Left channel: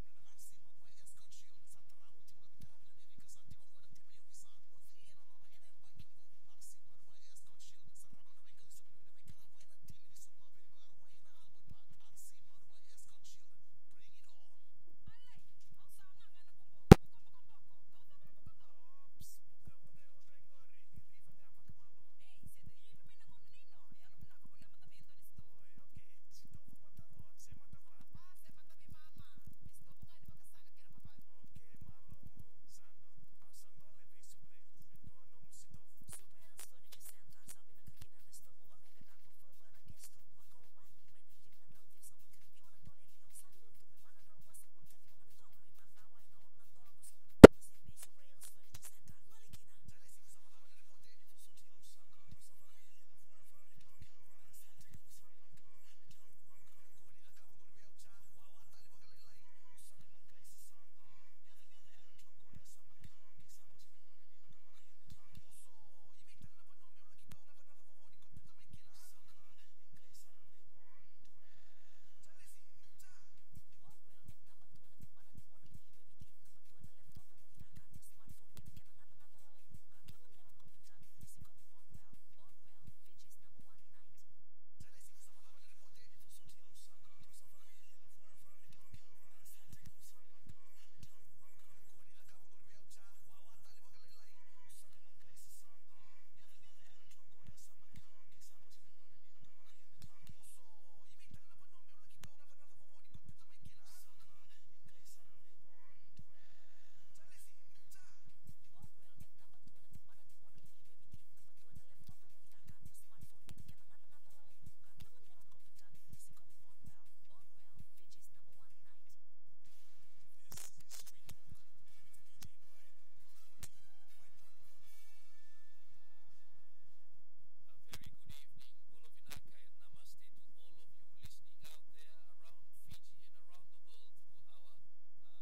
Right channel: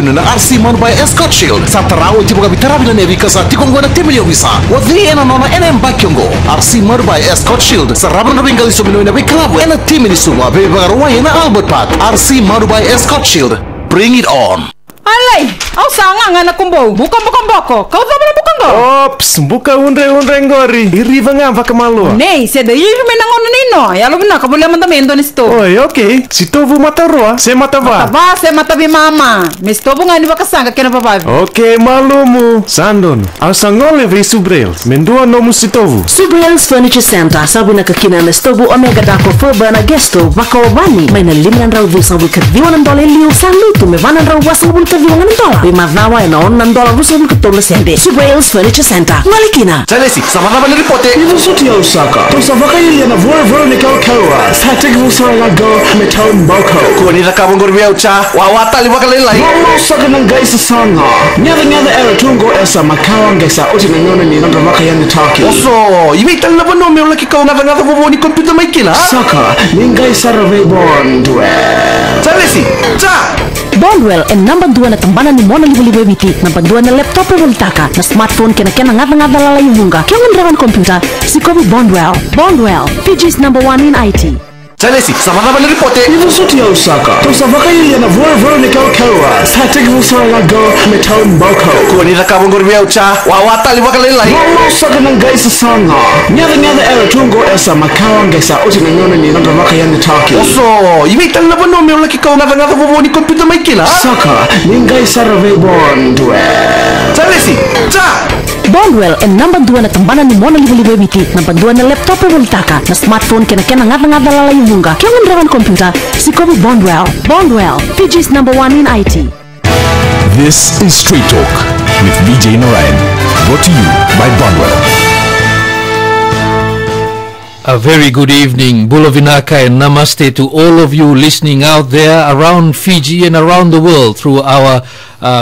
na RC man by Escort Shield sa taraw iti mga bitarabi na nevi kasa tikong na timilyo visa wadi ena nona ena mbakyongo RC man by Escort Shield sa raban na bingali suminoy na biklabu ena timili suma bebaruwa na Albert Pat RC man by Escort Shield. Bring it on. Alay, au sanga nga kumbo. Bukan boko. Kau tak boleh bukan kau. Ops, buka unre ngori. Iriva nga vaka malu. Nei, se da iri menangon nino. Ya lo bina kabulya mandamento nisto. Oi, okay. Si tovu mata roa, se mata va. Mata va, se mata bi mama. Misto bunga ni baka sanga kena babavi. Okay, malumu. Sandon, au sangole ve subrels. Mendua nomu si tovu. Subrels Furniture Center. Sabu na kakina na stovu omega dako furba na gesto vaka wabani. May na $5 vusa wikadviwan $1 liu salutu me $1 wasa viwangan $1. Bimavnawa na $1 rusa wikatola sende. Subrels Furniture Center. Malikina. Chalesi, sama na ripote. Ivo suti ya Osaka. Tosa vaka ili na vore ni kawa. Static vusa na go metal boko. Kuni na kabongor biya ucha. Wawata li waka lelai. Wala saka ng gaisa sanga. Nyada era tungo esa makawa gaisa uti na nyona ni nanda vaka yani taki. Oso, imital na bono me ulaki ka nada bobo ni computer may kila. Saka, ni gaisa rave Bondwell. Chalesi, cha. Bondwell and number 2 na tambanan ni Mona Libo Viti. Number 2 na laptop e voltaka. Na smartphone kena ngata lalay bunga. Kaya ndrawan computer si Kobe Bondwell. Bondwell, Fiji's number 1 in IT. Chalesi, sama na ripote. Ivo suti ya Osaka. Tosa vaka ili na vore ni kawa. Static vusa na go metal boko. Kuni na kabongor biya ucha. Wawata li waka lelai. Wala saka ng gaisa sanga. Nyada era tungo esa makawa gaisa uti na nyona ni nanda vaka yani taki. Oso, imital na bono me ulaki ka nada bobo ni computer may kila. Saka, ni gaisa rave Bondwell. Chalesi, cha. Bondwell and number 2 na tambanan ni Mona Libo Viti. Number 2 na laptop e voltaka. Na smartphone kena ngata lalay bunga. Kaya ndrawan computer si Kobe Bondwell. Bondwell, Fiji's number 1 in IT. This is Street Talk with Vijay Narayan. Brought to you by Bondwell. A very good evening, Bulavinaka and Namaste to all of you listening out there around Fiji and around the world through our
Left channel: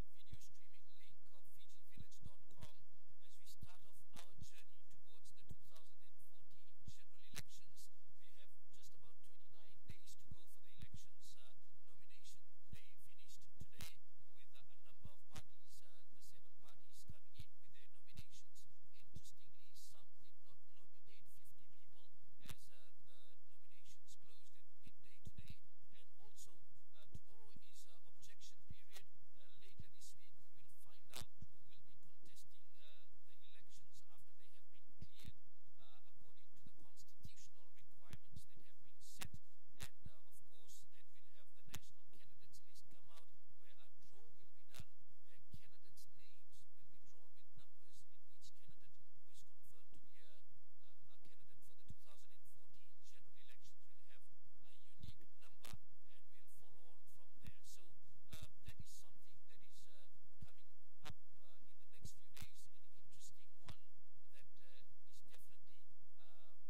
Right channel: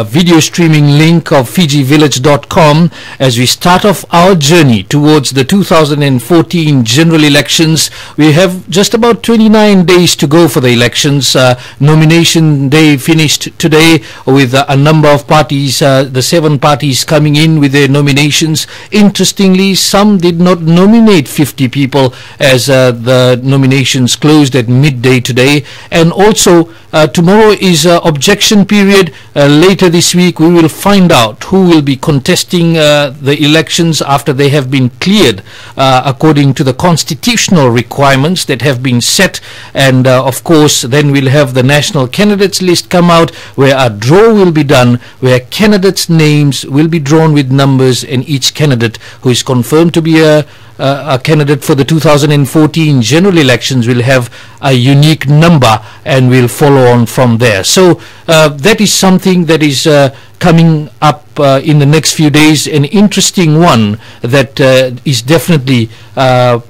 video streaming link of fijivillage.com as we start off our journey towards the 2014 general elections. We have just about 29 days to go for the elections. Nomination day finished today with a number of parties, the 7 parties coming in with their nominations. Interestingly, some did not nominate 50 people as the nominations closed at midday today. And also tomorrow is objection period. Later this week we will find out who will be contesting the elections after they have been cleared according to the constitutional requirements that have been set. And of course then we'll have the national candidates list come out, where a draw will be done, where candidates' names will be drawn with numbers, and each candidate who is confirmed to be a candidate for the 2014 general elections will have a unique number, and we'll follow on from there. So that is something that is coming up in the next few days, an interesting one that is definitely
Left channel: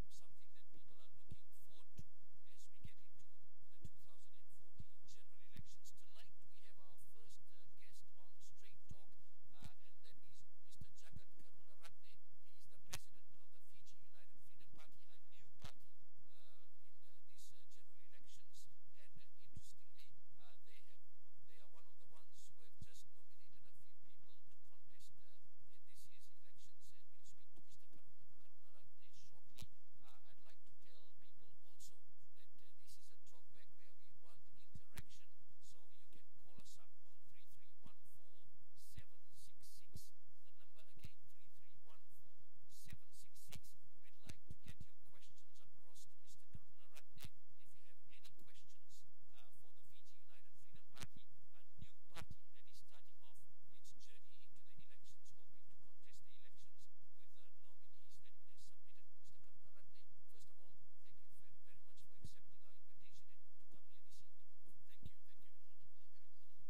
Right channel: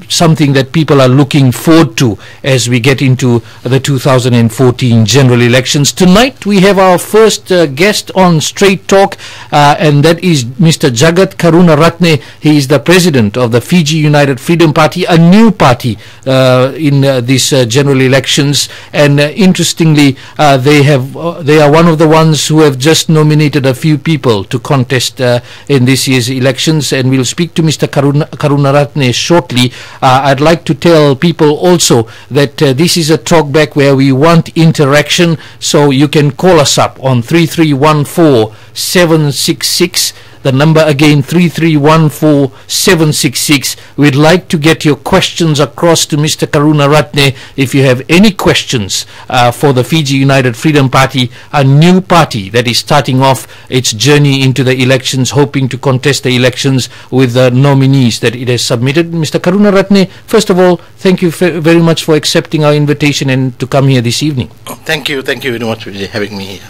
something that people are looking forward to as we get into the 2014 general elections. Tonight we have our first guest on Straight Talk, and that is Mr. Jagath Karunaratne. He is the president of the Fiji United Freedom Party, a new party in this general elections. And interestingly, they are one of the ones who have just nominated a few people to contest in this year's elections, and we'll speak to Mr. Karunaratne shortly. I'd like to tell people also that this is a talkback where we want interaction, so you can call us up on 3314-766. The number again, 3314-766. We'd like to get your questions across to Mr. Karunaratne. If you have any questions for the Fiji United Freedom Party, a new party that is starting off its journey into the elections, hoping to contest the elections with the nominees that it has submitted. Mr. Karunaratne, first of all, thank you very much for accepting our invitation and to come here this evening. Thank you very much for having me here.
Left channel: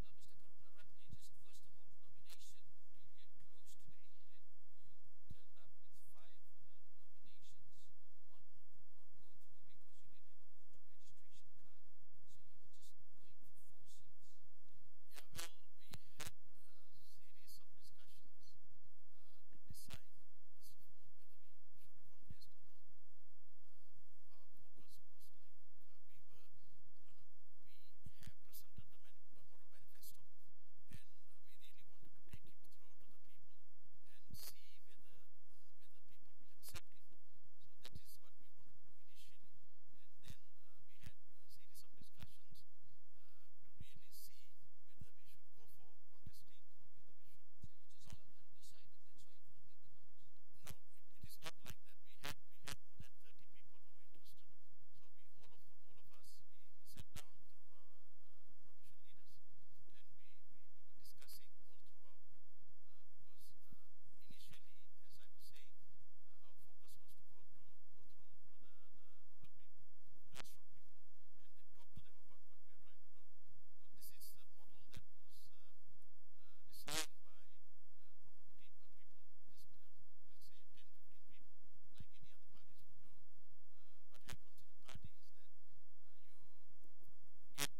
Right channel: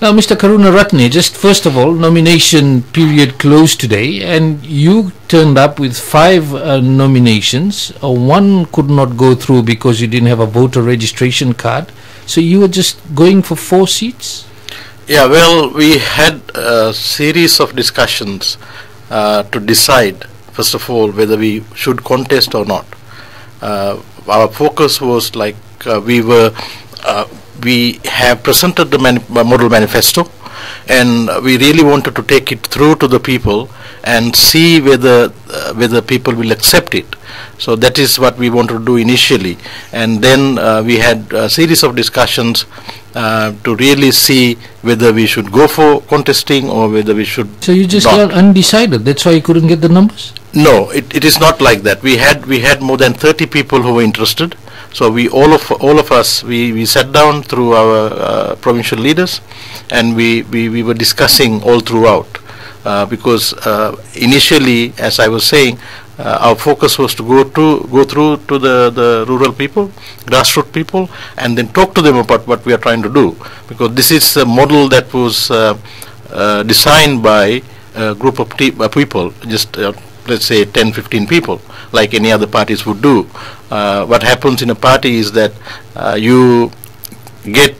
Now, Mr. Karunaratne, just first of all, nomination period closed today, and you turned up with 5 nominations. One could not go through because you didn't have a voter registration card. So you were just going for 4 seats? Yeah, well, we had a series of discussions to decide, first of all, whether we should contest or not. Our focus was like we were we have presented the model manifesto, and we really wanted to take it through to the people and see whether people will accept it. So that is what we wanted to do initially, and then we had a series of discussions to really see whether we should go for contesting or whether we should. So you just not. got undecided. That's why you couldn't get the numbers. No, it is not like that. We had more than 30 people who were interested. So we all of us sat down through our provincial leaders, and we were discussing all throughout because initially, as I was saying, our focus was to go through to the rural people, grassroots people, and then talk to them about what we are trying to do, because this is a model that was designed by a group of people, just let's say 10-15 people, like any other parties would do. What happens in a party is that you get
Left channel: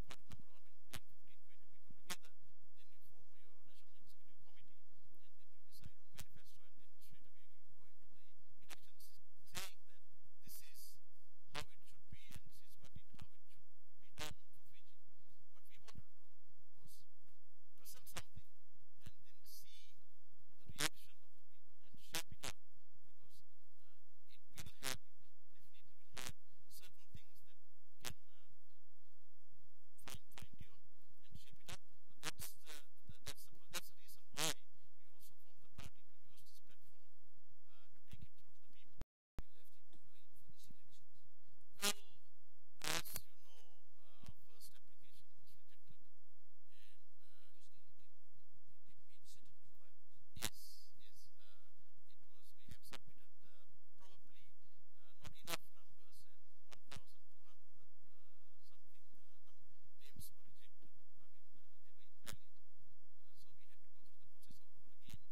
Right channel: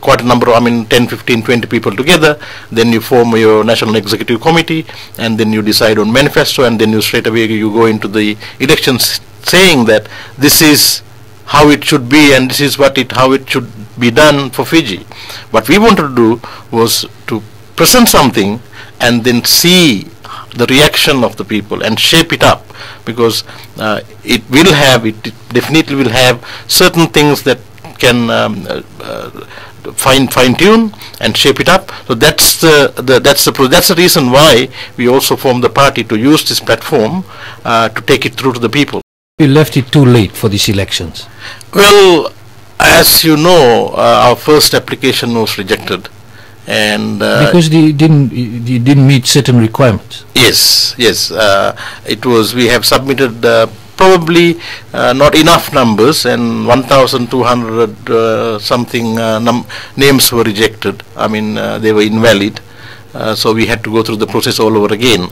quite a number of, 10, 15, 20 people together, then you form your national executive committee, and then you decide on manifesto, and then you straight away you go into the elections saying that this is how it should be and this is how it should be done for Fiji. What we wanted to do was to present something and then see the reaction of the people and shape it up, because it definitely will have certain things that can fine tune and shape it up. So that's the reason why we also formed the party, to use this platform to take it through to the people. You left it too late for these elections. Well, as you know, our first application was rejected, and because you didn't meet certain requirements. Yes. It was. We have submitted probably not enough numbers, and 1,200 something names were rejected. They were invalid, so we had to go through the process all over again.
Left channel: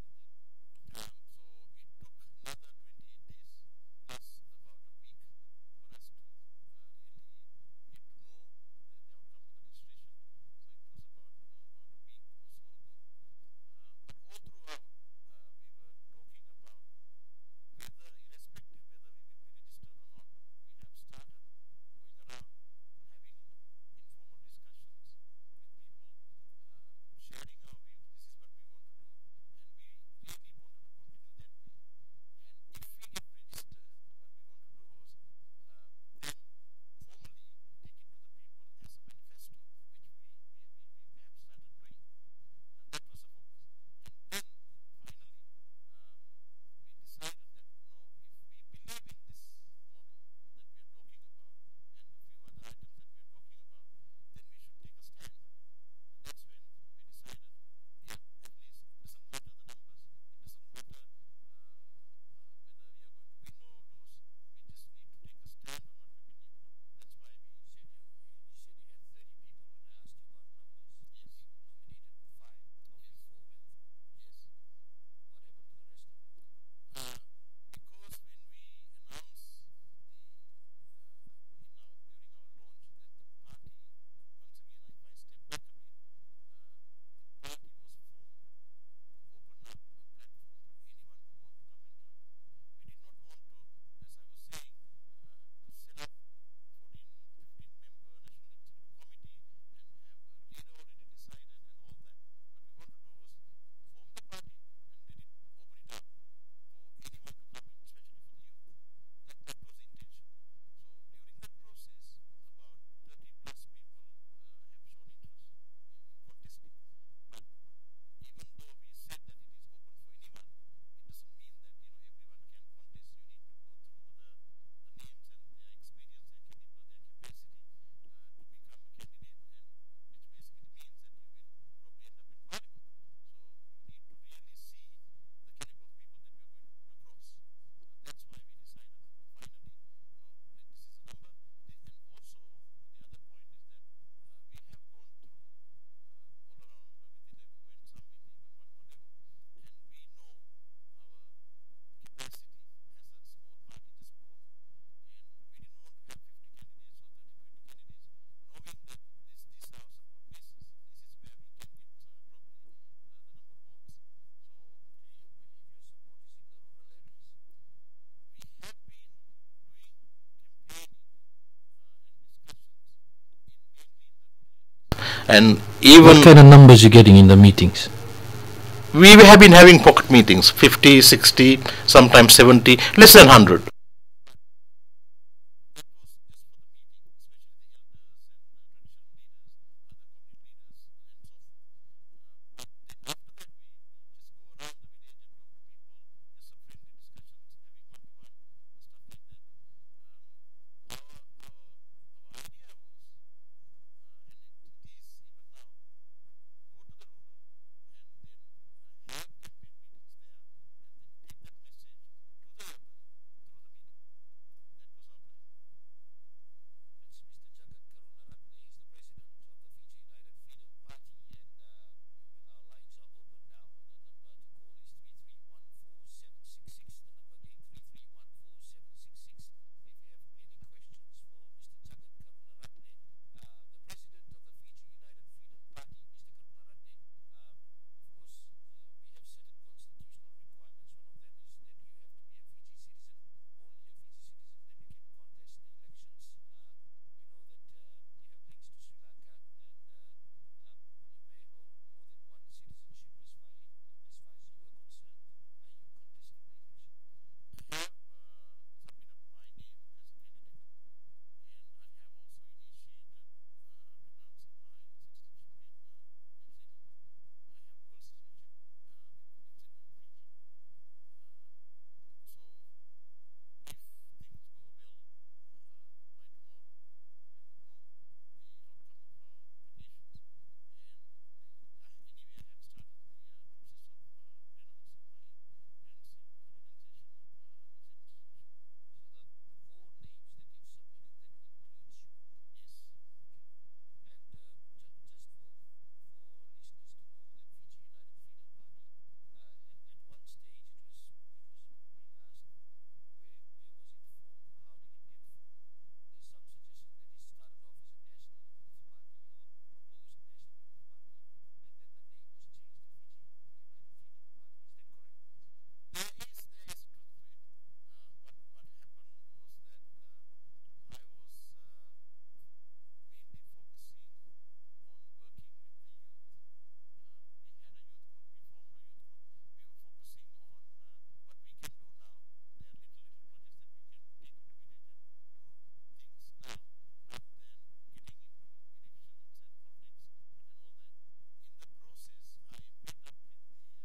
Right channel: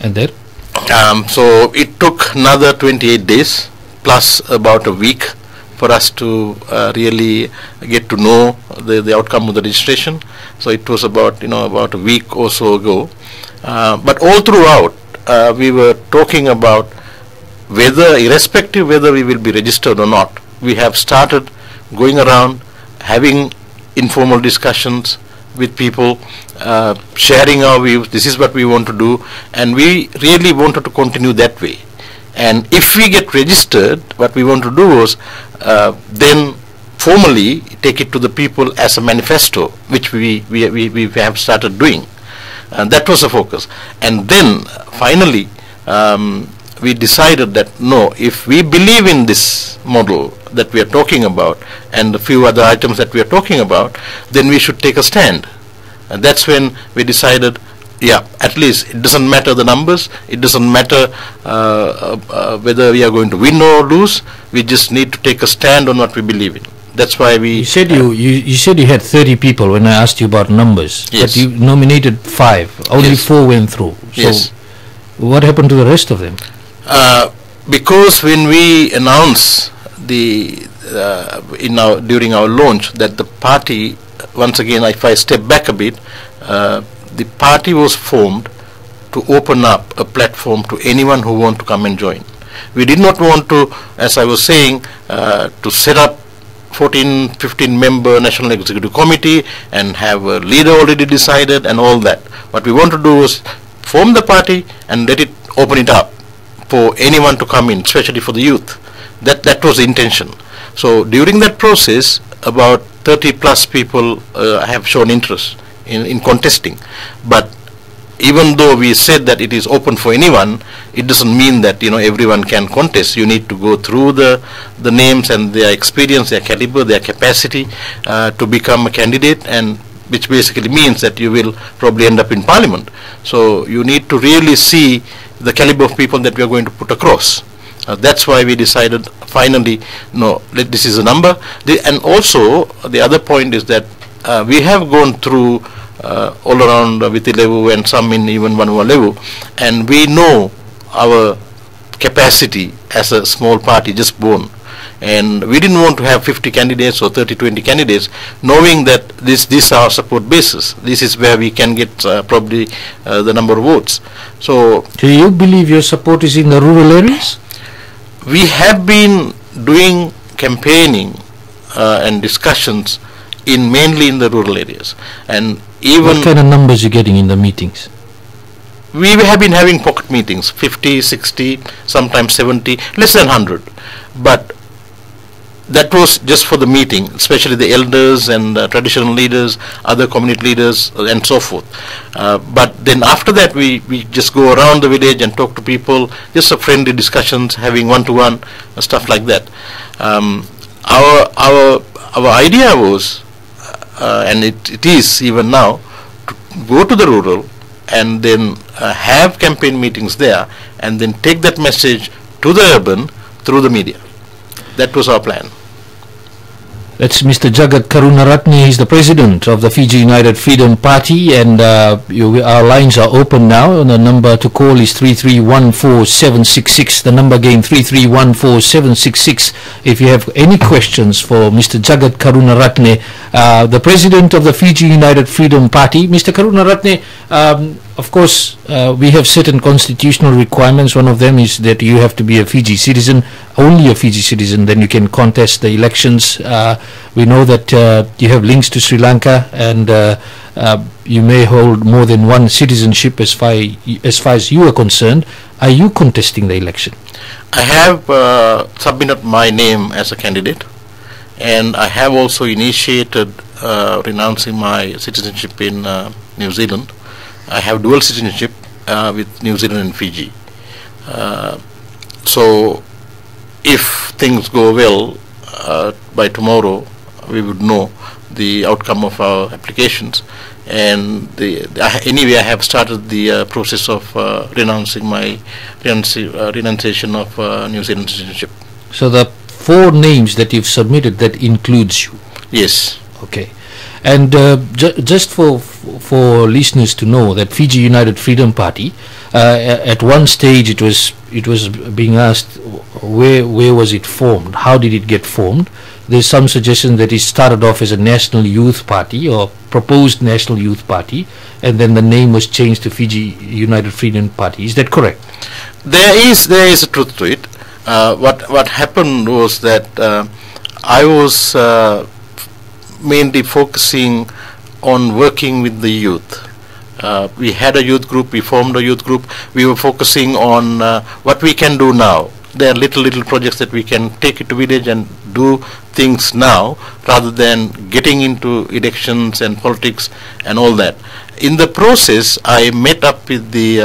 And then? So it took another 28 days plus about a week for us to really get to know the outcome of the registration. So it was about a week or so ago. But all throughout, we were talking about irrespective whether we will be registered or not, we have started going around having informal discussions with people, sharing our views. This is what we want to do, and we really wanted to continue that way. And if we get registered, what we want to do was then formally take it to the people as a manifesto, which we have started doing. And that was the focus. And then finally we decided that no, if we believe in this model that we are talking about and a few other items that we are talking about, then we should take a stand. And that's when we decided, at least it doesn't matter the numbers, it doesn't matter whether we are going to win or lose, we just need to take a stand on what we believe in. That's why we... You said you said you had 30 people when I asked you about numbers. Yes. But you nominated 5. Only 4 went through. So yes. What happened to the rest of them? Because when we announced during our launch that the party, once again, if I step back a bit, the party was formed to open up a platform to anyone who want to come and join. We did not want to, as I was saying, to set up 14-15 member National Executive Committee and have a leader already decided and all that. What we want to do is form the party and open it up for anyone to come in, especially for the youth. That was the intention. So during that process, about 30 plus people have shown interest in contesting. But even though we said that it is open for anyone, it doesn't mean that everyone can contest. You need to go through the names and their experience, their caliber, their capacity to become a candidate, and which basically means that you will probably end up in parliament. So you need to really see the caliber of people that we are going to put across. That's why we decided finally, no, this is a number. And also the other point is that we have gone through all around Viti level and some in even Vanua level, and we know our capacity as a small party just born, and we didn't want to have 50 candidates or 30-20 candidates, knowing that this is our support basis. This is where we can get probably the number of votes. So do you believe your support is in the rural areas? We have been doing campaigning and discussions mainly in the rural areas. And even what kind of numbers you getting in the meetings? We have been having pocket meetings, 50, 60, sometimes 70, less than 100. But that was just for the meeting, especially the elders and traditional leaders, other community leaders, and so forth. But then after that, we just go around the village and talk to people, just a friendly discussions, having one-to-one, stuff like that. Our idea was, and it is even now, to go to the rural and then have campaign meetings there, and then take that message to the urban through the media. That was our plan. That's Mr. Jagath Karunaratne. He's the president of the Fiji United Freedom Party, and our lines are open now. And the number to call is 3314766. The number again, 3314766. If you have any questions for Mr. Jagath Karunaratne, the president of the Fiji United Freedom Party. Mr. Karunaratne, of course, we have certain constitutional requirements. One of them is that you have to be a Fiji citizen, only a Fiji citizen, then you can contest the elections. We know that you have links to Sri Lanka, and you may hold more than one citizenship as far as you are concerned. Are you contesting the election? I have submitted my name as a candidate, and I have also initiated renouncing my citizenship in New Zealand. I have dual citizenship with New Zealand and Fiji. So if things go well, by tomorrow we would know the outcome of our applications, and anyway I have started the process of renouncing my renunciation of New Zealand citizenship. So the 4 names that you've submitted, that includes you? Yes. Okay. And just for listeners to know that Fiji United Freedom Party, at one stage it was being asked where was it formed, how did it get formed. There's some suggestion that it started off as a national youth party or proposed national youth party, and then the name was changed to Fiji United Freedom Party. Is that correct? There is a truth to it. What happened was that I was mainly focusing on working with the youth. We had a youth group, we formed a youth group, we were focusing on what we can do now. There are little projects that we can take it to village and do things now, rather than getting into elections and politics and all that. In the process, I met up with the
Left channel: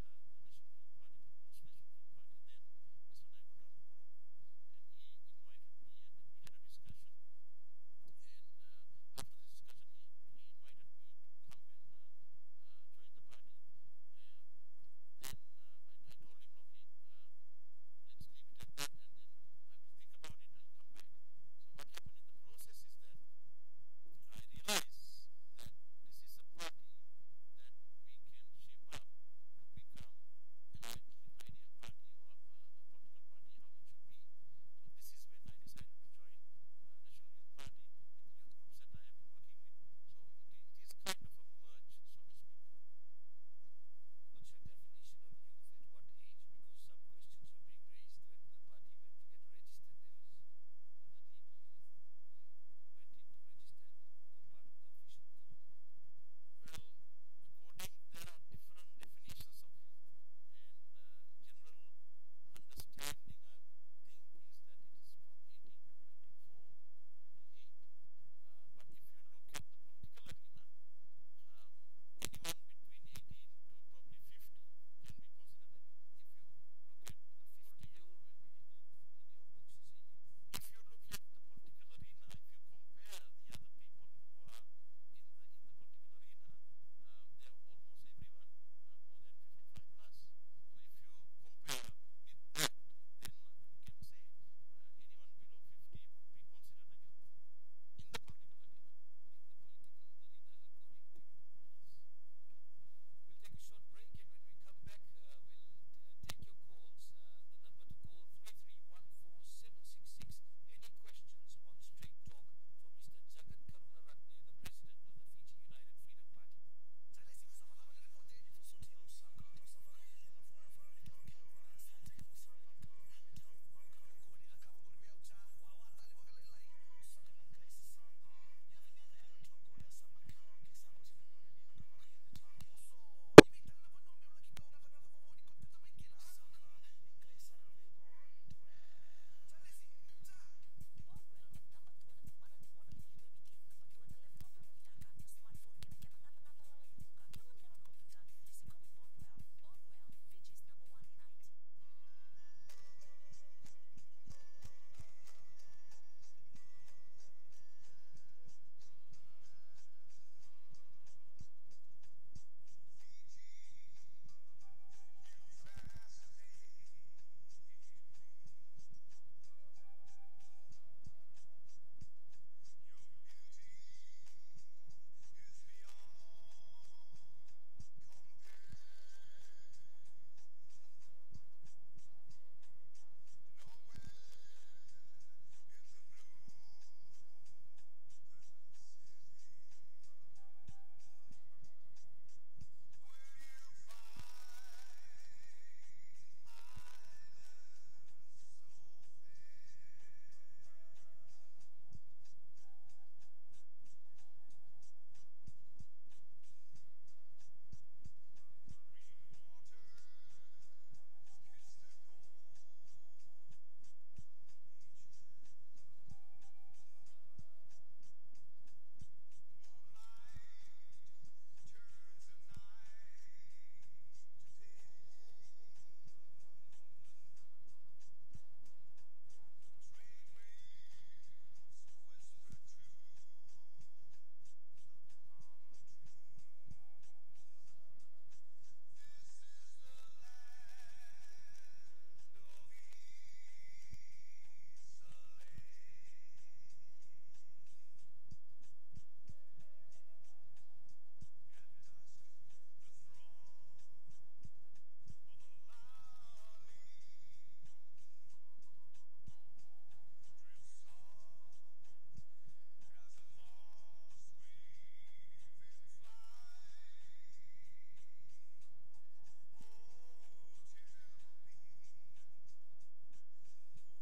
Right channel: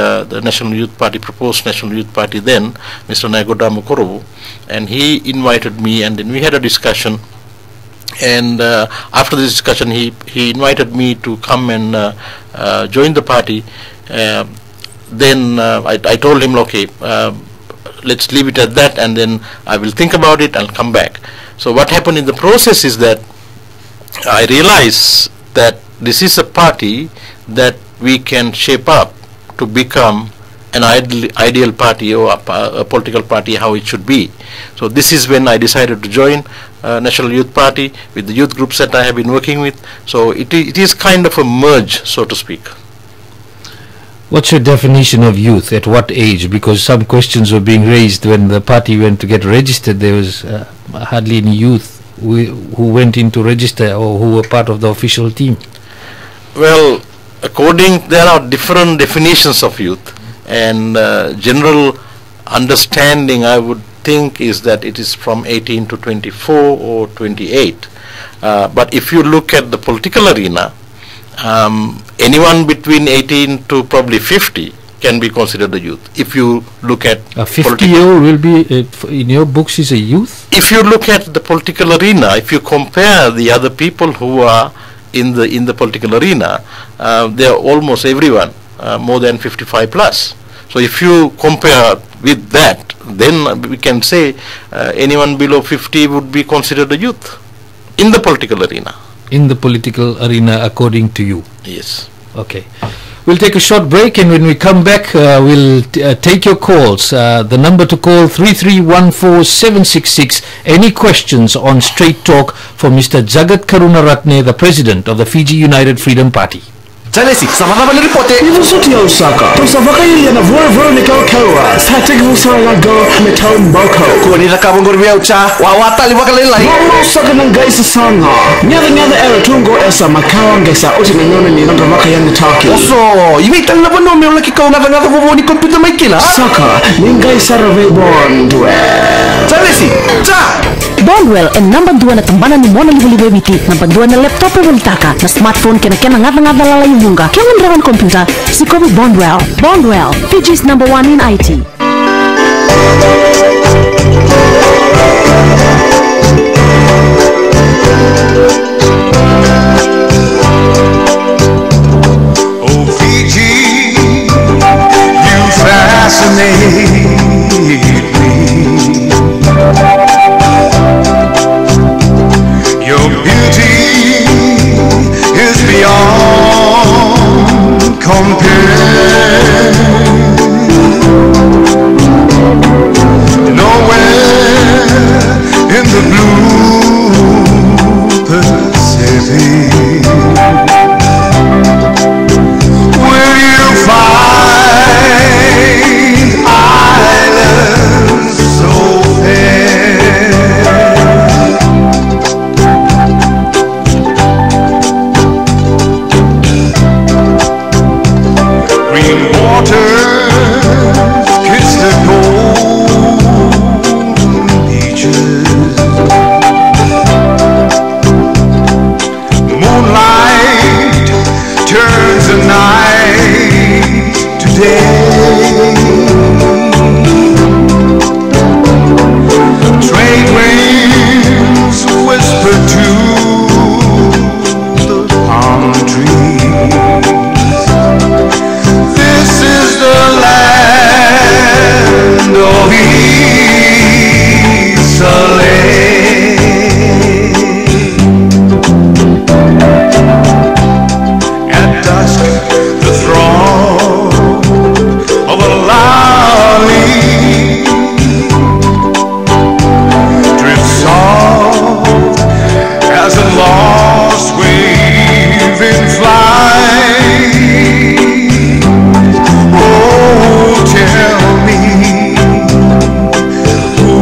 National Youth Party, proposed National Youth Party then, Mr. Narayan, and he invited me, and then we had a discussion. And after the discussion, he invited me to come and join the party. Then I told him, okay, let's leave it at that, and then I will think about it and come back. So what happened in the process is that I realized that this is a party that we can shape up to become an ideal party, or a political party, how it should be. So this is when I decided to join National Youth Party with the youth groups that I have been working with. So it is kind of a merge, so to speak. What's your definition of youth? At what age? Because some questions were being raised when the party went to get registered. There was hardly any youth who went in to register or who were part of the official team. Well, there are different definitions of youth, and general understanding, I would think, is that it is from 18 to 24 or 28. But if you look at the political arena, anyone between 18 to probably 50 can be considered a youth. If you look at a 50-year-old will be in your books is a youth. If you look at the political arena, if you compare the other people who are in the political arena, they are almost everyone more than 55 plus. So if you compare with that, then we can say anyone below 50 would be considered a youth in the political arena. In the political arena, according to you? Yes. Okay. We'll take a short break, and when we come back, we'll take your calls. The number to call, 3314766. Any questions on Straight Talk for Mr. Jagath Karunaratne, the President of the Fiji United Freedom Party? Jalesi, sama-sama na ripote. Ibu suti ya Osaka. Tosa vaka ili na vore ni kawa. Static musara go metal boko. Kuni na kabong ya ucha. Wawata li baka lelai. Mama Osaka nang gaisa sanga. Nyada era tungo esa makawa ngesa uti nangona ni nanda vaka yani taki. Oso, imitan na bono me laki kau na ngata bobo ni computer mai kila. Saka, ningai sarave Bondwell. Jalesi, cha. Bondwell ang number 2 na tambanan ni Mona Libo Viti, number 2 na laptop e taka, na smartphone kena ngata lalay bunga. Kaya rawan komputer, si Kobe Bondwell. Bondwell, Fiji's number 1 in IT. Oh Fiji, you fascinate me. Your beauty is beyond compare. Nowhere in the blue Pacific will you find islands so fair. Green waters kiss the golden beaches. Moonlight turns the night to day. Trade winds whisper to the palm trees. This is the land of Isolé. At dusk, the throng of a lolly drifts soft as a lost wave in flight. Oh, tell me who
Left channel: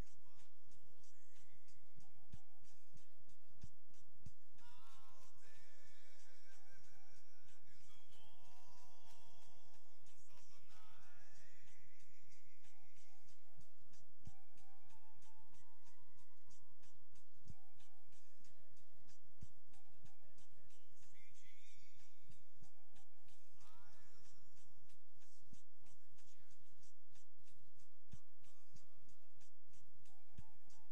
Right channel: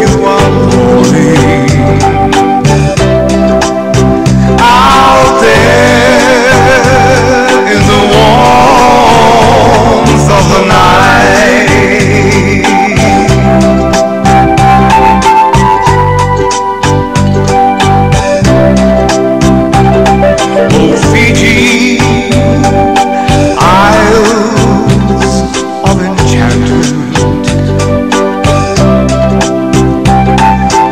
you are holding out there in the warmth of the night. Oh Fiji, Isles of enchantment,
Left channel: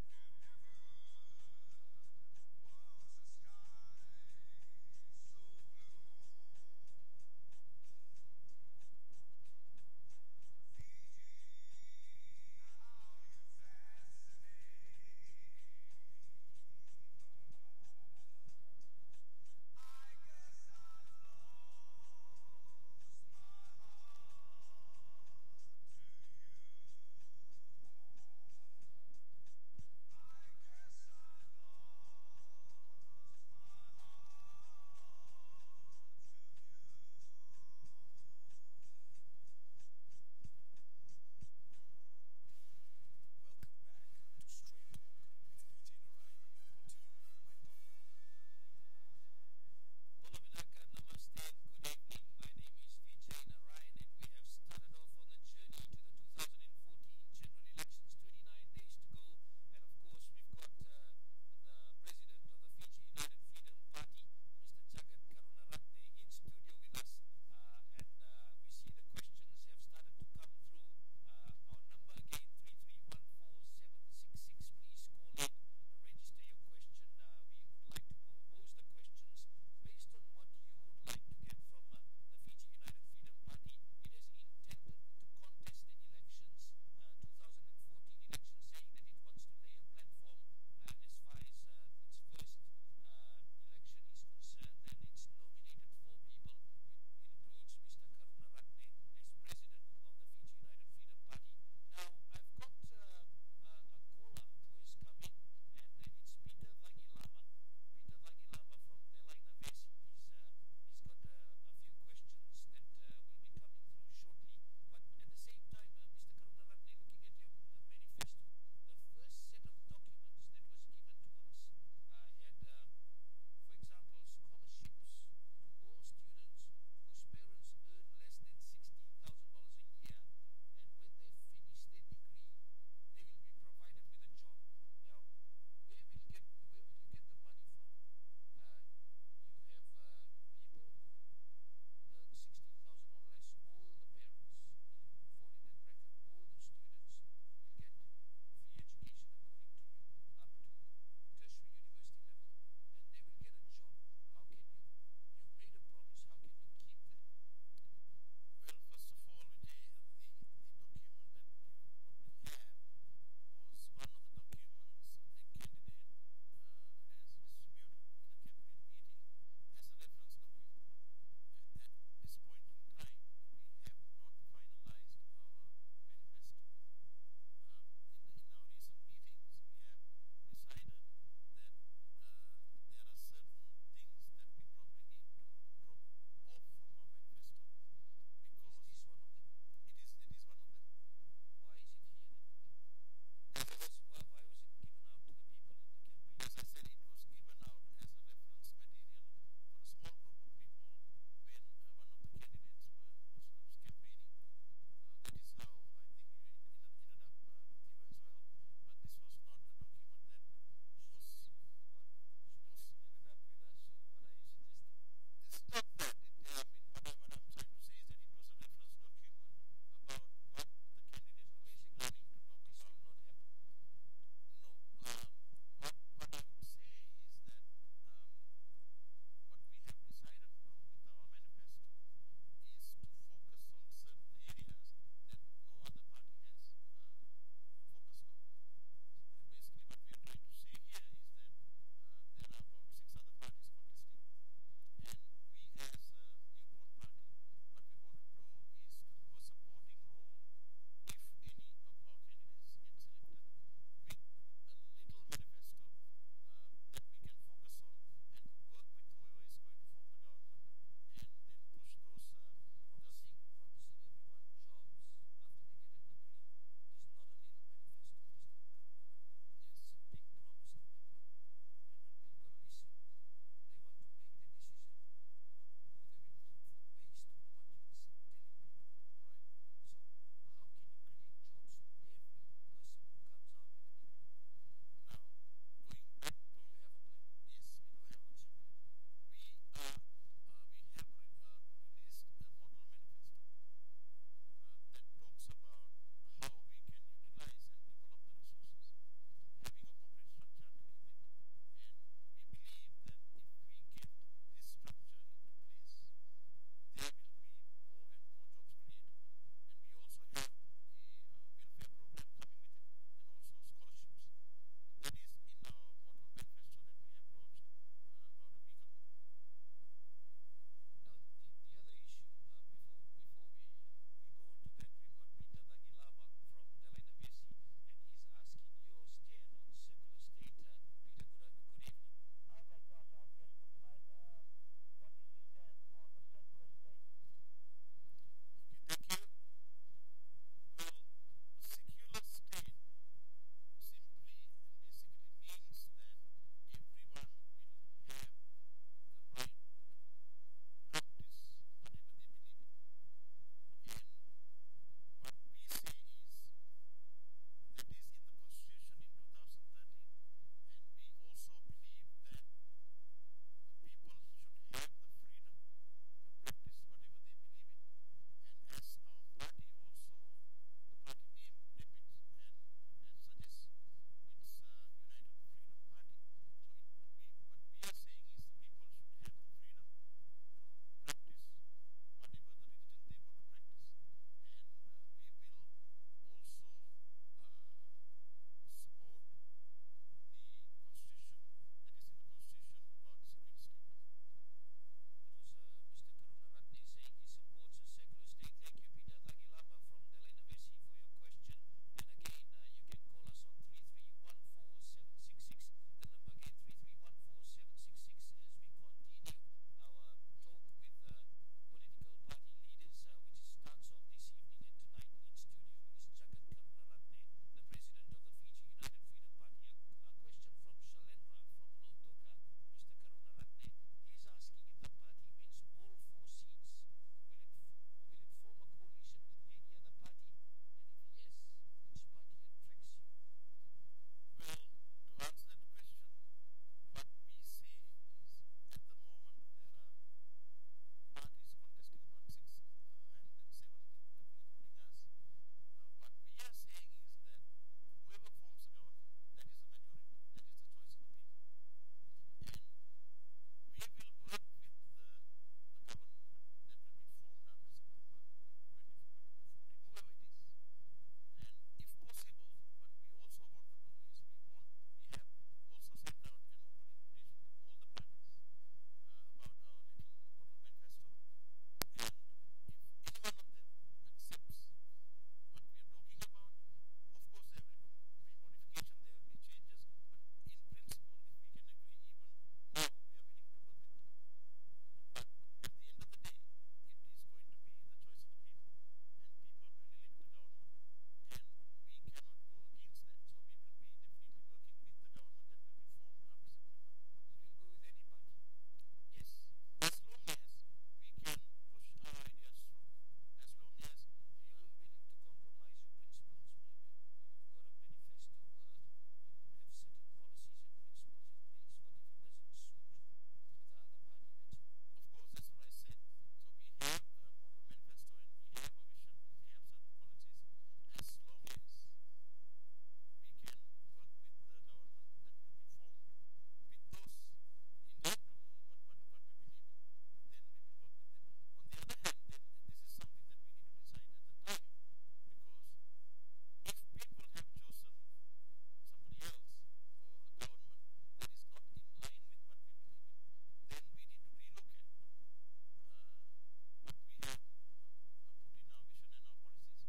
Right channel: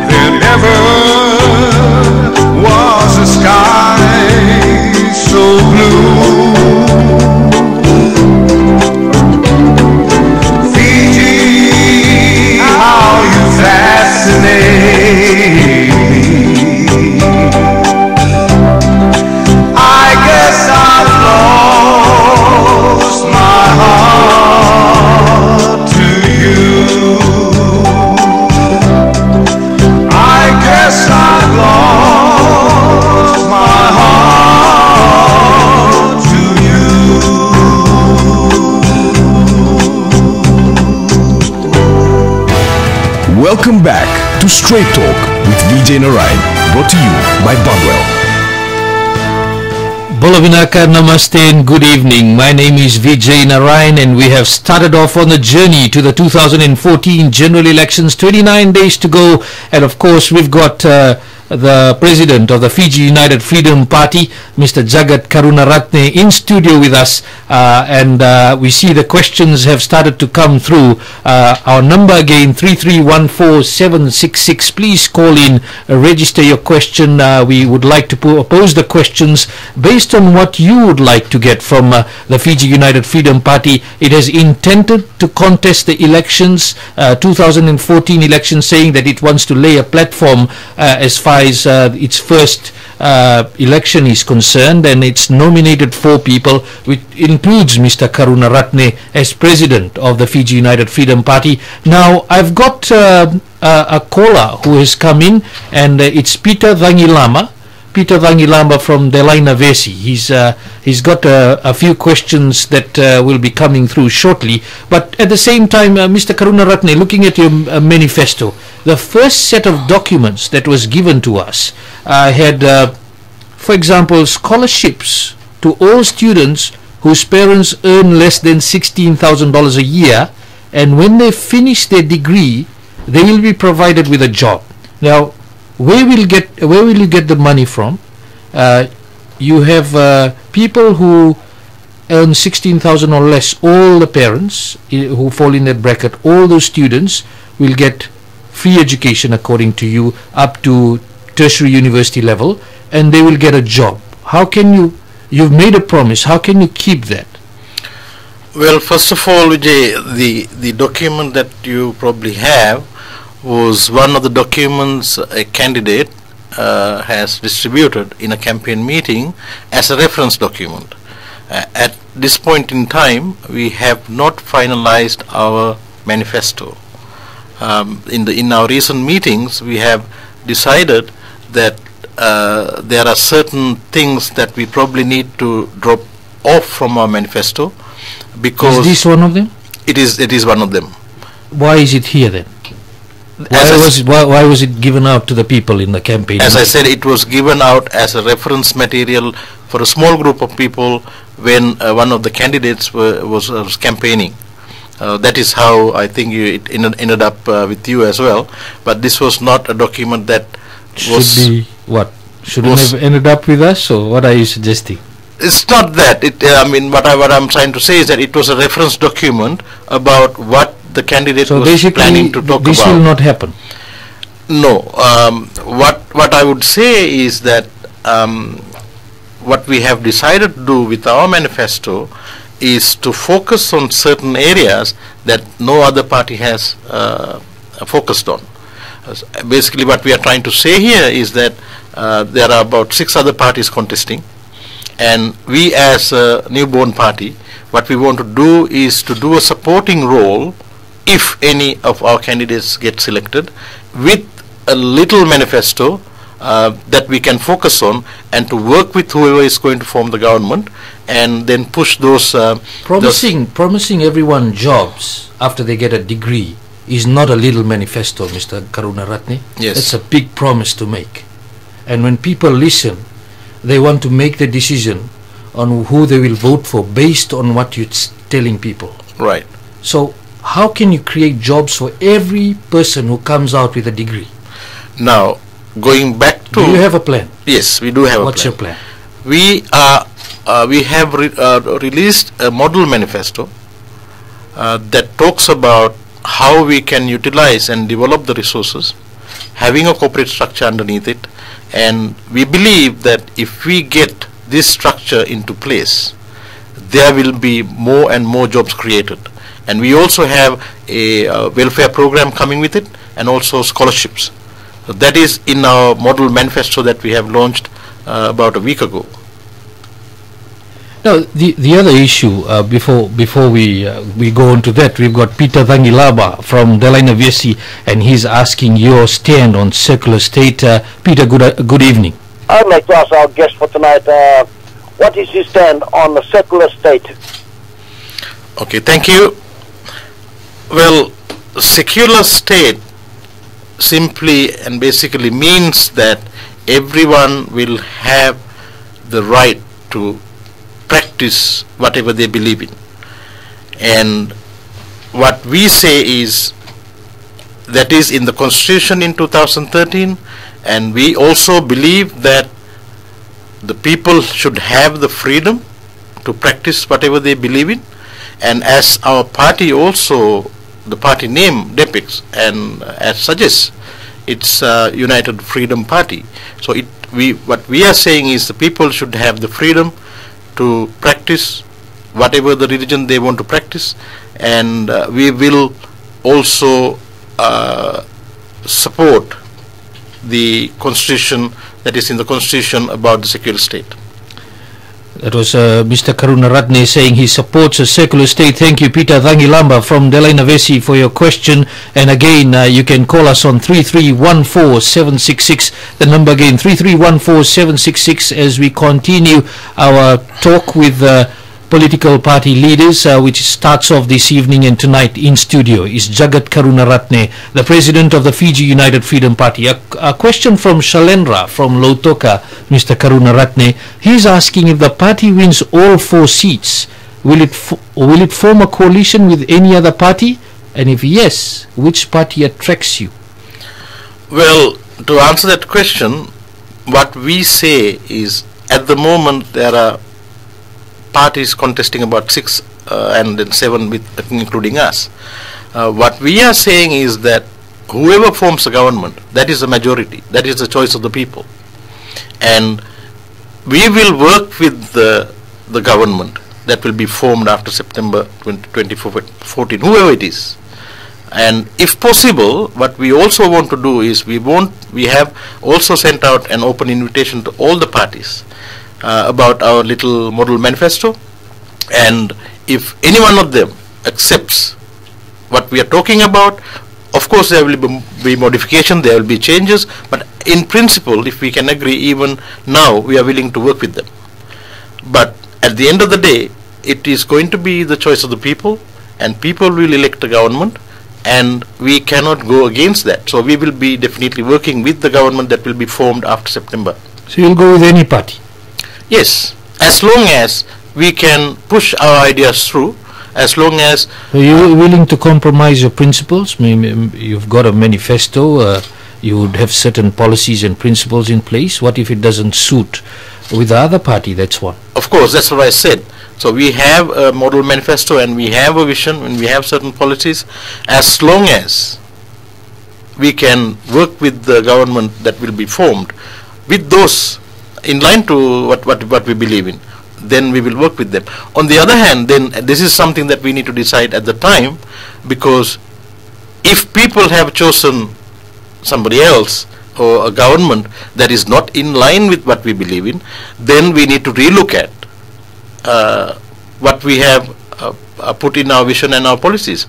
there never was a sky so blue. Fiji, how you fascinate me. I guess I've lost my heart to you. I guess I've lost my heart to you. Welcome back to Straight Talk with Vijay Narayan, brought to you by Bondwell. Bolovinaka, namaste and good evening. My name is Vijay Narayan and we have started off on the journey to the 2014 general elections. 29 days to go, and of course we've got the president of the Fiji United Freedom Party, Mr. Jagath Karunaratne, in studio with us, and we see the questions have started to come through. Our number again, 3314766. Please call in, register your question. We would like to pose the questions based on what you would like to get from the Fiji United Freedom Party. It has intended to contest the elections, 2014 elections, saying that it wants to lay a platform as far as its first election is concerned, and it's nominated 4 people, which includes Mr. Karunaratne as president of the Fiji United Freedom Party. Now, I've got a caller who has come in, and it's Peter Vangilama. Peter Vangilamba from Delaina Vesi. He's got a few questions that will be coming through shortly. But at the same time, Mr. Karunaratne, looking at your manifesto, the first set of documents that was given to us had, for example, scholarships to all students whose parents earn less than $16,000 a year, and when they finish their degree, they will be provided with a job. Now, where will you get the money from? You have people who earn 16,000 or less. All the parents who fall in that bracket, all those students will get free education according to you up to tertiary university level, and they will get a job. How can you've made a promise, how can you keep that? Well, first of all, Vijay, the document that you probably have was one of the documents a candidate has distributed in a campaign meeting as a reference document. At this point in time, we have not finalized our manifesto. In our recent meetings, we have decided that there are certain things that we probably need to drop off from our manifesto, because is this one of them? It is one of them. Why is it here then? Why was it given out to the people in the campaign? As I said, it was given out as a reference material for a small group of people when one of the candidates was campaigning. That is how I think it ended up with you as well. But this was not a document that shouldn't have ended up with us, or what are you suggesting? It's not that. I mean, what I'm trying to say is that it was a reference document about what the candidate was planning to talk about. This will not happen. No. What I would say is that what we have decided to do with our manifesto is to focus on certain areas that no other party has focused on. Basically, what we are trying to say here is that there are about 6 other parties contesting, and we as a newborn party, what we want to do is to do a supporting role if any of our candidates get selected, with a little manifesto that we can focus on, and to work with whoever is going to form the government, and then push those promising everyone jobs after they get a degree is not a little manifesto, Mr. Karunaratne. Yes. It's a big promise to make. And when people listen, they want to make the decision on who they will vote for based on what you're telling people. Right. So how can you create jobs for every person who comes out with a degree? Now, going back to... Do you have a plan? Yes, we do have a plan. What's your plan? We have released a model manifesto that talks about how we can utilize and develop the resources, having a corporate structure underneath it, and we believe that if we get this structure into place, there will be more and more jobs created. And we also have a welfare program coming with it, and also scholarships. So that is in our model manifesto that we have launched about a week ago. Now, the other issue before we go on to that, we've got Peter Vangilaba from Delaina Vesi, and he's asking your stand on secular state. Peter, good evening. I'd like to ask our guest for tonight, what is his stand on the secular state? Okay, thank you. Well, secular state simply and basically means that everyone will have the right to practice whatever they believe in. And what we say is that is in the Constitution in 2013, and we also believe that the people should have the freedom to practice whatever they believe in. And as our party also, the party name depicts and as suggests, it's a United Freedom Party. So what we are saying is the people should have the freedom to practice whatever the religion they want to practice, and we will also support the Constitution that is in the Constitution about the secular state. That was Mr. Karunaratne saying he supports a secular state. Thank you, Peter Thangilamba from Delainavesi, for your question. And again, you can call us on 3314766. The number again, 3314766, as we continue our talk with political party leaders, which starts off this evening. And tonight in studio is Jagath Karunaratne, the president of the Fiji United Freedom Party. A question from Shalendra from Lautoka, Mr. Karunaratne. He's asking, if the party wins all 4 seats, will it form a coalition with any other party? And if yes, which party attracts you? Well, to answer that question, what we say is, at the moment there are parties contesting about 6 and then 7 with including us. What we are saying is that whoever forms the government, that is the majority, that is the choice of the people, and we will work with the government that will be formed after September 2014, whoever it is. And if possible, what we also want to do is, we have also sent out an open invitation to all the parties about our little model manifesto, and if any one of them accepts what we are talking about, of course there will be modification, there will be changes, but in principle, if we can agree, even now we are willing to work with them. But at the end of the day, it is going to be the choice of the people, and people will elect the government, and we cannot go against that. So we will be definitely working with the government that will be formed after September. So you'll go with any party? Yes, as long as we can push our ideas through, as long as... Are you willing to compromise your principles? Maybe you've got a manifesto, you would have certain policies and principles in place. What if it doesn't suit with the other party? That's one. Of course, that's what I said. So we have a model manifesto, and we have a vision, and we have certain policies. As long as we can work with the government that will be formed with those in line to what we believe in, then we will work with them. On the other hand, then this is something that we need to decide at the time, because if people have chosen somebody else or a government that is not in line with what we believe in, then we need to relook at what we have put in our vision and our policies,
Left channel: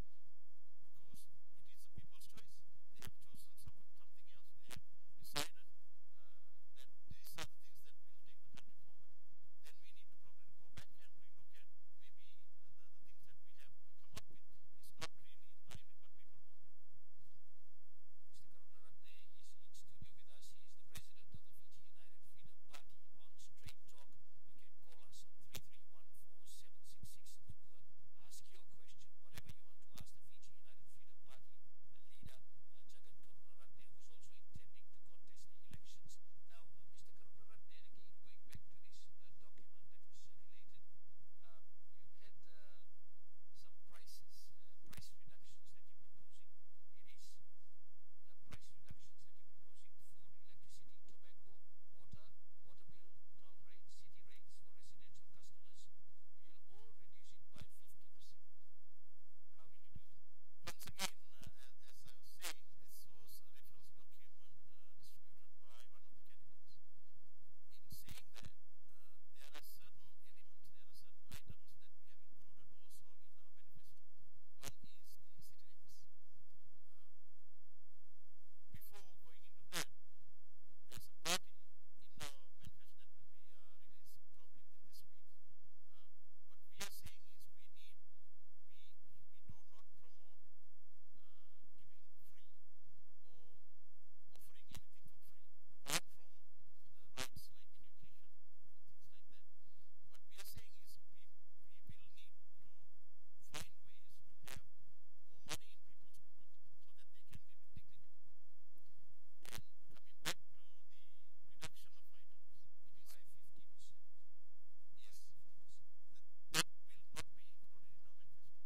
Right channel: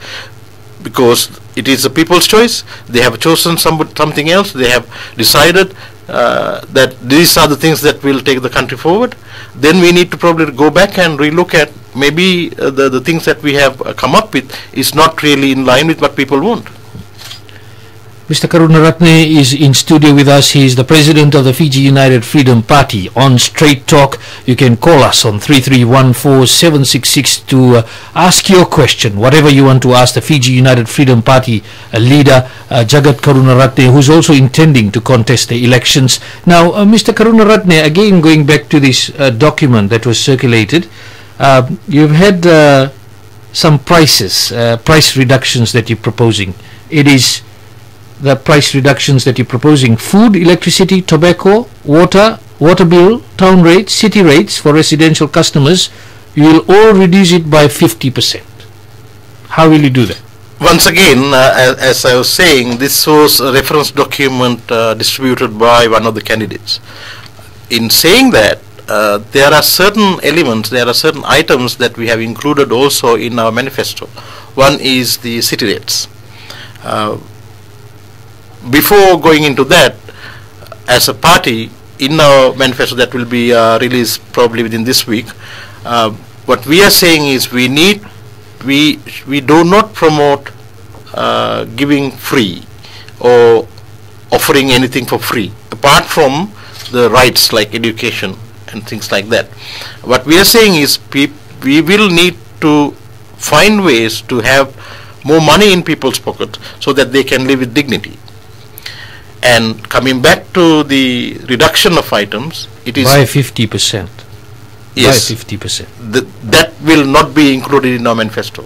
because it is the people's choice. They have chosen something else. They have decided that these are the things that will take the country forward. Then we need to probably go back and relook at, maybe the things that we have come up with is not really in line with what people want. Mr. Karunaratne is in studio with us. He is the president of the Fiji United Freedom Party. On Straight Talk, you can call us on 3314766 to ask your question, whatever you want to ask the Fiji United Freedom Party leader, Jagath Karunaratne, who's also intending to contest the elections. Now, Mr. Karunaratne, again going back to this document that was circulated, you've had some price reductions that you're proposing. It is the price reductions that you're proposing: food, electricity, tobacco, water bill, town rates, city rates for residential customers. You will all reduce it by 50%. How will you do that? Once again, as I was saying, this was a reference document distributed by one of the candidates. In saying that, there are certain elements, there are certain items that we have included also in our manifesto. One is the city rates. Before going into that, as a party, in our manifesto that will be released probably within this week, what we are saying is we do not promote giving free or offering anything for free, apart from the rights like education and things like that. What we are saying is we will need to find ways to have more money in people's pockets so that they can live with dignity. And coming back to the reduction of items, it is by 50%. Yes, by 50%. That will not be included in our manifesto.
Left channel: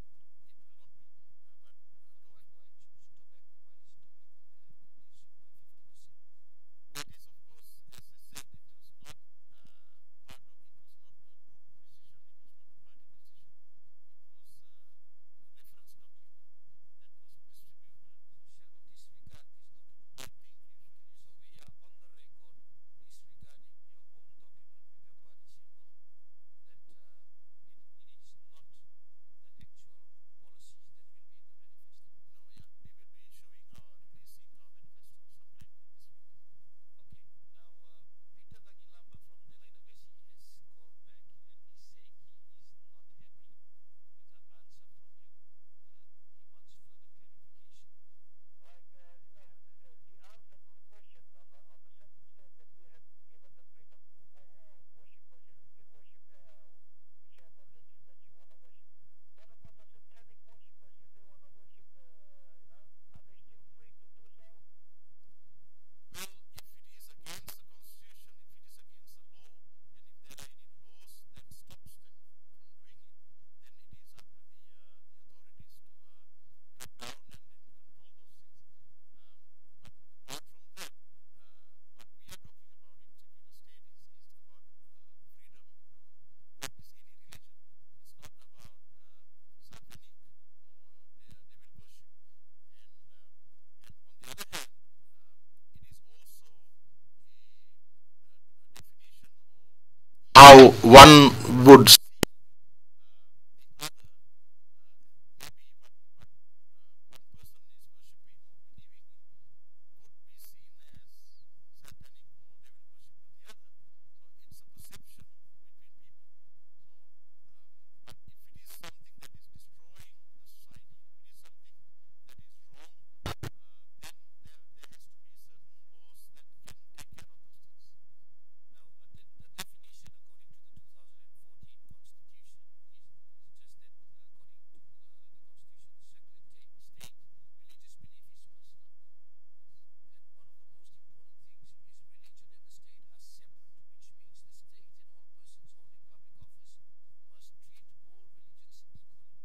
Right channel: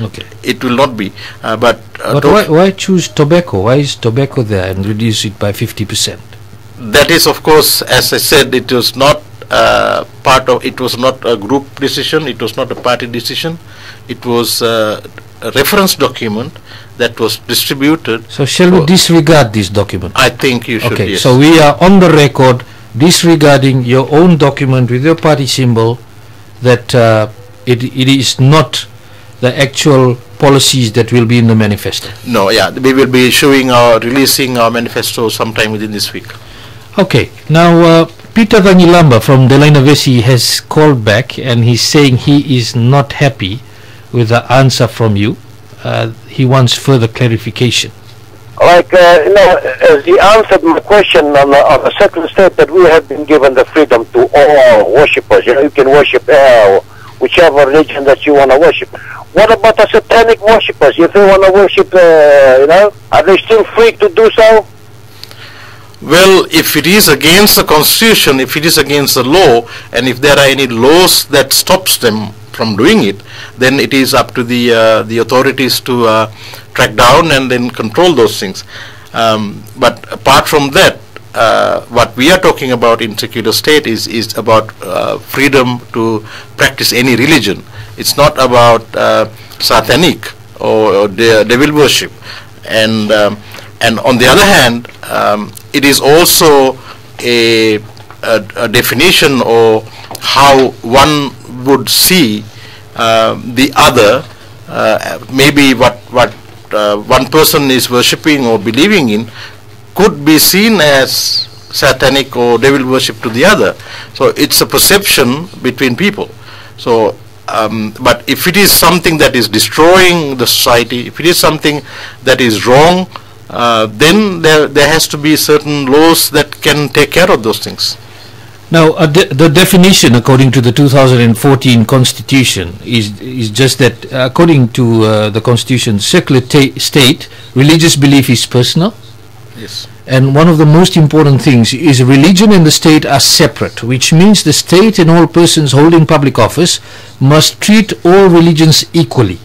Okay. It will not be. But why choose tobacco? Why is tobacco there and reduce it by 50%? That is, of course, as I said, it was not it was not a group decision. It was not a party decision. It was a reference document that was distributed. So shall we disregard this document? I think you should. Okay, yes. so we are on the record disregarding your own document with your party symbol, that it is not the actual policies that will be in the manifesto? No, yeah, we will be releasing our manifesto sometime within this week. Okay, now Peter Vangilamba from Delaina Vesi has called back, and he's saying he is not happy with the answer from you. He wants further clarification. Like, as he answered my question on the second step, that we have been given the freedom to all worshippers. You can worship whichever religion that you want to worship. What about the satanic worshippers? If they want to worship, are they still free to do so? Well, if it is against the constitution, if it is against the law, and if there are any laws that stops them from doing it, then it is up to the authorities to track down and then control those things. But apart from that, what we are talking about in secular state is about freedom to practice any religion. It's not about satanic or devil worship. And on the other hand, it is also a definition or how one would see the other. Maybe what one person is worshipping or believing in could be seen as satanic or devil worship to the other. So it's a perception between people. So but if it is something that is destroying the society, if it is something that is wrong, then there has to be certain laws that can take care of those things. Now, the definition according to the 2014 Constitution is just that, according to the Constitution, secular state, religious belief is personal. Yes. And one of the most important things is religion and the state are separate, which means the state and all persons holding public office must treat all religions equally.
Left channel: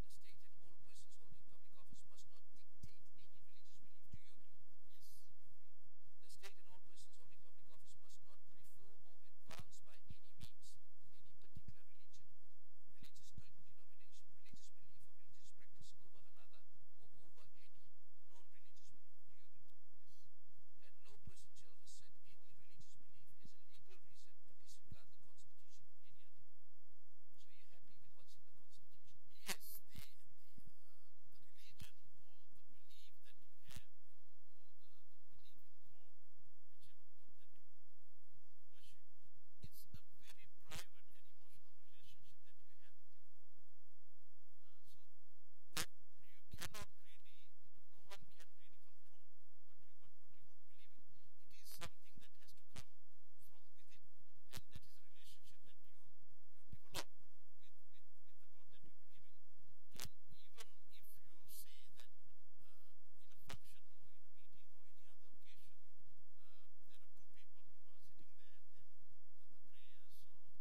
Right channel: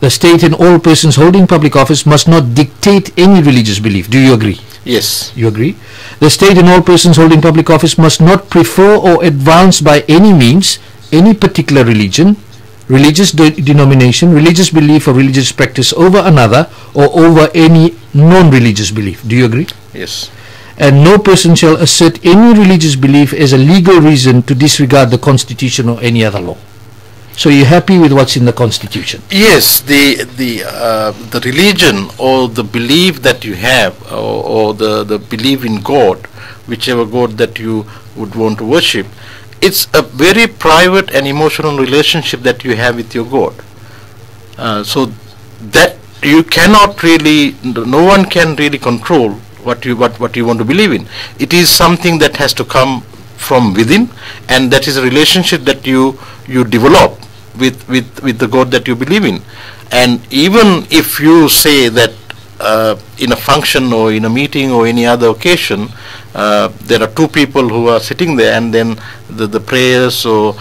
The state and all persons holding public office must not dictate any religious belief. Do you agree? Yes. You agree? The state and all persons holding public office must not prefer or advance by any means any particular religion, religious denomination, religious belief or religious practice over another or over any non-religious belief. Do you agree? Yes. And no person shall assert any religious belief as a legal reason to disregard the Constitution or any other law. So you're happy with what's in the Constitution? Yes, the religion or the belief that you have, or the belief in God, whichever God that you would want to worship, it's a very private and emotional relationship that you have with your God. So that you cannot really, no one can really control what you want to believe in. It is something that has to come from within, and that is a relationship that you develop with the God that you believe in. And even if you say that in a function or in a meeting or any other occasion, there are two people who are sitting there, and then the prayers or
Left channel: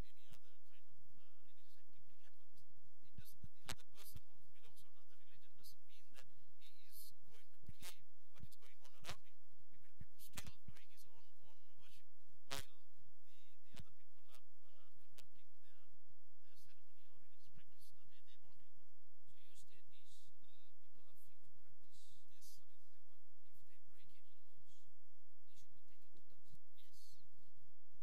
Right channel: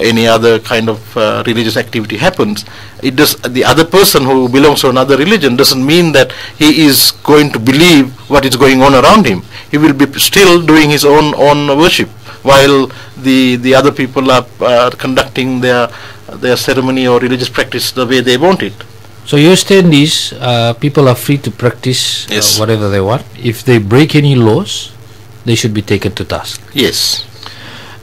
any other kind of religious activity happens, the other person who belongs to another religion doesn't mean that he is going to believe what is going on around him. He will be still doing his own worship, while the other people are conducting their ceremony or religious practice the way they want it. So your stand is people are free to practice whatever they want. If they break any laws, they should be taken to task. Yes.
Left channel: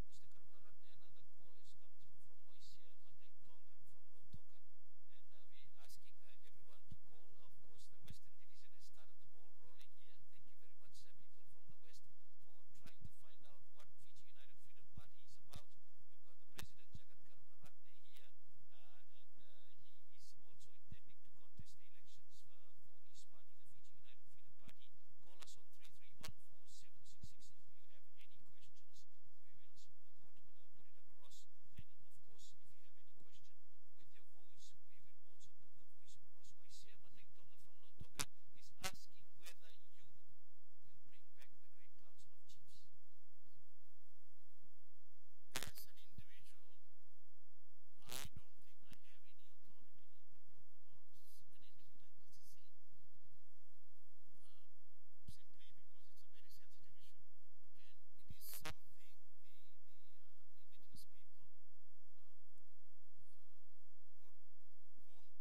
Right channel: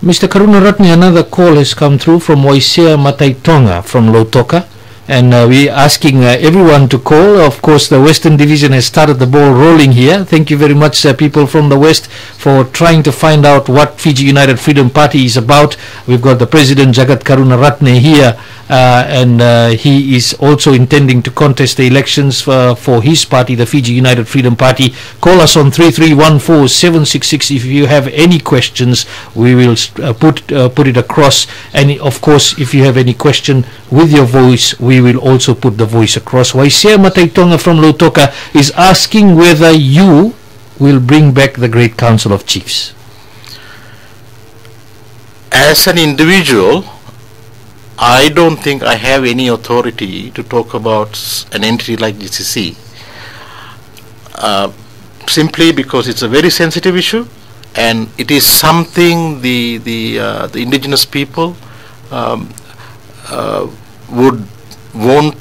Mr. Karunaratne, another call has come through from Waisea Mataitonga from Lautoka, and we're asking everyone to call. Of course, the Western Division has started the ball rolling here. Thank you very much, people from the West, for trying to find out what Fiji United Freedom Party is about. We've got the President, Jagath Karunaratne, here, and he is also intending to contest the elections for his party, the Fiji United Freedom Party. Call us on 3314-766 if you have any questions. We will put it across, and of course, if you have any question with your voice, we will also put the voice across. Waisea Mataitonga from Lautoka is asking whether you will bring back the Great Council of Chiefs. As an individual, I don't think I have any authority to talk about an entity like GCC, simply because it's a very sensitive issue, and it is something the indigenous people would want,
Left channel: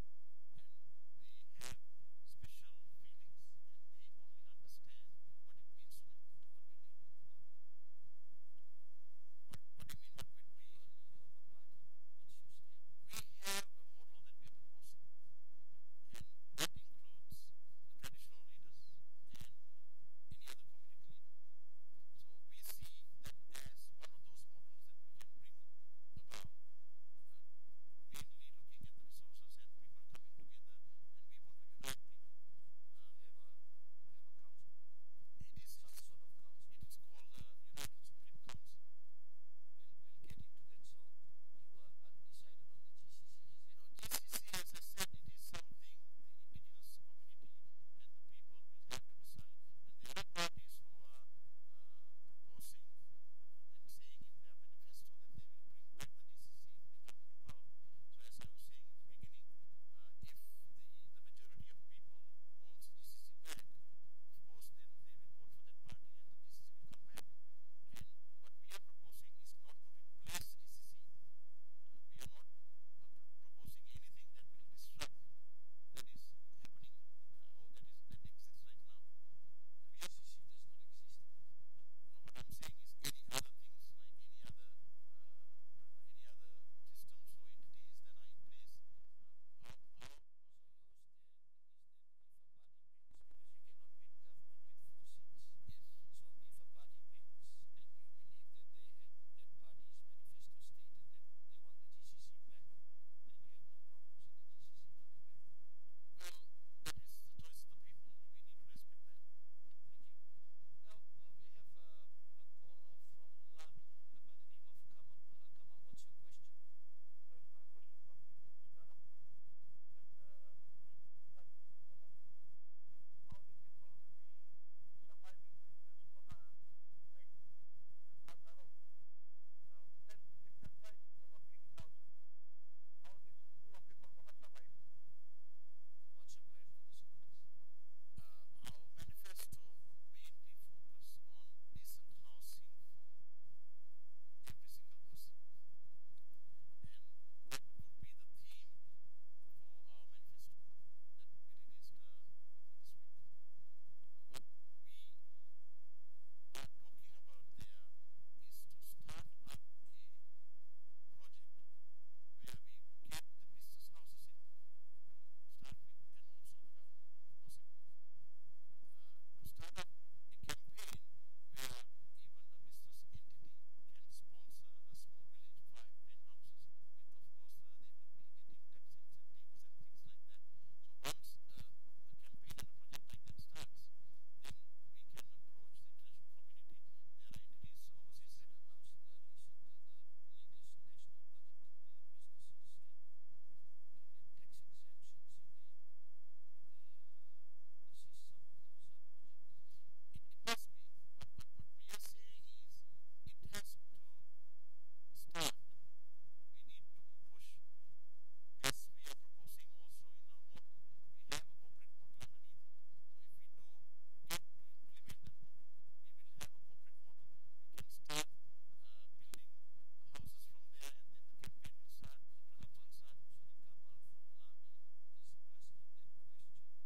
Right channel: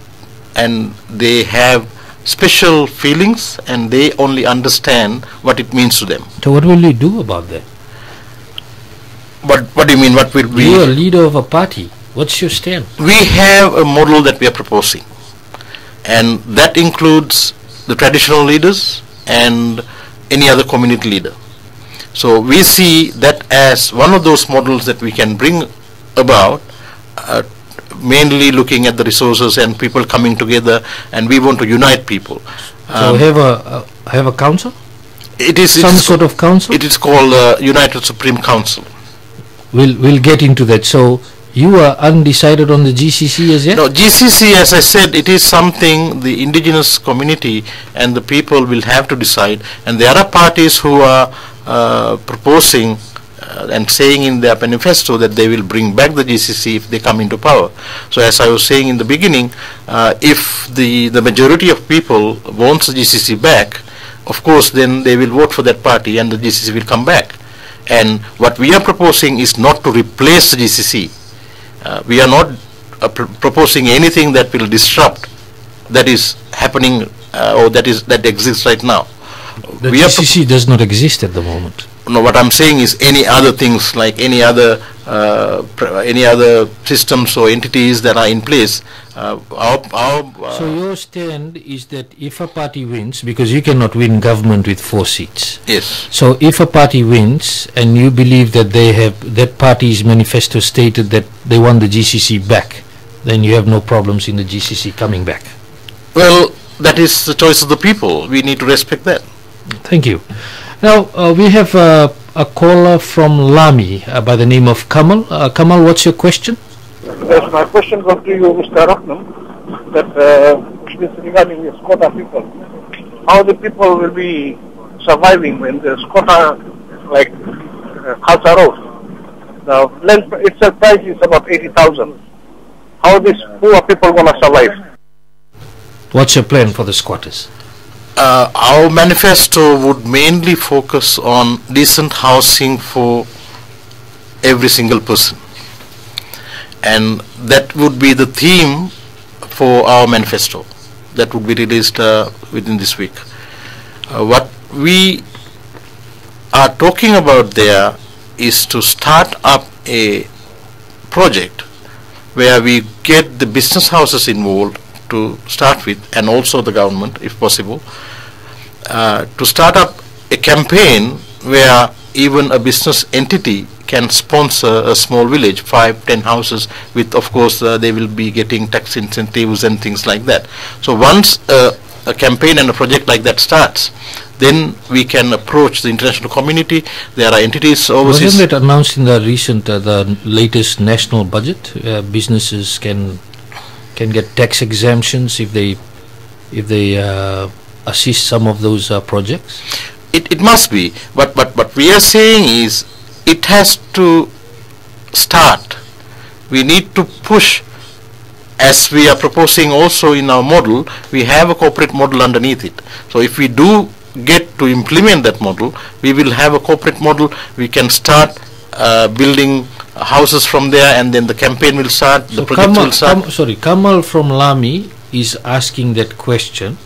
and they have special feelings, and they only understand what it means to them. So what will you do about that? What do you mean? What will be? You're a leader of a party. What's your stand? We have a model that we are proposing, and that includes the traditional leaders and any other community leader. So we see that as one of those models that we can bring about, mainly looking at the resources and people coming together, and we want to unite people. So have a council? It is some sort of council? It is called United Supreme Council. We'll get into that. So you are undecided on the GCC as yet? No, GCC, as I said, it is something the indigenous community and the people will have to decide, and there are parties who are proposing and saying in their manifesto that they will bring back the GCC if they come into power. So as I was saying in the beginning, if the majority of people wants the GCC back, of course then they will vote for that party and the GCC will come back. And what we are proposing is not to replace the GCC. We are not proposing anything that will disrupt that is happening or that exists right now. The GCC does not exist at the moment. No, what I'm saying is any other things, like any other systems or entities that are in place. So your stand is that if a party wins, because you cannot win government with 4 seats. Yes. So if a party wins and you believe that that party's manifesto stated that they want the GCC back, then you have no problems in the GCC coming back. Well, that is the choice of the people. We need to respect that. Thank you. Now we have a caller from Lami by the name of Kamal. Kamal, what's your question? Yes, my question goes to you, Mr. Ratnam, that it is regarding the Squatter people. How the people will be surviving when the Squatter, like Khalsa Road, the land itself price is about 80,000. How these poor people going to survive? What's your plan for the squatters? Our manifesto would mainly focus on decent housing for every single person, and that would be the theme for our manifesto that would be released within this week. What we are talking about there is to start up a project where we get the business houses involved to start with, and also the government if possible, to start up a campaign where even a business entity can sponsor a small village, 5-10 houses, with of course they will be getting tax incentives and things like that. So once a campaign and a project like that starts, then we can approach the international community. There are entities overseas. Wasn't it announced in the recent, the latest national budget? Businesses can get tax exemptions if they assist some of those projects. It must be, but what we are saying is it has to start. We need to push, as we are proposing also in our model. We have a corporate model underneath it. So if we do get to implement that model, we will have a corporate model. We can start building houses from there, and then the campaign will start, the project will start. Kamal from Lami is asking that question.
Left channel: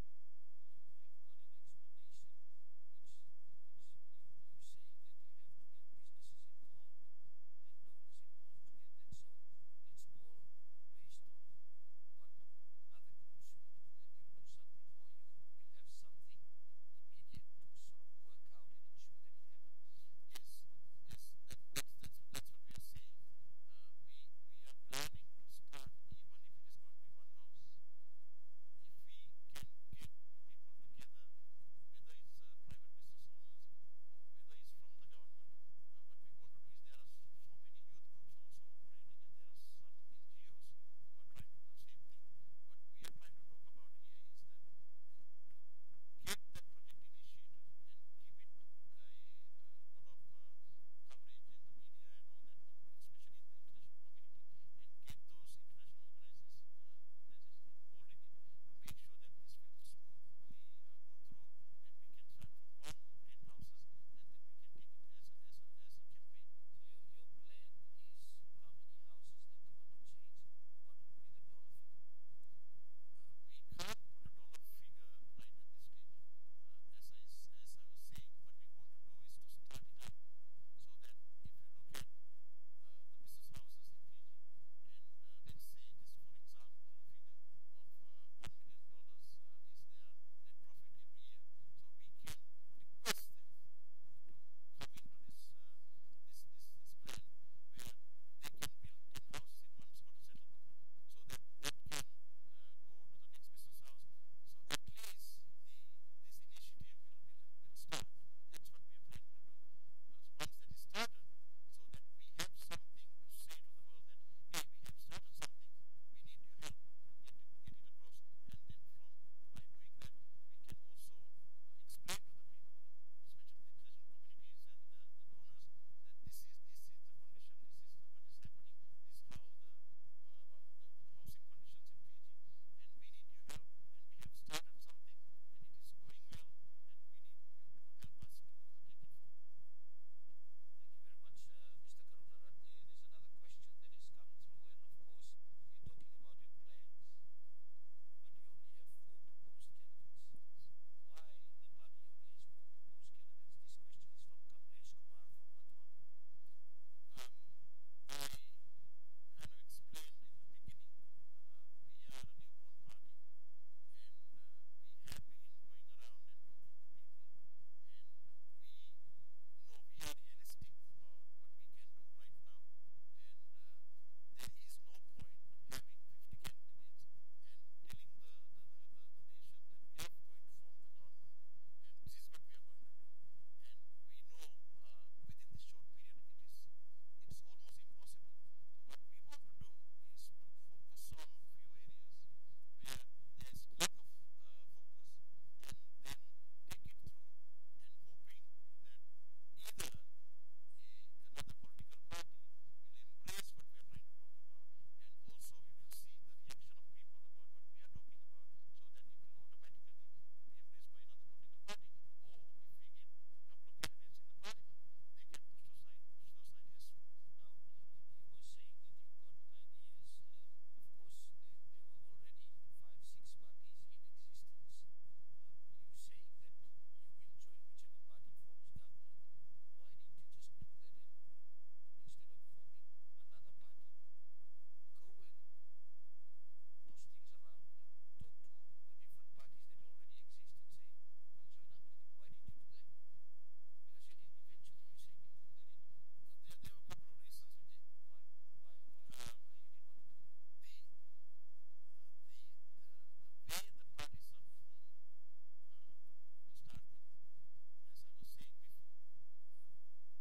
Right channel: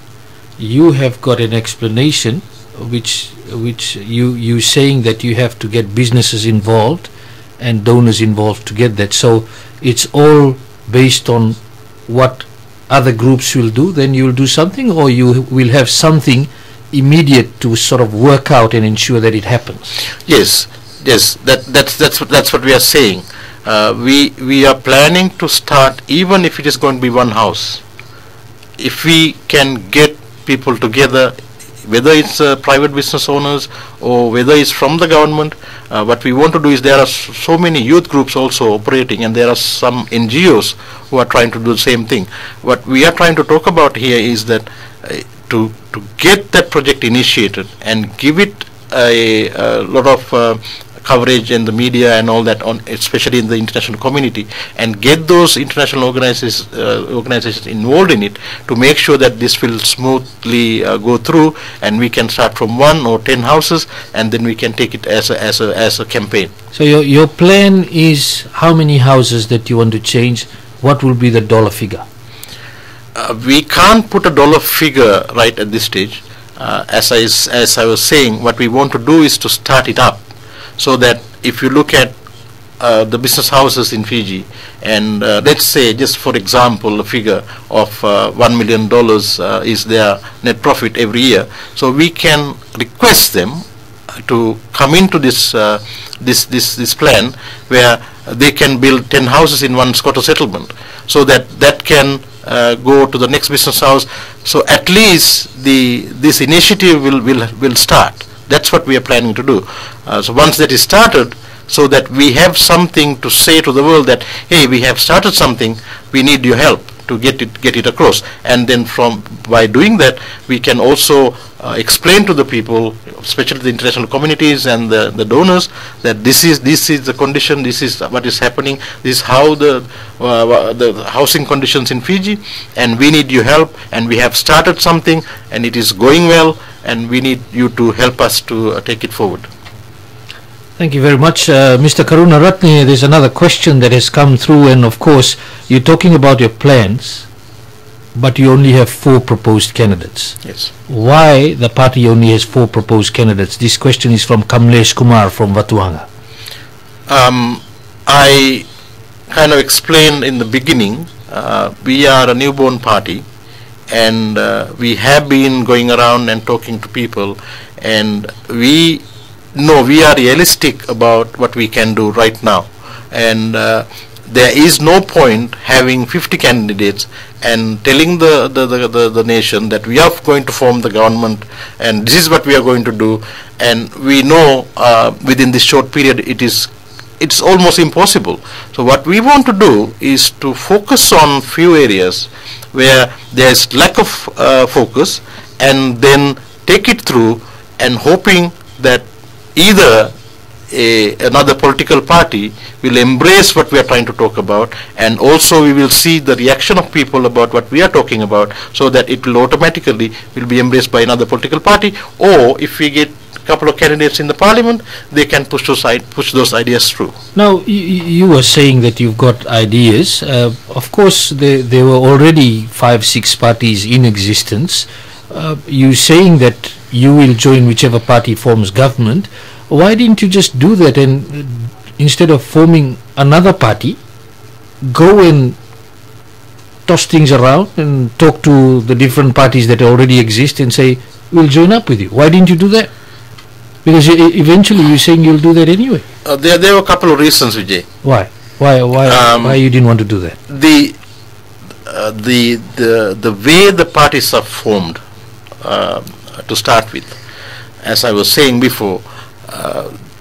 You have got an explanation which you saying that you have to get businesses involved and donors involved to get that. So it's all based on what other groups will do, then you will do something, or you will have something immediate to sort of work out and ensure that it happens. Yes, that's what we are saying. We are planning to start, even if it is going to be one house. If we can get people together, whether it's private business owners or whether it's from the government, what we want to do is, there are so many youth groups also operating, and there are some NGOs who are trying to do the same thing. What we are trying to talk about here is that to get that project initiated and give it a lot of coverage in the media and all that, especially in the international community, and get those international organizations involved in it, to make sure that this will smoothly go through, and we can start from 1 or 10 houses, and then we can take it as a campaign. So your plan is how many houses that you want to change? What will be the dollar figure? We can't put a dollar figure right at this stage. As I was saying, what we want to do is to start it up, so that if you look at the business houses in Fiji, and let's say, just for example, a figure of $1 million is their net profit every year. So we can request them to come into this this plan where they can build 10 houses in one squatter settlement, so that can go to the next business house. So at least this initiative will start. That's what we are planning to do. So once that is started, so that we have something to say to the world that, hey, we have started something, we need your help to get it across. And then by doing that, we can also explain to the people, especially the international communities and the donors, that this is the condition, this is what is happening, this is how the housing conditions in Fiji, and we need your help, and we have started something, and it is going well, and we need you to help us to take it forward. Thank you very much. Mr. Karunaratne, there's another question that has come through, and of course, you're talking about your plans, but you only have 4 proposed candidates. Yes. Why the party only has 4 proposed candidates? This question is from Kamlesh Kumar from Vatuanga. I kind of explained in the beginning, we are a newborn party, and we have been going around and talking to people, and we are realistic about what we can do right now, and there is no point having 50 candidates and telling the nation that we are going to form the government and this is what we are going to do, and we know within this short period it's almost impossible. So what we want to do is to focus on few areas where there is lack of focus, and then take it through, and hoping that either another political party will embrace what we are trying to talk about, and also we will see the reaction of people about what we are talking about, so that it will automatically be embraced by another political party. Or if we get a couple of candidates in the parliament, they can push those ideas through. Now, you were saying that you've got ideas. Of course, there were already 5-6 parties in existence. You're saying that you will join whichever party forms government. Why didn't you just do that, and instead of forming another party, go and toss things around and talk to the different parties that already exist and say, we'll join up with you? Why didn't you do that? Because eventually you're saying you'll do that anyway. There were a couple of reasons, Vijay. Why? Why you didn't want to do that? The way the parties are formed, to start with, as I was saying before,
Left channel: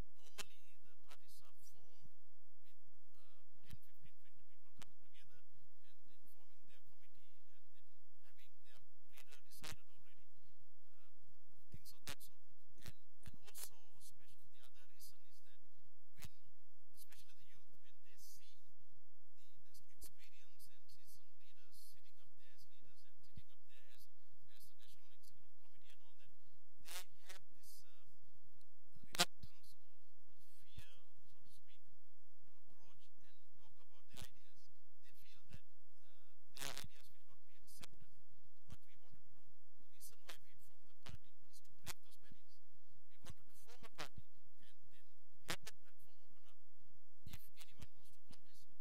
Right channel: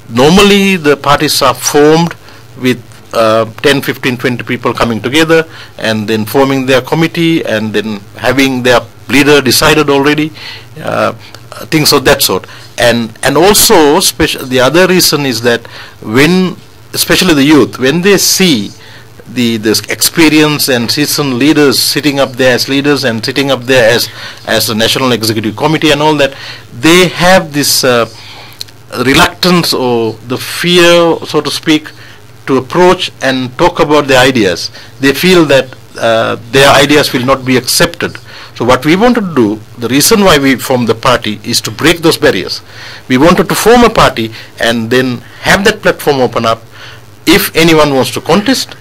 normally the parties are formed with 10, 15, 20 people coming together and then forming their committee and then having their leader decided already, things of that sort. And also the other reason is that when, especially the youth, when they see the experience and seasoned leaders sitting up there as leaders and sitting up there as the National Executive Committee and all that, they have this reluctance or the fear, so to speak, to approach and talk about their ideas. They feel that their ideas will not be accepted. So what we want to do, the reason why we formed the party, is to break those barriers. We wanted to form a party and then have that platform open up. If anyone wants to contest,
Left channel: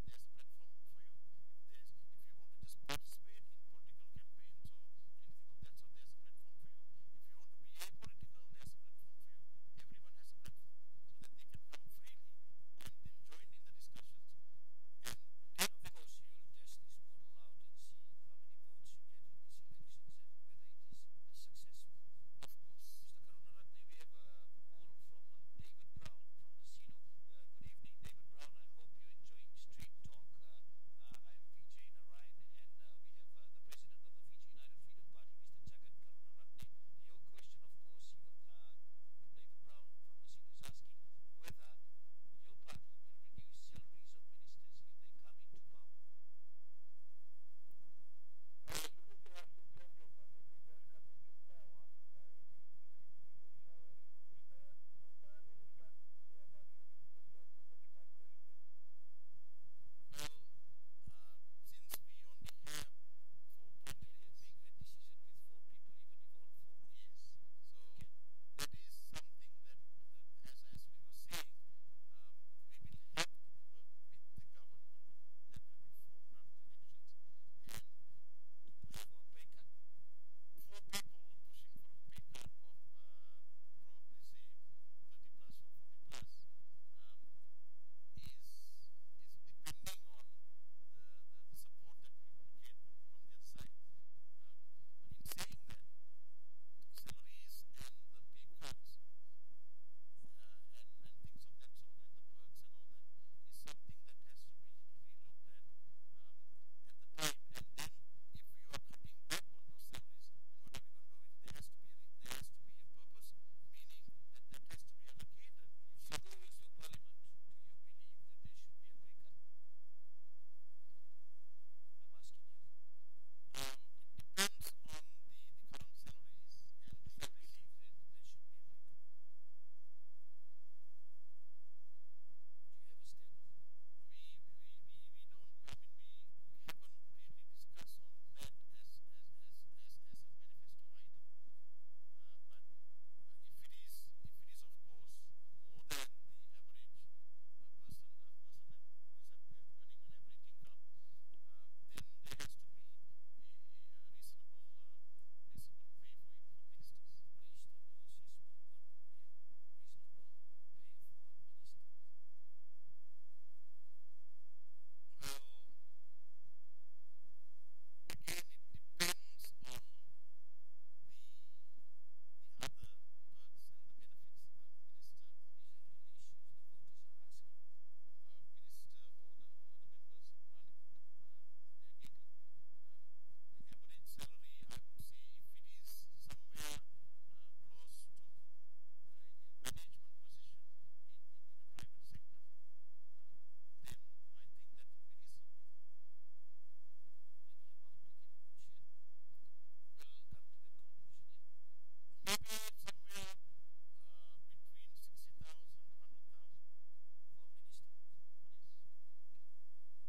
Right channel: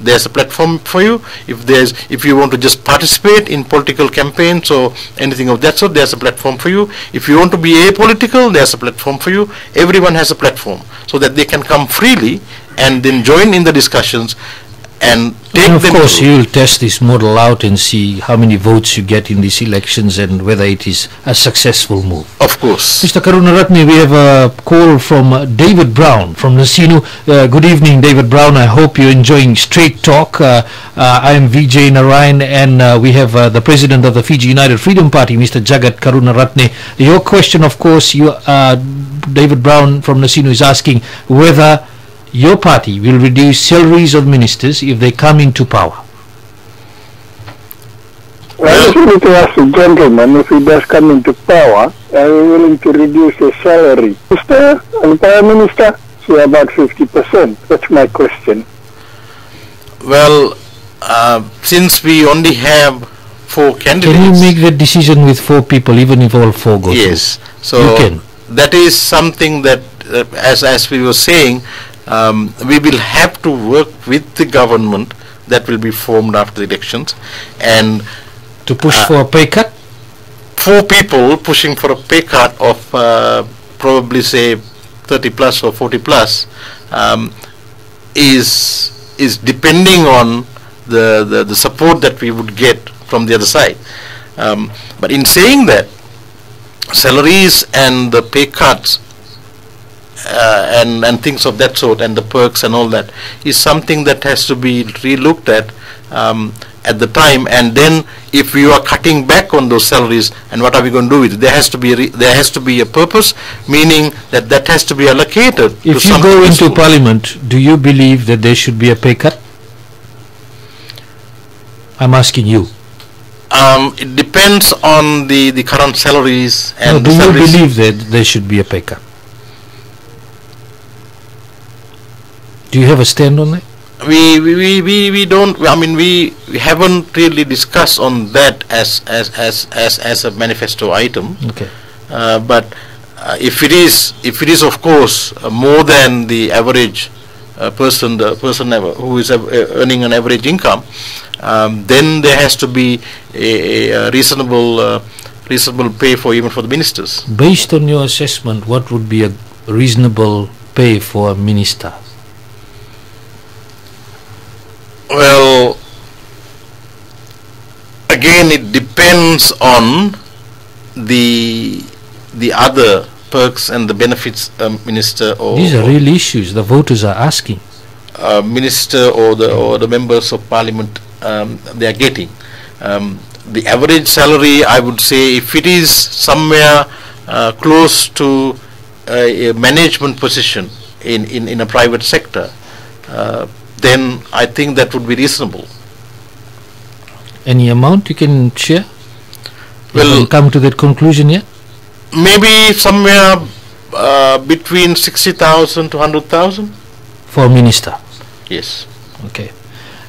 there's a platform for you. If you want to just participate in political campaigns or anything of that sort, there's a platform for you. If you want to be apolitical, there's a platform for you. Everyone has a platform, so that they can come freely and then join in the discussions and take them. Of course, you'll test this model out and see how many votes you get in these elections and whether it is a successful move. Of course. Mr. Karunaratne, we have a call from David Brown from Nasinu. Good evening, David Brown. I hope you're enjoying Straight Talk. I am Vijay Narayan, and we have the President of the Fiji United Freedom Party, Mr. Jagath Karunaratne. Your question, of course, David Brown from Nasinu is asking whether your party will reduce salaries of ministers if they come into power. Well, I just wanted to ask the gentleman, if he does come into power, are you willing to reduce his salary? Minister and Prime Minister, say about 50%. That's my question. Well, since we only have 4 candidates... Can you make that decision with 4 people, even if all 4 go Yes. through? So you can. That is something that, as we were saying, we will have to work with the government that will be formed after the elections, and to push for a pay cut. 4 people pushing for a pay cut of probably say 30 plus or 40 plus is depending on the support that we would get from the other side. But in saying that, salaries and the pay cuts and things of that sort, and the perks and all that, is something that has to be re-looked at the time. And then if we are cutting back on those salaries, and what are we going to do with it? There has to be a purpose, meaning that has to be allocated. If you go into Parliament, do you believe that there should be a pay cut? I'm asking you. It depends on the current salaries. And do you believe that there should be a pay cut? Do you have a stand on that? We don't. I mean, we haven't really discussed on that as a manifesto item. Okay. But if it is of course more than the average person, the person who is earning an average income, then there has to be a reasonable pay for even for the ministers. Based on your assessment, what would be a reasonable pay for a minister? Well, again, it depends on the other perks and the benefits minister or these are real issues the voters are asking. Minister or the members of parliament they are getting. The average salary, I would say, if it is somewhere close to a management position in a private sector, then I think that would be reasonable. Any amount you can share? Well, you come to that conclusion yet? Maybe somewhere between 60,000 to 100,000 for a minister. Yes. Okay.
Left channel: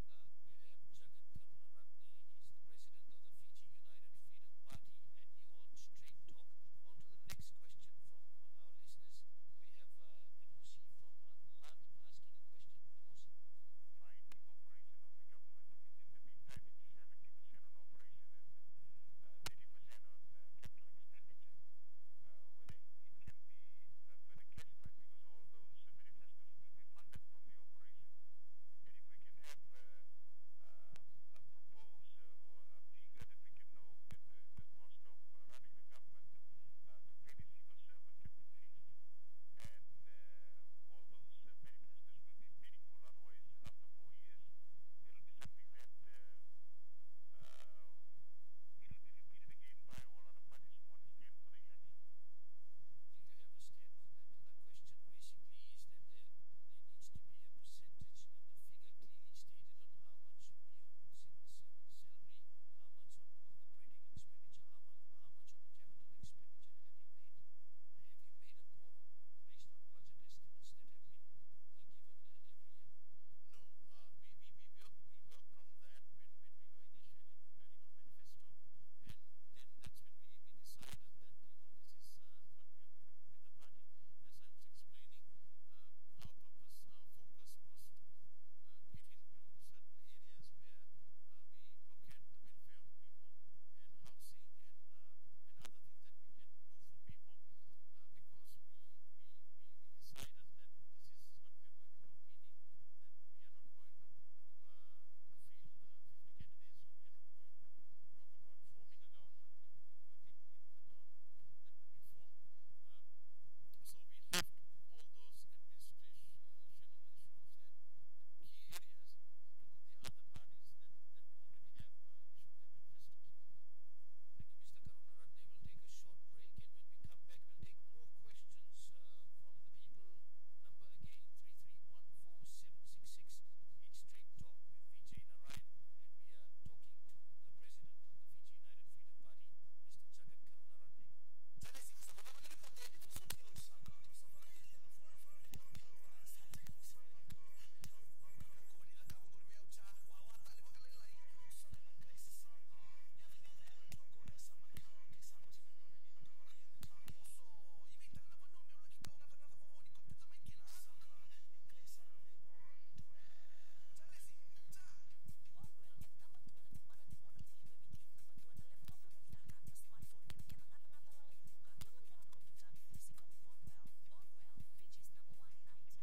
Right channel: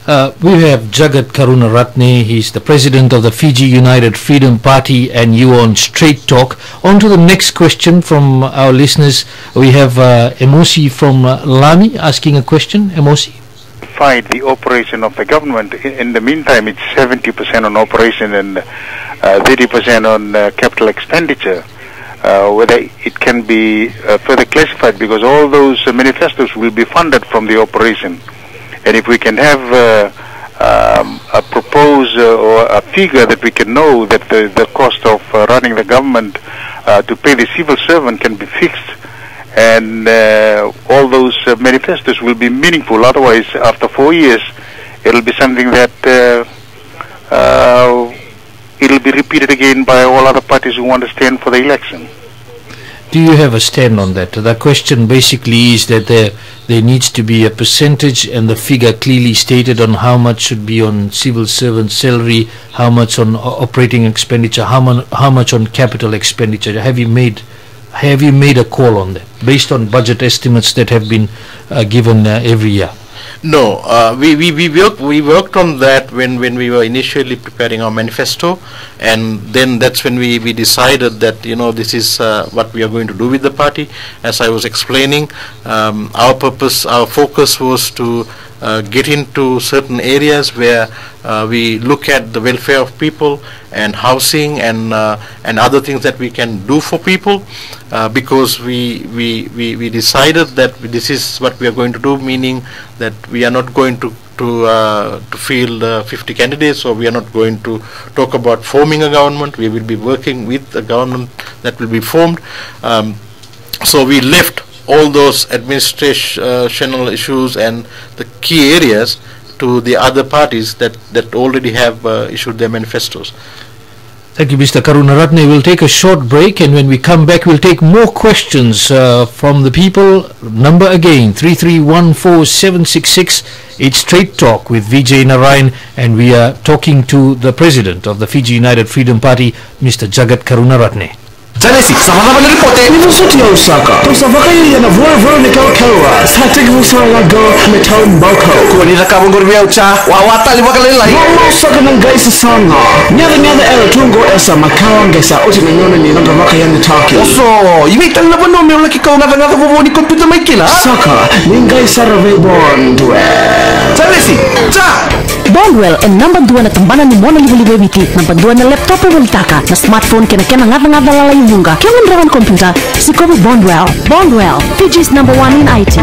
We have Jagath Karunaratne. He's the president of the Fiji United Freedom Party, and you on Straight Talk. On to the next question from our listeners. We have Emosi from Lami asking a question. Emosi. The operation of the government. In the meantime, it's 70% on operation and 30% on capital expenditure. Whether it can be further classified, because all those manifestos will be funded from the operation. And if we can have a proposal or a figure that we can know that the cost of running the government to pay the civil servant can be fixed, and all those manifestos will be meaningful. Otherwise, after 4 years, it'll be something that it'll be repeated again by all other parties who want to stand for the election. Do you have a stand on that? The question basically is that there needs to be a percentage and the figure clearly stated on how much should be on civil servant salary, how much on operating expenditure, how much on capital expenditure. Have you made a call on that based on budget estimates that have been given every year? No, we worked on that when we were initially preparing our manifesto, and then that's when we decided that this is what we are going to do with the party. As I was explaining, our focus was to get into certain areas where we look at the welfare of people and housing and other things that we can do for people, because we decided that this is what we are going to do, meaning that we are not going to field 50 candidates, or we are not going to talk about forming a government. We will be working with a government that will be formed. So we left all those administrational issues and the key areas to the other parties that already have issued their manifestos. Thank you, Mr. Karunaratne. We'll take a short break, and when we come back, we'll take more questions from the people. Number again, 3314766. It's Straight Talk with Vijay Narayan, and we are talking to the president of the Fiji United Freedom Party, Mr. Jagath Karunaratne. Janesi, sama-sama na ripote. University of Osaka. Tosavakay yana vora ni kalkawa. Static Musalago Metal Boko. Kuwanira ka mongor biya ucha. Wawata liwa kalilai. Mama saka ng guys sa sanga. Nyada era tungo esa makawa ngesa uti nangona ni nanga vakay ni Taki. Oso, iwitan na ba no may ulaki ka nga ni computer may kila? Saka, ningay sa Ravebon Duel. Janesi, cha! Bondwell ang number 2 na tambanan ni Mona Liwaliwe Viti, number 2 na laptop e waltaka, na smartphone kena ngata-ngata lalay bunga, kaya mandrawan computer, si Kobe Bondwell. Bondwell, Fiji's number 1 in IT.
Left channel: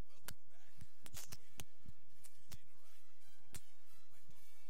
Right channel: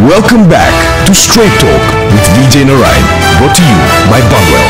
Welcome back to Straight Talk with Vijay Narayan, brought to you by Bondwell.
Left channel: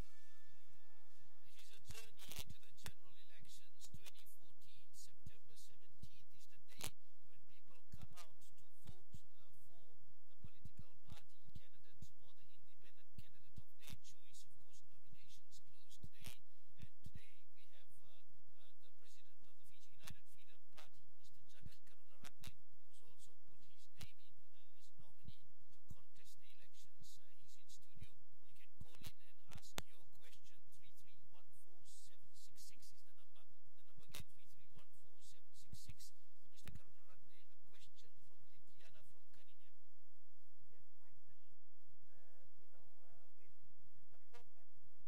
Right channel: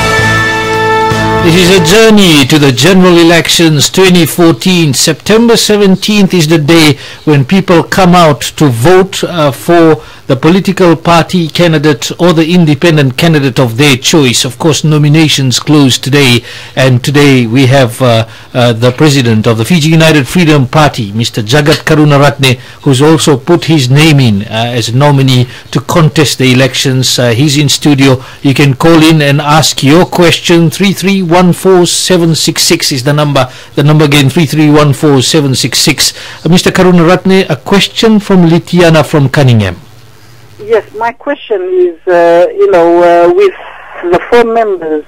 This is a journey to the general elections 2014. September 17th is the day when people come out to vote for the political party candidate or the independent candidate of their choice. Of course, nominations close today, and today we have the president of the Fiji United Freedom Party, Mr. Jagath Karunaratne, who's also put his name in as a nominee to contest the elections. He's in studio. You can call in and ask your question. 3314766 is the number. The number again, 3314766. Mr. Karunaratne, a question from Litiana from Cunningham. Yes, my question is, with the 4 members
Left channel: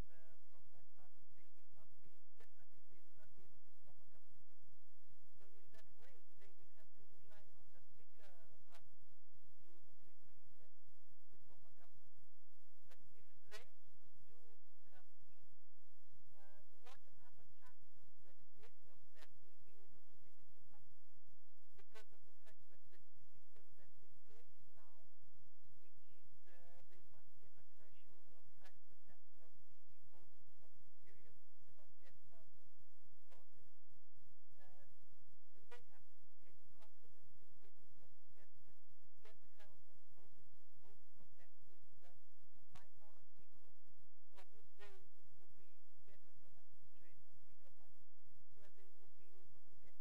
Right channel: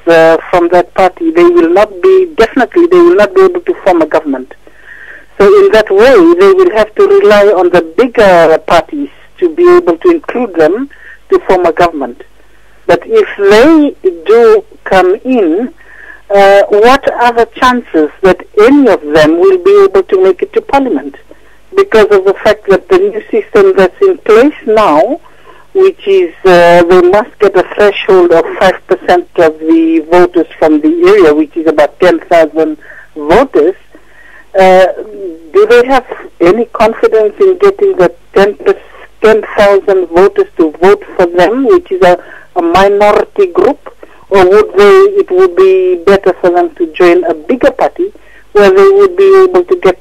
from that party, they will not be able to form a government. So in that way, they will have to rely on the bigger parties to be able to include them to form a government. But if they do come in, what are the chances that any of them will be able to make it to Parliament? Because of the fact that the new system that's in place now, which is they must get a threshold of 5% of the voters from the area, which is about 10,000 voters. Do they have any confidence in getting the 10,000 voters to vote for them, which is a minority group? Or it would be better for them to join a bigger party where they would be able to get,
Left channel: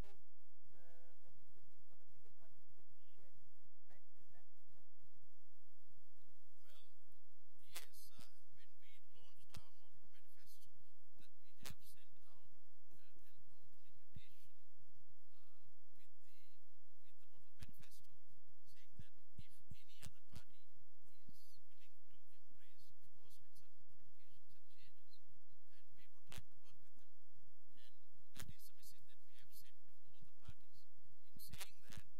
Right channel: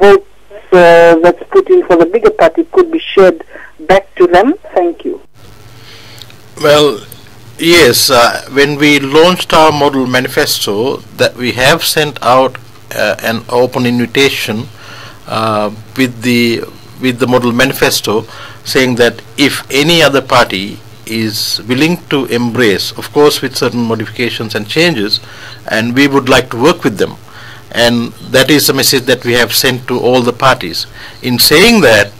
votes that's put in for the bigger party could be shared back to them? Thank you. Well, yes, when we launched our model manifesto, that we have sent out an open invitation with the model manifesto, saying that if any other party is willing to embrace, of course with certain modifications and changes, and we would like to work with them. And that is a message that we have sent to all the parties. In saying that,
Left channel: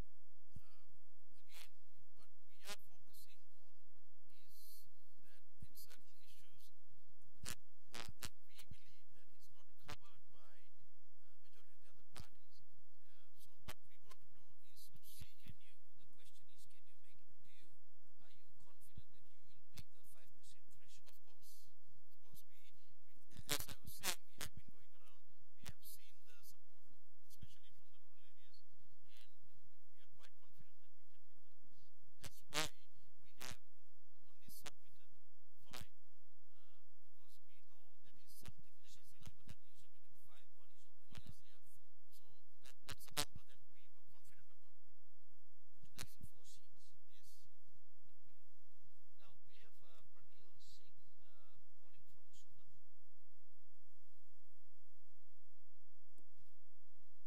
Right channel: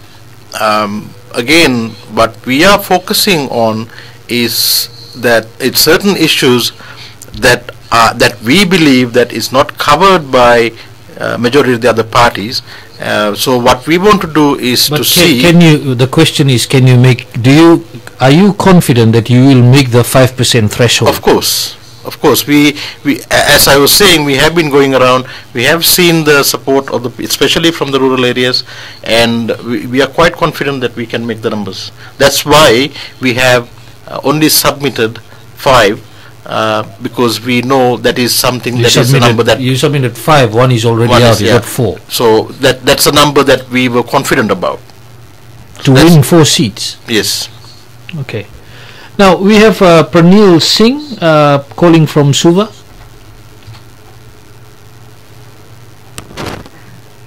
again, what we are focusing on is that it's certain issues that we believe that is not covered by majority of the other parties. So what we want to do is to see. The question is, are you confident that you will make the 5% threshold? Of course. Of course, we as I was saying, we have been going around. We have seen the support of especially from the rural areas, and we are quite confident that we can make the numbers. That's why we have only submitted 5, because we know that is something that is a number that you submitted 5. One is already out. You got 4. So that's a number that we were confident about. To win 4 seats. Yes. Okay. Now we have Pranil Singh calling from Suva.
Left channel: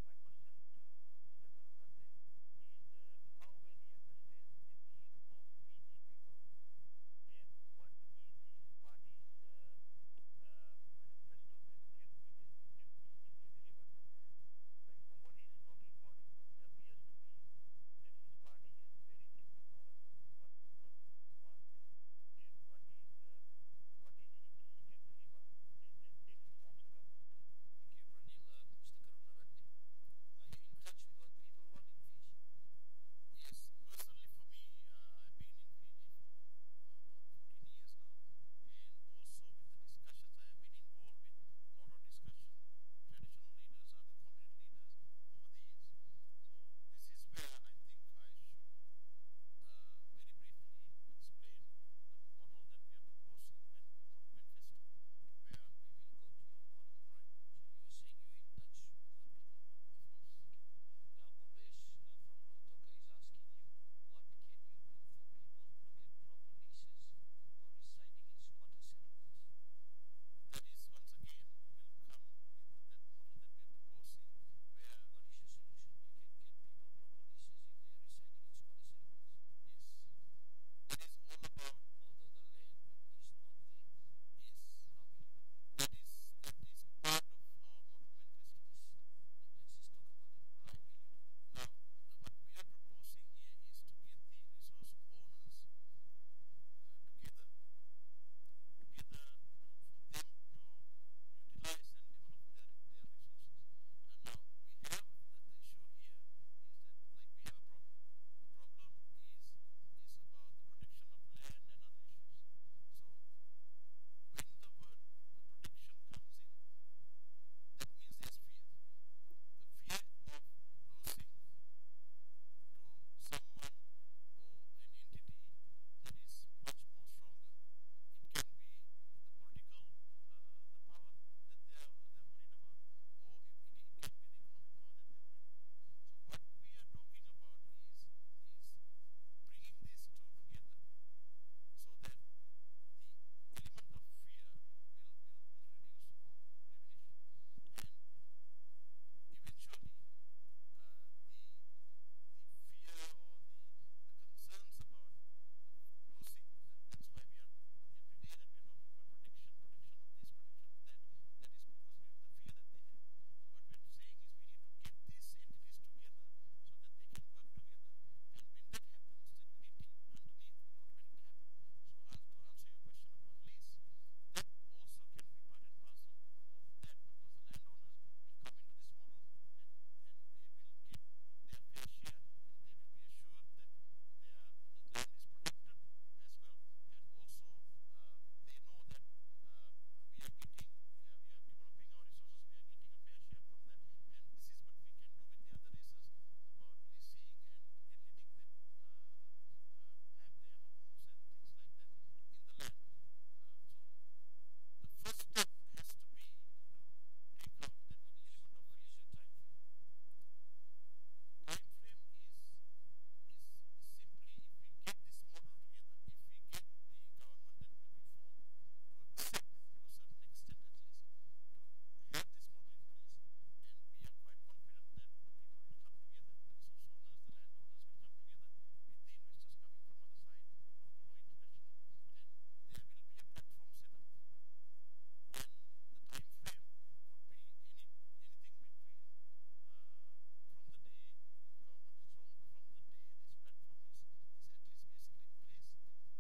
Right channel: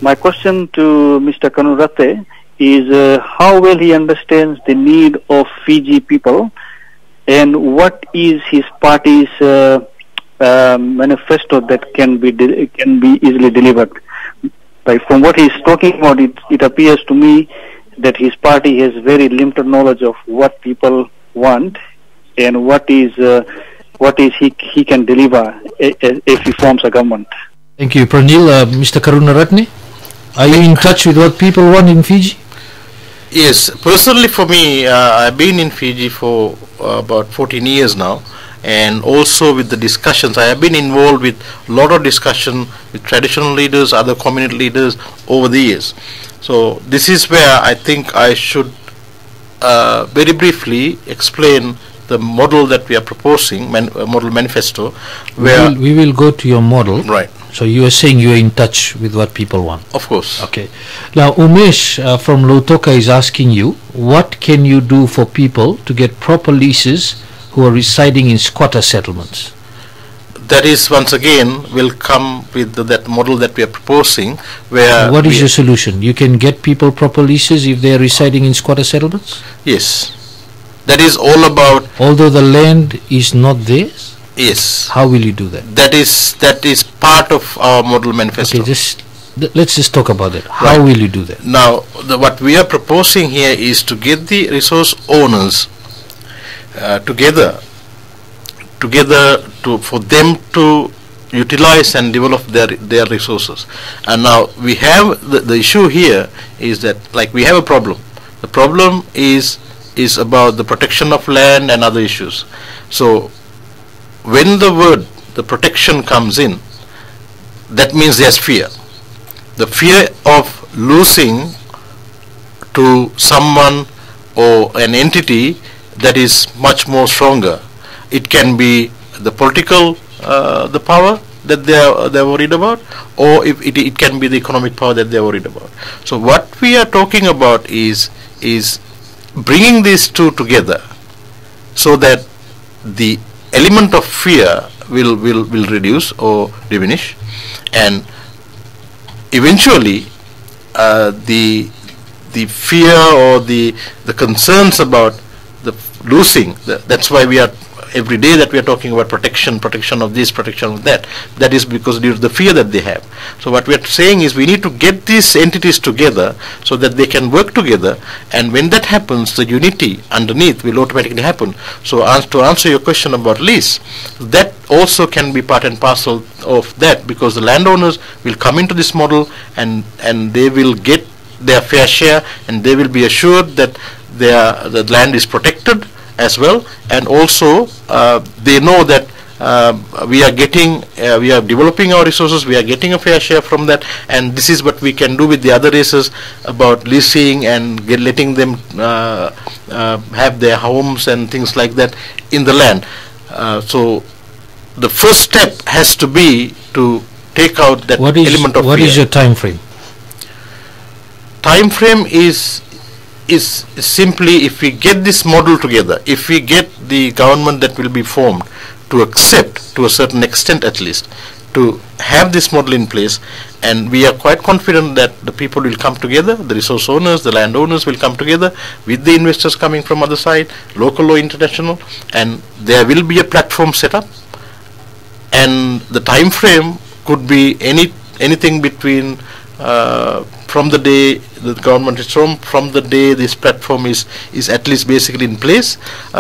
My question to Mr. Karunaratne is how well he understands the need of Fiji people, and what is his party's manifesto that can be easily delivered. From what he's talking about, it appears to me that his party has very limited knowledge of what people want and what is he can deliver if he forms a government. Thank you, Pranil. Mr. Karunaratne, are you in touch with what people want in Fiji? Yes, personally for me, I've been in Fiji for about 14 years now, and also with the discussions. I have been involved with a lot of discussion with traditional leaders, other community leaders over the years. So this is where I think I should very briefly explain the model that we are proposing, model manifesto. Where we will go to your model. Right. So you are saying you are in touch with what people want. Of course. Okay. Now Umesh from Lautoka is asking you, what can you do for people to get proper leases who are residing in squatter settlements? That is, once again, will come with that model that we are proposing. Where what is your solution? You can get people proper leases if they are residing in squatter settlements? Yes. That is all about. Although the land is not theirs? Yes. How will you do that? That is part of our model manifesto. Okay, let's just talk about that. How will you do that? Now, what we are proposing here is to get the resource owners together for them to utilize and develop their resources. And now we have the issue here is that, like, we have a problem. The problem is about the protection of land and other issues. So when the protection comes in, that means there's fear. The fear of losing to someone or an entity that is much more stronger. It can be the political, the power that they're worried about, or if it can be the economic power that they're worried about. So what we are talking about is bringing these two together, so that the element of fear will reduce or diminish, and eventually the fear or the concerns about the losing. That's why we are every day that we are talking about protection of this, protection of that. That is because due to the fear that they have. So what we are saying is we need to get these entities together so that they can work together, and when that happens, the unity underneath will automatically happen. So to answer your question about lease, that also can be part and parcel of that, because the landowners will come into this model and they will get their fair share, and they will be assured that the land is protected as well, and also they know that we are developing our resources, we are getting a fair share from that, and this is what we can do with the other races about leasing and letting them have their homes and things like that in the land. So the first step has to be to take out that element of fear. What is your time frame? Time frame is simply, if we get this model together, if we get the government that will be formed to accept, to a certain extent at least, to have this model in place, and we are quite confident that the people will come together, the resource owners, the landowners will come together with the investors coming from other side, local or international, and there will be a platform set up, and the time frame could be anything between from the day the government is from the day this platform is at least basically in place,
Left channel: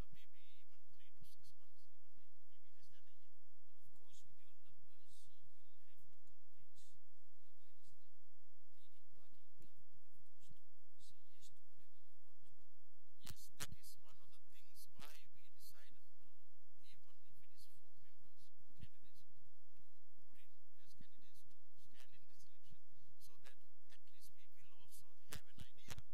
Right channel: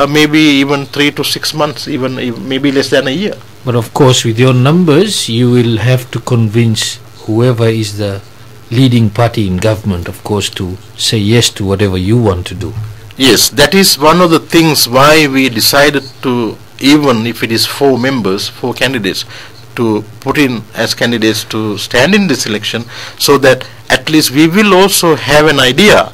maybe even 3 to 6 months, even maybe less than a year. But of course, with your numbers, you will have to convince whoever is the leading party in government, of course, to say yes to whatever you want to do. Yes, that is one of the things why we decided to, even if it is 4 members, 4 candidates, to put in as candidates to stand in this election, so that at least we will also have an idea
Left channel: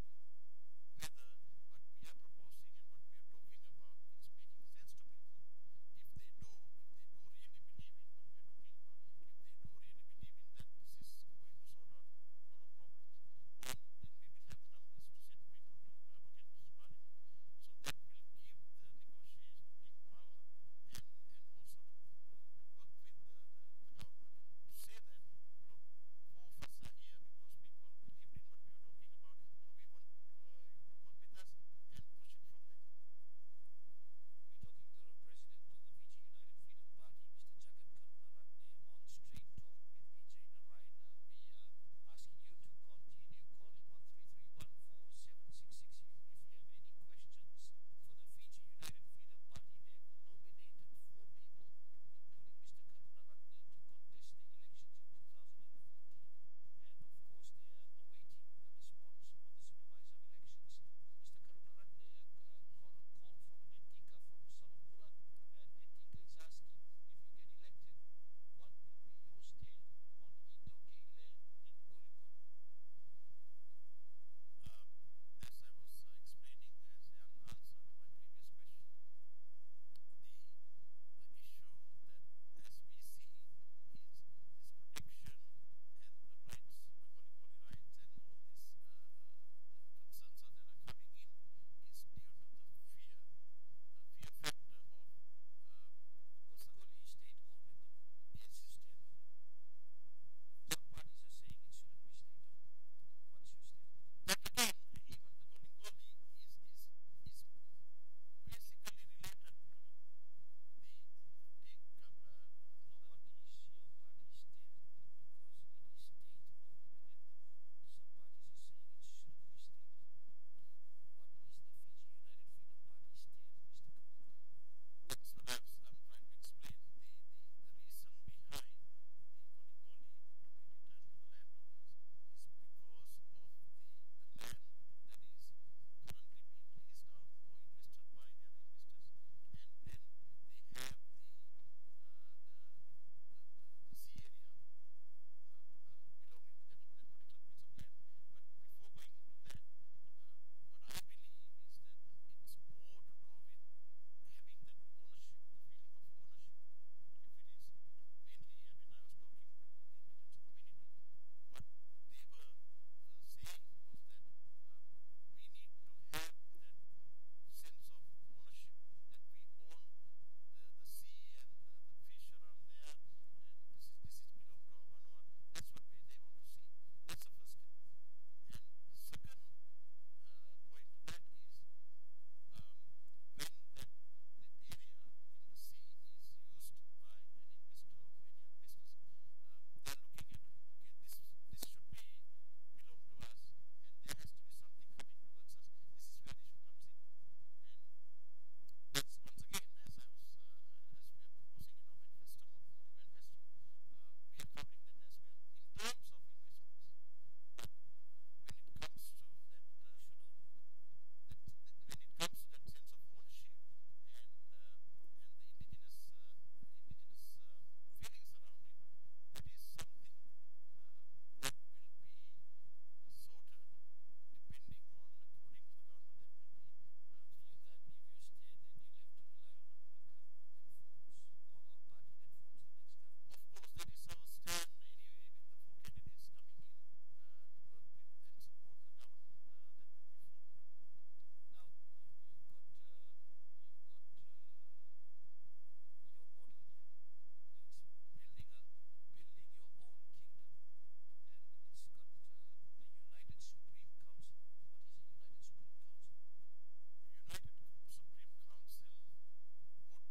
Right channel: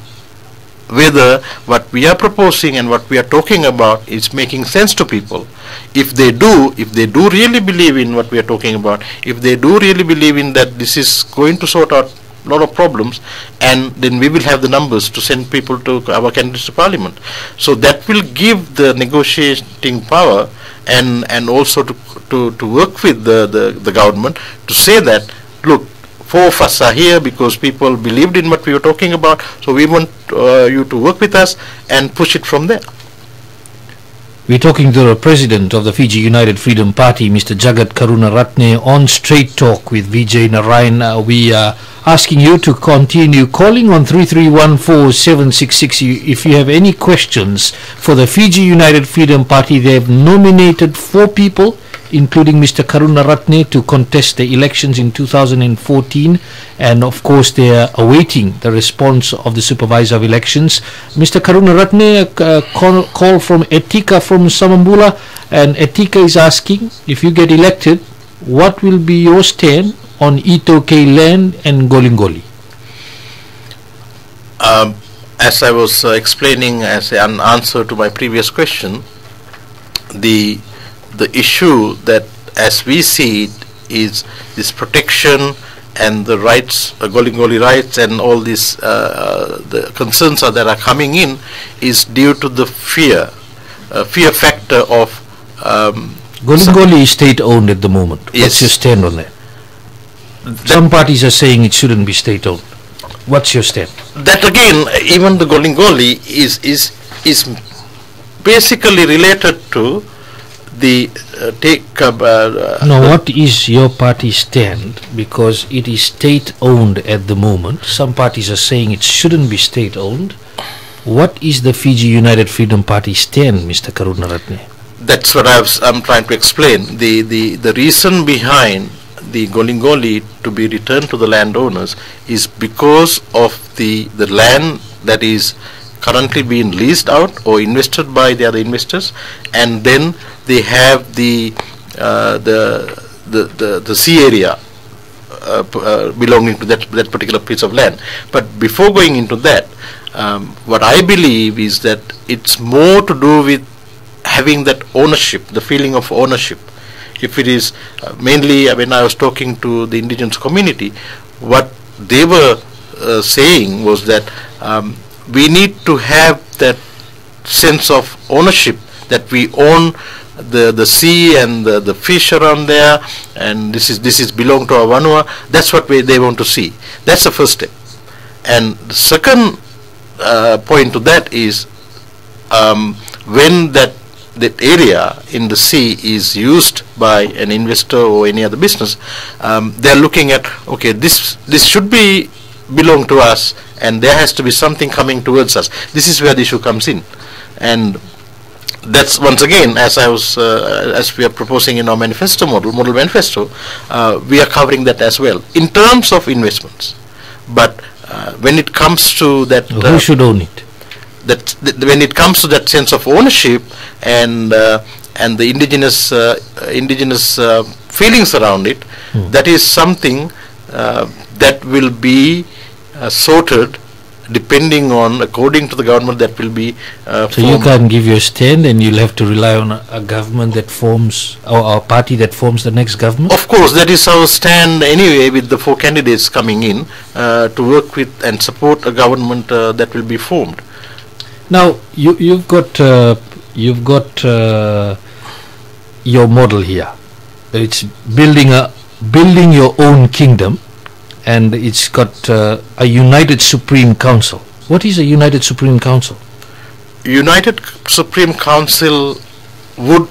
whether what we are proposing and what we are talking about is making sense to people. If they do really believe in what we are talking about, if they do really believe in that this is going to sort out a lot of problems, and then we will have the numbers to send people to our candidates to parliament. So that will give the negotiating power and also to work with the government to say that, look, 4 of us are here because people believed in what we were talking about, so we want you to work with us and push it from there. We're talking to the president of the Fiji United Freedom Party, Mr. Jagath Karunaratne, on Straight Talk with Vijay Narayan. We are asking you to continue calling on 3314-766 if you have any questions for the Fiji United Freedom Party. They have nominated 4 people, including Mr. Karunaratne, to contest the elections in 2014, and of course they are awaiting the response of the supervisor of elections. Mr. Karunaratne, a call from Etika from Samambula, and Etika is asking, if you get elected, what will be your stand on Itoke land and Golingoli? As I was explaining as an answer to my previous question, the issue that as we see it is this protection and the rights, Golingoli rights, and all these the concerns that are coming in is due to the fear factor of Golingoli is state owned at the moment. Yes. What's your stand on that? Some parties are saying it shouldn't be state owned. What's your stand? That again, even the Golingoli is basically related to the what is your party stand? Because it is state owned at the moment. Some parties are saying it shouldn't be state owned. What is the Fiji United Freedom Party stand, Mr. Karunaratne? That's what I'm trying to explain. The reason behind the Golingoli to be returned to the landowners is because of the land that is currently being leased out or invested by the other investors, and then they have the sea area belonging to that particular piece of land. But before going into that, what I believe is that it's more to do with having that ownership, the feeling of ownership. If it is mainly, when I was talking to the indigenous community, what they were saying was that we need to have that sense of ownership, that we own the sea and the fish around there, and this is belong to our Vanua. That's what they want to see. That's the first step. And the second point to that is when that that area in the sea is used by an investor or any other business, they're looking at, okay, this should be belong to us, and there has to be something coming towards us. This is where the issue comes in, and that's once again, as we are proposing in our model manifesto, we are covering that as well in terms of investments. But when it comes to that, who should own it? When it comes to that sense of ownership and the indigenous feelings around it, that is something that will be sorted depending on, according to the government that will be so you can't give your stand, and you'll have to rely on a government that forms, or a party that forms the next government? Of course, that is our stand anyway, with the 4 candidates coming in to work with and support a government that will be formed. Now you've got your model here. It's building your own kingdom, and it's got a United Supreme Council. What is a United Supreme Council? United Supreme Council would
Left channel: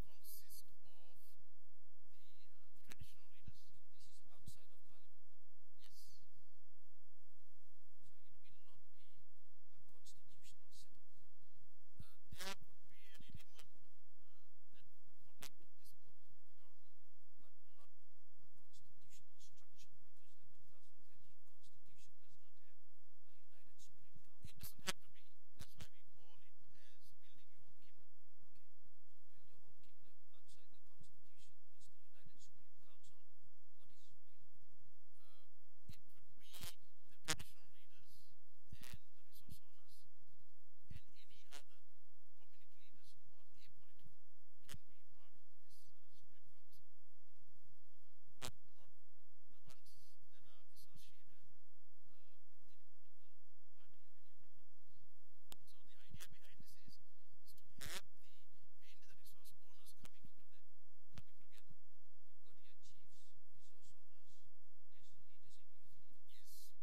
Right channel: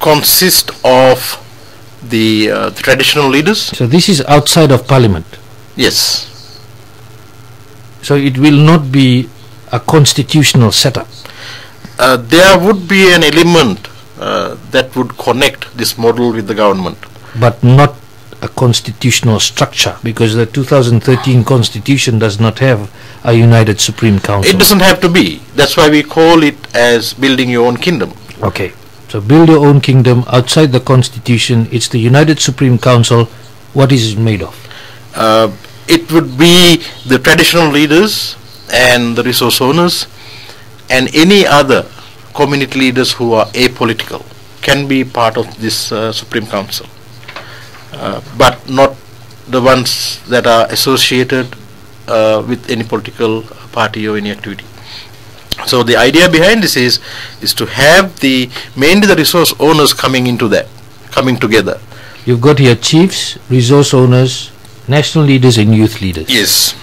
consist of the traditional leaders. So this is outside of Parliament? Yes. So it will not be a constitutional setup? There would be an element that would connect this model with the government. But not a constitutional structure, because the 2013 constitution does not have a United Supreme Council. It doesn't have to be. That's why we call it as building your own kingdom. Okay. So build your own kingdom outside the constitution. It's the United Supreme Council. What is it made of? It would be the traditional leaders and the resource owners and any other community leaders who are apolitical can be part of this Supreme Council, but not the ones that are associated with any political party or any activity. So the idea behind this is to have mainly the resource owners coming together. You've got here chiefs, resource owners, national leaders and youth leaders. Yes.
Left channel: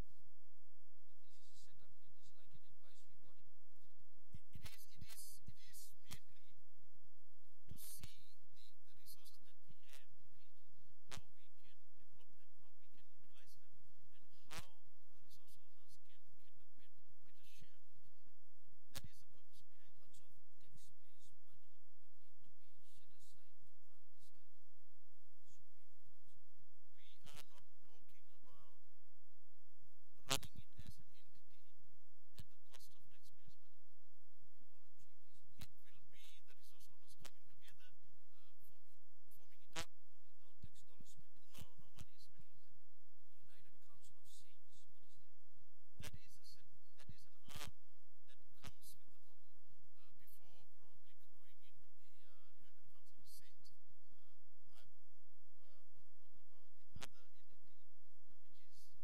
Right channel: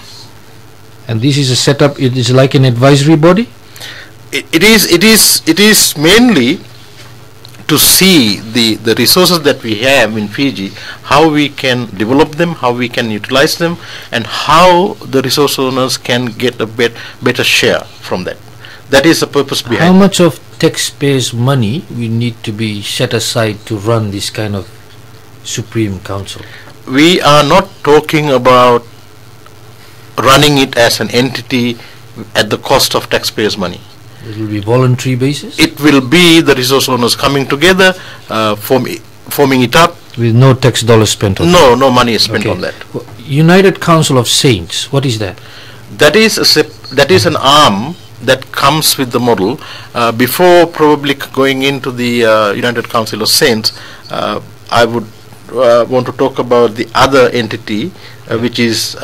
And this is a setup, it is like an advisory body? It is mainly to see the resources that we have in Fiji, how we can develop them, how we can utilize them, and how the resource owners can get a better share from that. That is the purpose behind it. How much of taxpayers' money we need to be set aside to run this kind of Supreme Council? We are not talking about running it as an entity at the cost of taxpayers' money. It will be voluntary basis? It will be the resource owners coming together, forming it up. With no tax dollars spent on that? No money is spent on that. United Council of Saints, what is that? That is an arm that comes with the model. Before probably going into the United Council of Saints, I would want to talk about the other entity which is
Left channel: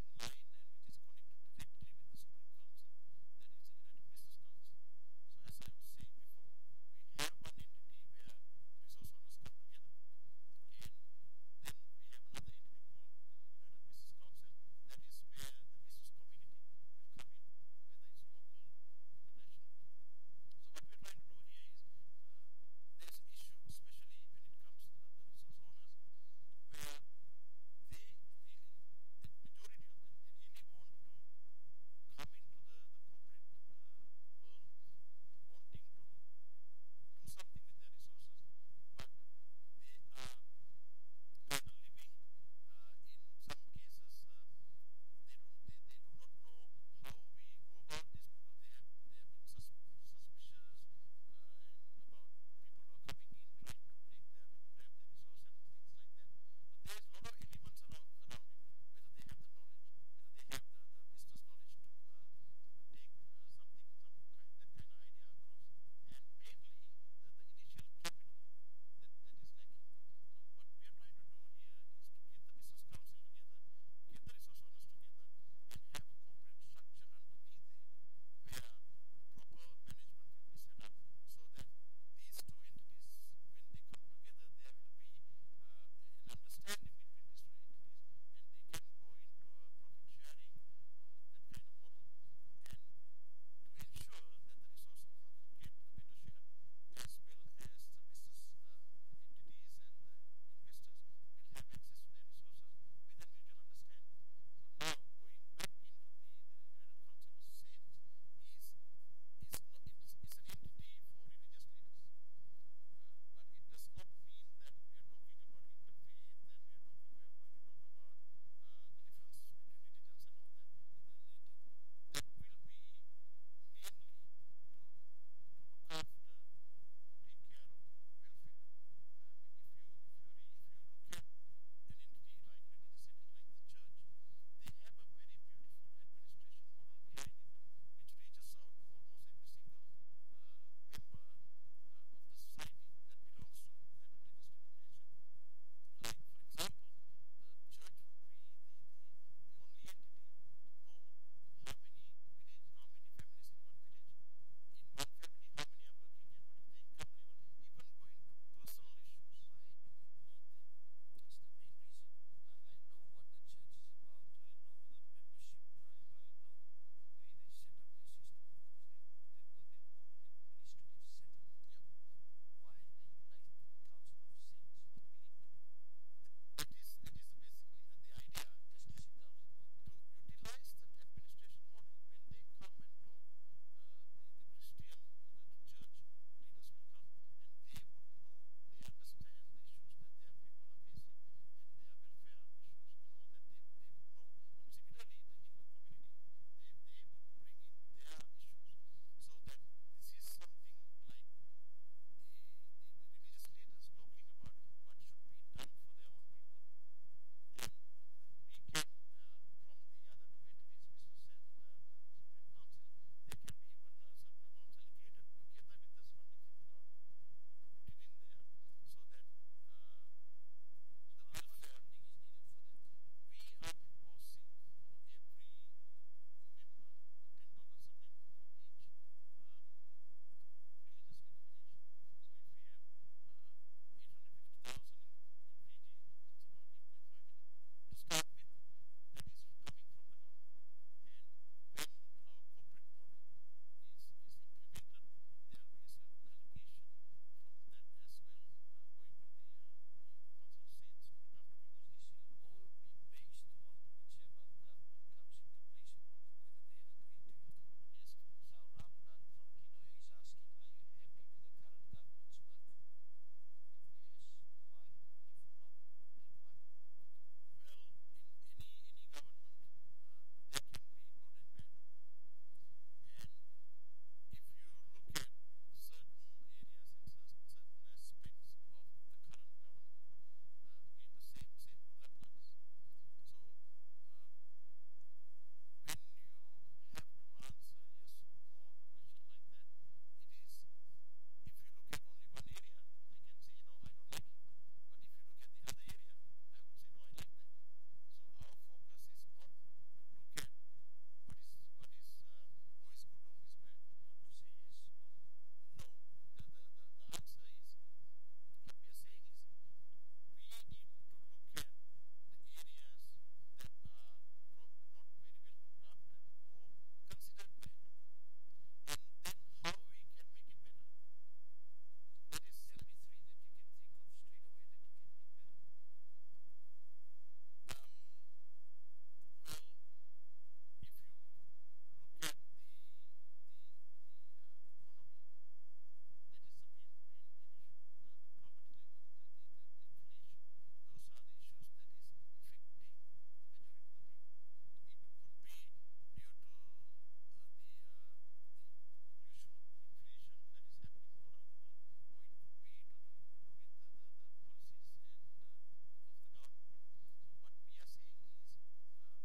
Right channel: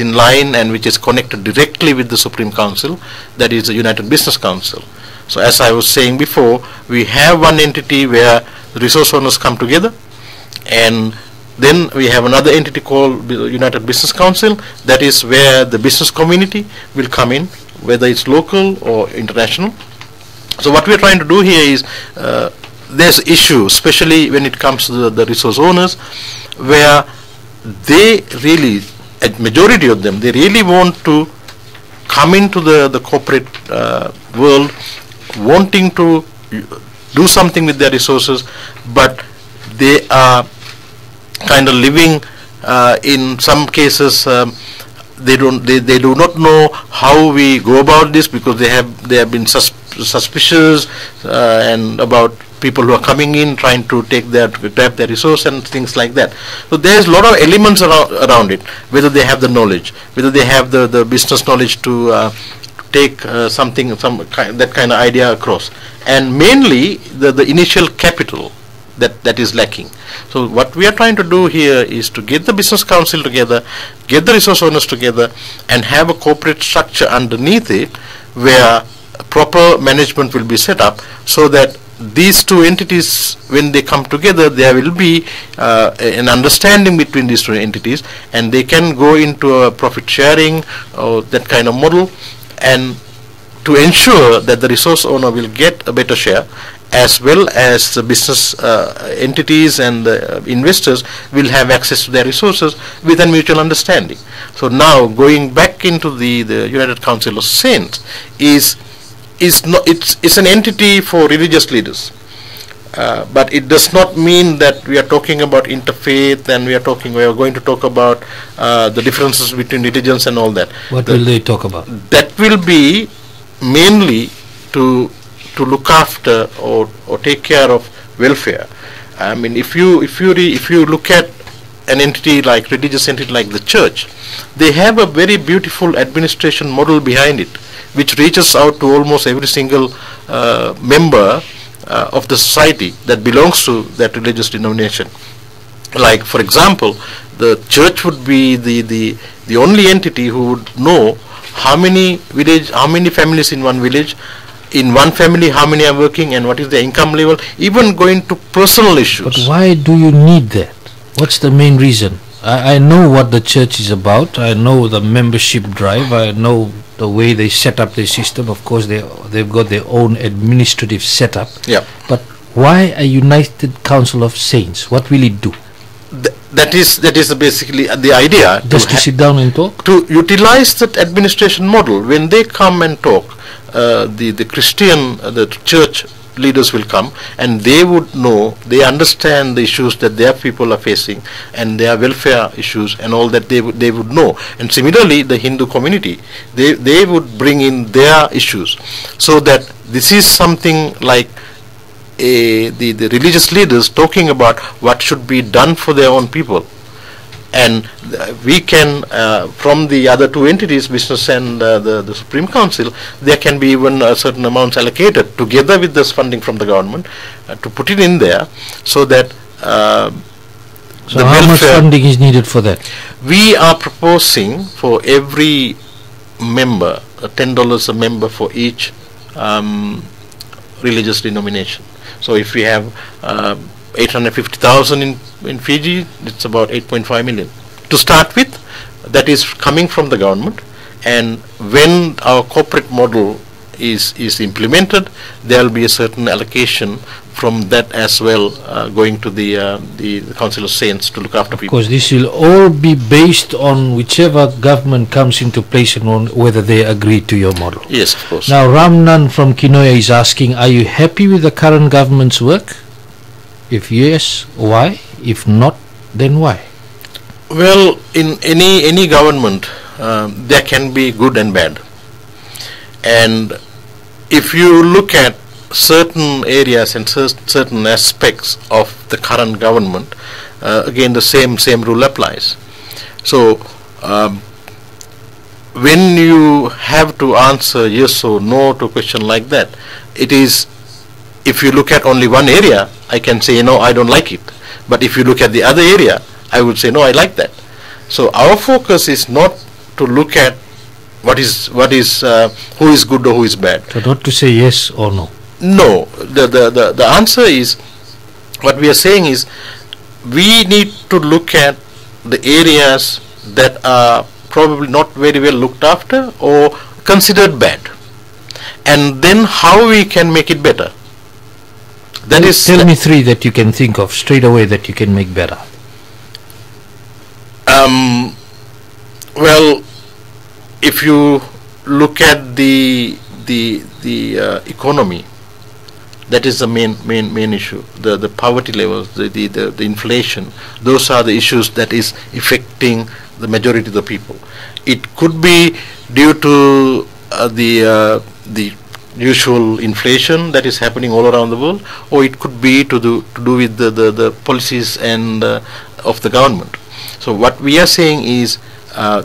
in line and which is connected directly with the Supreme Council, that is the United Business Council. So as I was saying before, we have one entity where the resource owners come together, and then we have another entity called the United Business Council. That is where the business community will come in, whether it's local or international. So what we are trying to do here is there's issues, especially when it comes to the resource owners, where they really, a majority of them, they really want to come into the corporate world, wanting to do something with their resources, but they are kind of living in some cases they do not know how we go about this, because they have been suspicious and about people who are coming in trying to grab their resource and things like that. So there's a lot of elements around it, whether they have the knowledge, whether they have the business knowledge to take that kind of idea across, and mainly the initial capital that is lacking. So what we are trying to do here is to get the business council together, get the resource owners together, and have a corporate structure underneath it where proper management will be set up, so that these two entities, when they come together, there will be an understanding between these two entities, and they can go into a profit sharing or that kind of model, and to ensure that the resource owner will get a better share, as well as the business entities and investors will have access to their resources with a mutual understanding. So now going back into the United Council of Saints is not, it's an entity for religious leaders. But it does not mean that we are talking about interfaith and we are going to talk about the differences between religions and all that. What will they talk about? That will be mainly to look after or take care of welfare. I mean, if you look at an entity like religious entity like the church, they have a very beautiful administration model behind it, which reaches out to almost every single member of the society that belongs to that religious denomination. Like, for example, the church would be the only entity who would know how many families in one village, in one family how many are working and what is their income level, even going to personal issues. But why do you need that? What's the main reason? I know what the church is about. I know the membership drive. I know the way they set up their system. Of course, they've got their own administrative setup. Yeah. But why a United Council of Saints? What will it do? That is basically the idea. Just to sit down and talk? To utilize that administration model. When they come and talk, the Christian, the church leaders will come and they would know, they understand the issues that their people are facing and their welfare issues and all that they would know. And similarly, the Hindu community, they would bring in their issues, so that this is something like the religious leaders talking about what should be done for their own people. And we can, from the other two entities, business and the Supreme Council, there can be even certain amounts allocated together with this funding from the government to put it in there, so that so how much funding is needed for that? We are proposing for every member $10 a member for each religious denomination. So if we have 850,000 in Fiji, it's about 8.5 million to start with. That is coming from the government, and when our corporate model is implemented, there will be a certain allocation from that as well, going to the Council of Saints to look after people. Because this will all be based on whichever government comes into place and on whether they agree to your model. Yes, of course. Now Ramnan from Kinoya is asking, are you happy with the current government's work? If yes, why? If not, then why? Well, in any government, there can be good and bad. And if you look at certain areas and certain aspects of the current government, again the same rule applies. So when you have to answer yes or no to a question like that, it is, if you look at only one area, I can say, no, I don't like it. But if you look at the other area, I would say, no, I like that. So our focus is not to look at who is good or who is bad. So not to say yes or no. No, the answer is, what we are saying is, we need to look at the areas that are probably not very well looked after or considered bad, and then how we can make it better. That is, tell me three that you can think of straight away that you can make better. Well, if you look at the economy, that is the main issue. The poverty levels, the inflation, those are the issues that is affecting the majority of the people. It could be due to the usual inflation that is happening all around the world, or it could be to do with the policies and of the government. So what we are saying is,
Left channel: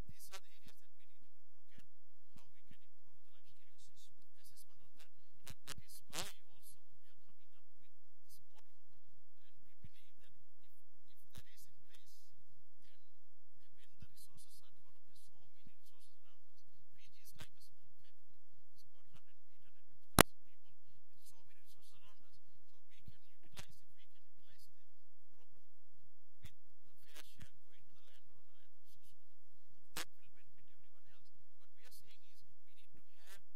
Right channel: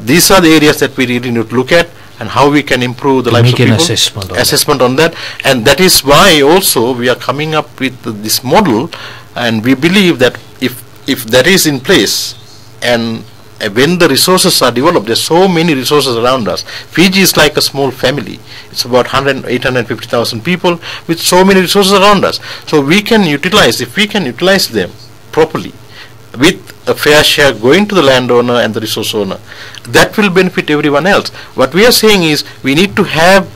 these are the areas that we really need to look at, and how we can improve the lives of people. Assessment on that, and that is why also we are coming up with this model, and we believe that if that is in place, and when the resources are developed, there's so many resources around us. Fiji is like a small family. It's about 850,000 people with so many resources around us. So we can utilize, if we can utilize them properly, with a fair share going to the landowner and the resource owner, that will benefit everyone else. What we are saying is, we need to have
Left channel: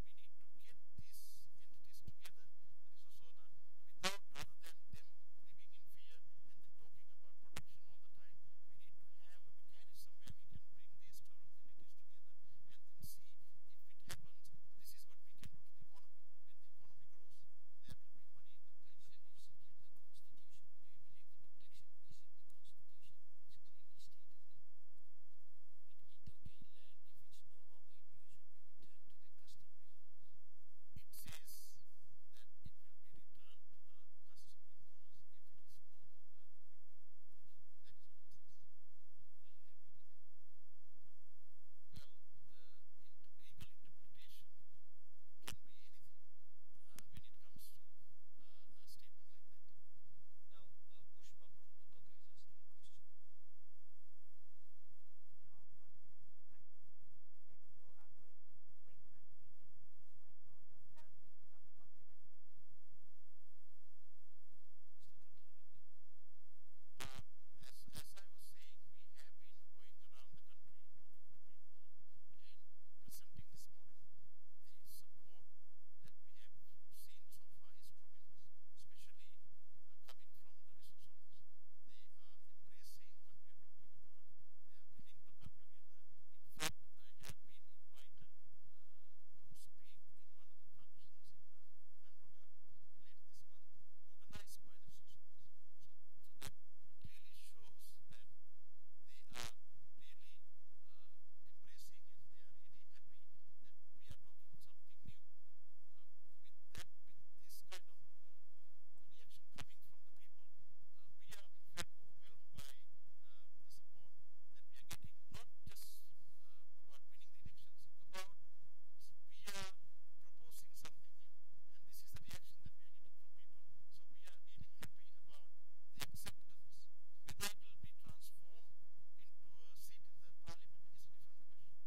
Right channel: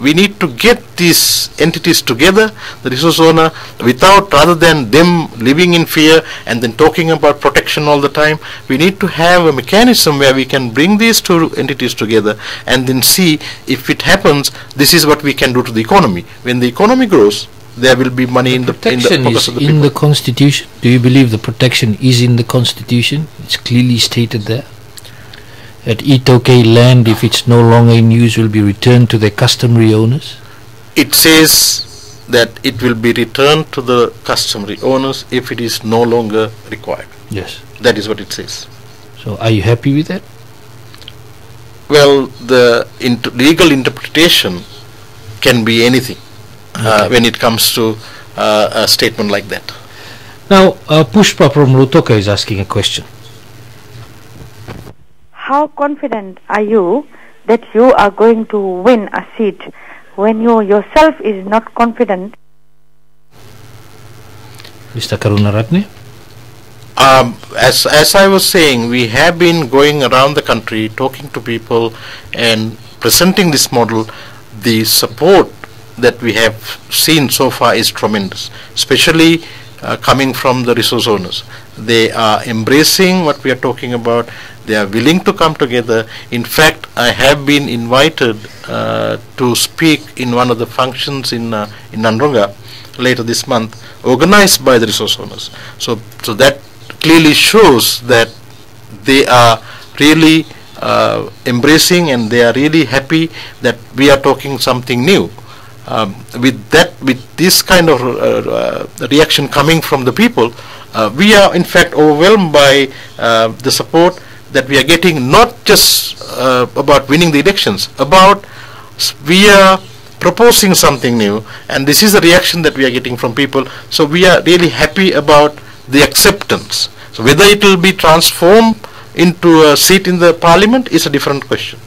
we need to get these entities together, the resource owner, rather than them living in fear and then talking about protection all the time. We need to have a mechanism where we can bring these two entities together and then see if it happens, this is what we can do to the economy. When the economy grows, there will be money in the pockets of the people. In the Constitution. Do you believe the protection is in the Constitution? It's clearly stated there. At Itoke land, if it's no longer in use, will be returned to their customary owners? It says that it will be returned to the customary owners if it is no longer required. Yes. That is what it says. So are you happy with that? Well, the legal interpretation can be anything when it comes to a statement like that. Now, Pushpa from Lutoka is asking a question. How confident are you that you are going to win a seat when you yourself is not confident? Mr. Karunaratne? As I was saying, we have been going around the country talking to people and presenting this model. The support that we have seen so far is tremendous, especially coming from the resource owners. They are embracing what we are talking about. They are willing to come together. In fact, I have been invited to speak in one of the functions in Nandronga later this month, organized by the resource owners. So that clearly shows that they are really embracing and they are really happy that we are talking something new. With this kind of reaction coming from the people, we are in fact overwhelmed by the support that we are getting, not just about winning the elections, about we are proposing something new, and this is the reaction that we are getting from people. So we are really happy about the acceptance. So whether it will be transformed into a seat in the parliament is a different question.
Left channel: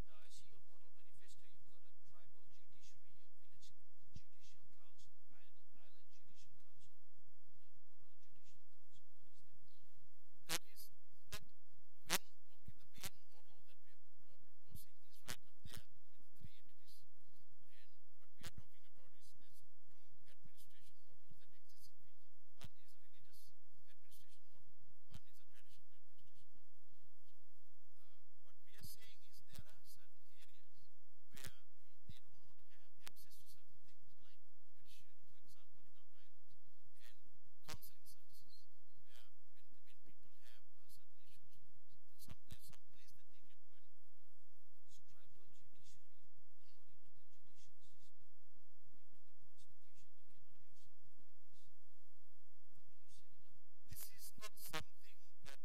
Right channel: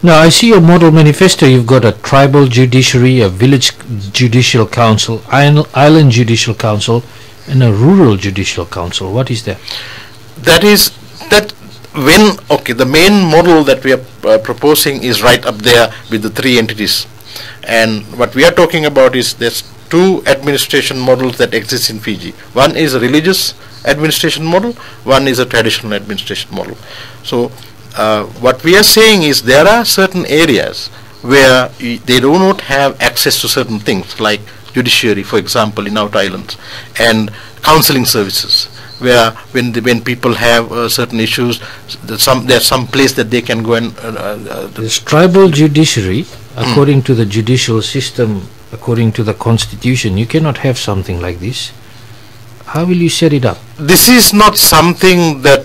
Now, I see your model manifesto. You've got a tribal judiciary, a village judicial council, island judicial council, and a rural judicial council. What is that? The main model that we are proposing is right up there with the three entities. And what we are talking about is there's two administration models that exist in Fiji. One is a religious administration model, one is a traditional administration model. So what we are saying is there are certain areas where they do not have access to certain things, like judiciary, for example, in Outer Islands, and counseling services, where when people have certain issues, there's some place that they can go and this tribal judiciary, according to the judicial system, according to the constitution, you cannot have something like this. How will you set it up? This is not something that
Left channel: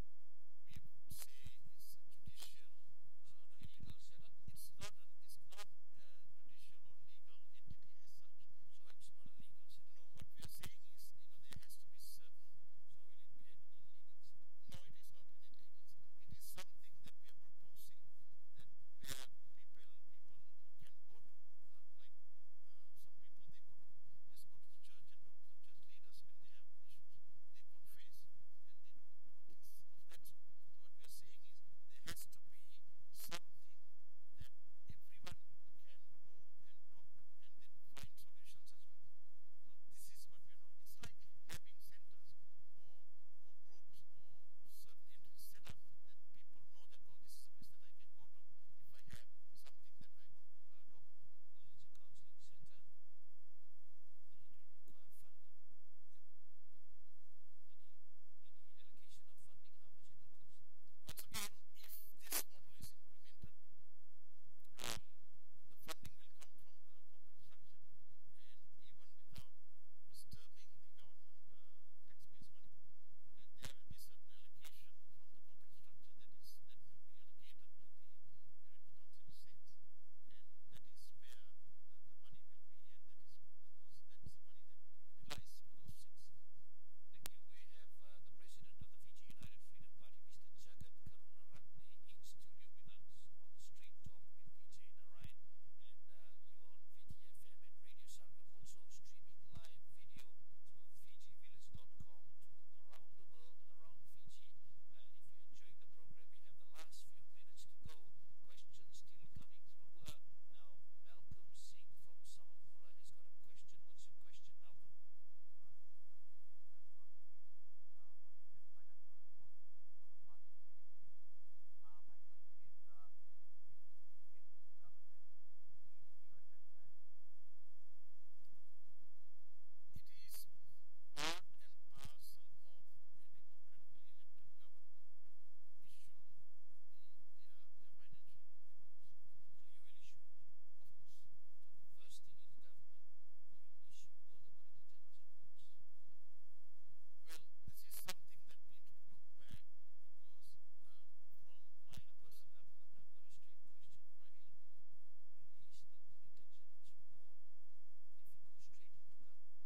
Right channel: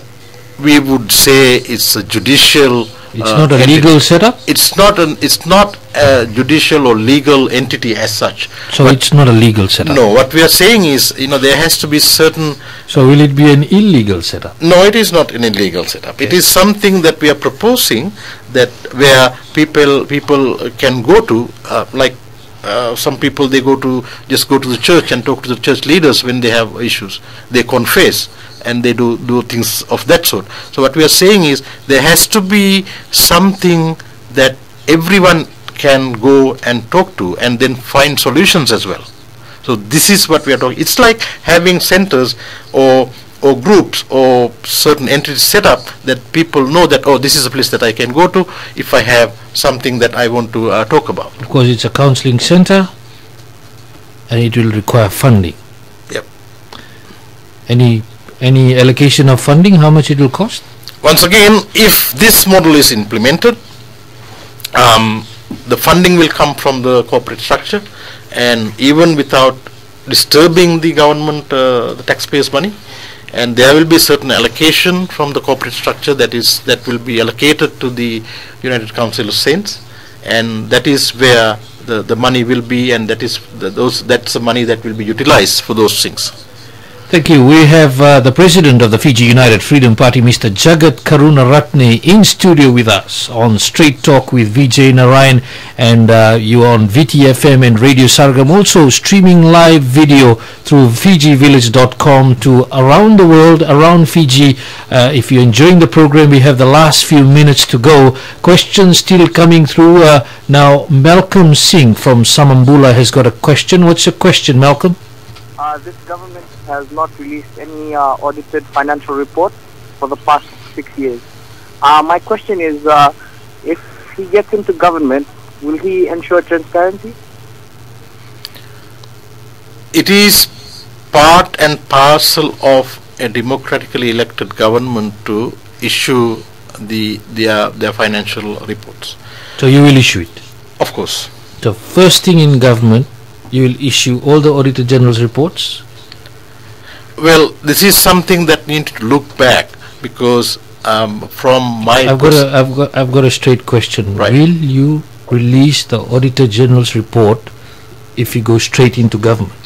we would say it's a judicial. It's not a legal setup? It's not a judicial or legal entity as such. So it's not a legal setup? No, what we are saying is, there has to be certain... So will it be an illegal setup? No, it is not an illegal setup. Okay. It is something that we are proposing, that where people can go to, some people, they just go to the church and talk to the church leaders when they have issues. They confess and they do things of that sort. So what we are saying is there has to be something that everyone can go and talk to and then find solutions as well. So this is what we are talking. It's like having centers or groups or certain entities set up that people know that, oh, this is a place that I can go to if I have something that I want to talk about. Because it's a counseling center and it will require funding. Yep. Any allocation of funding, how much it will cost? Once again, if this model is implemented, the funding will come from the corporate structure, and even without disturbing the government, the taxpayers' money, and there will be certain allocation from the corporate structure that will be allocated to the United Council of Saints, and that is where the money will be, and that's the money that will be utilized for those things. Thank you. We have the President of the Fiji United Freedom Party, Mr. Jagath Karunaratne, in studio with us on Straight Talk with Vijay, Narayan, and you on Viti FM and Radio Sargam. Also streaming live video through FijiVillage.com to around the world, around Fiji. If you're enjoying the program, we have the last few minutes to go. Questions still coming through. Now, Malcolm Singh from Samambula has got a question. What's your question, Malcolm? This government has not released any audited financial report for the past 6 years. My question is, if he gets into government, will he ensure transparency? It is part and parcel of a democratically elected government to issue their financial reports. So you will issue it? Of course. The first thing in government, you will issue all the Auditor General's reports? Well, this is something that needs to look back, because from my I've got a straight question. Right. Will you release the Auditor General's report if you go straight into government?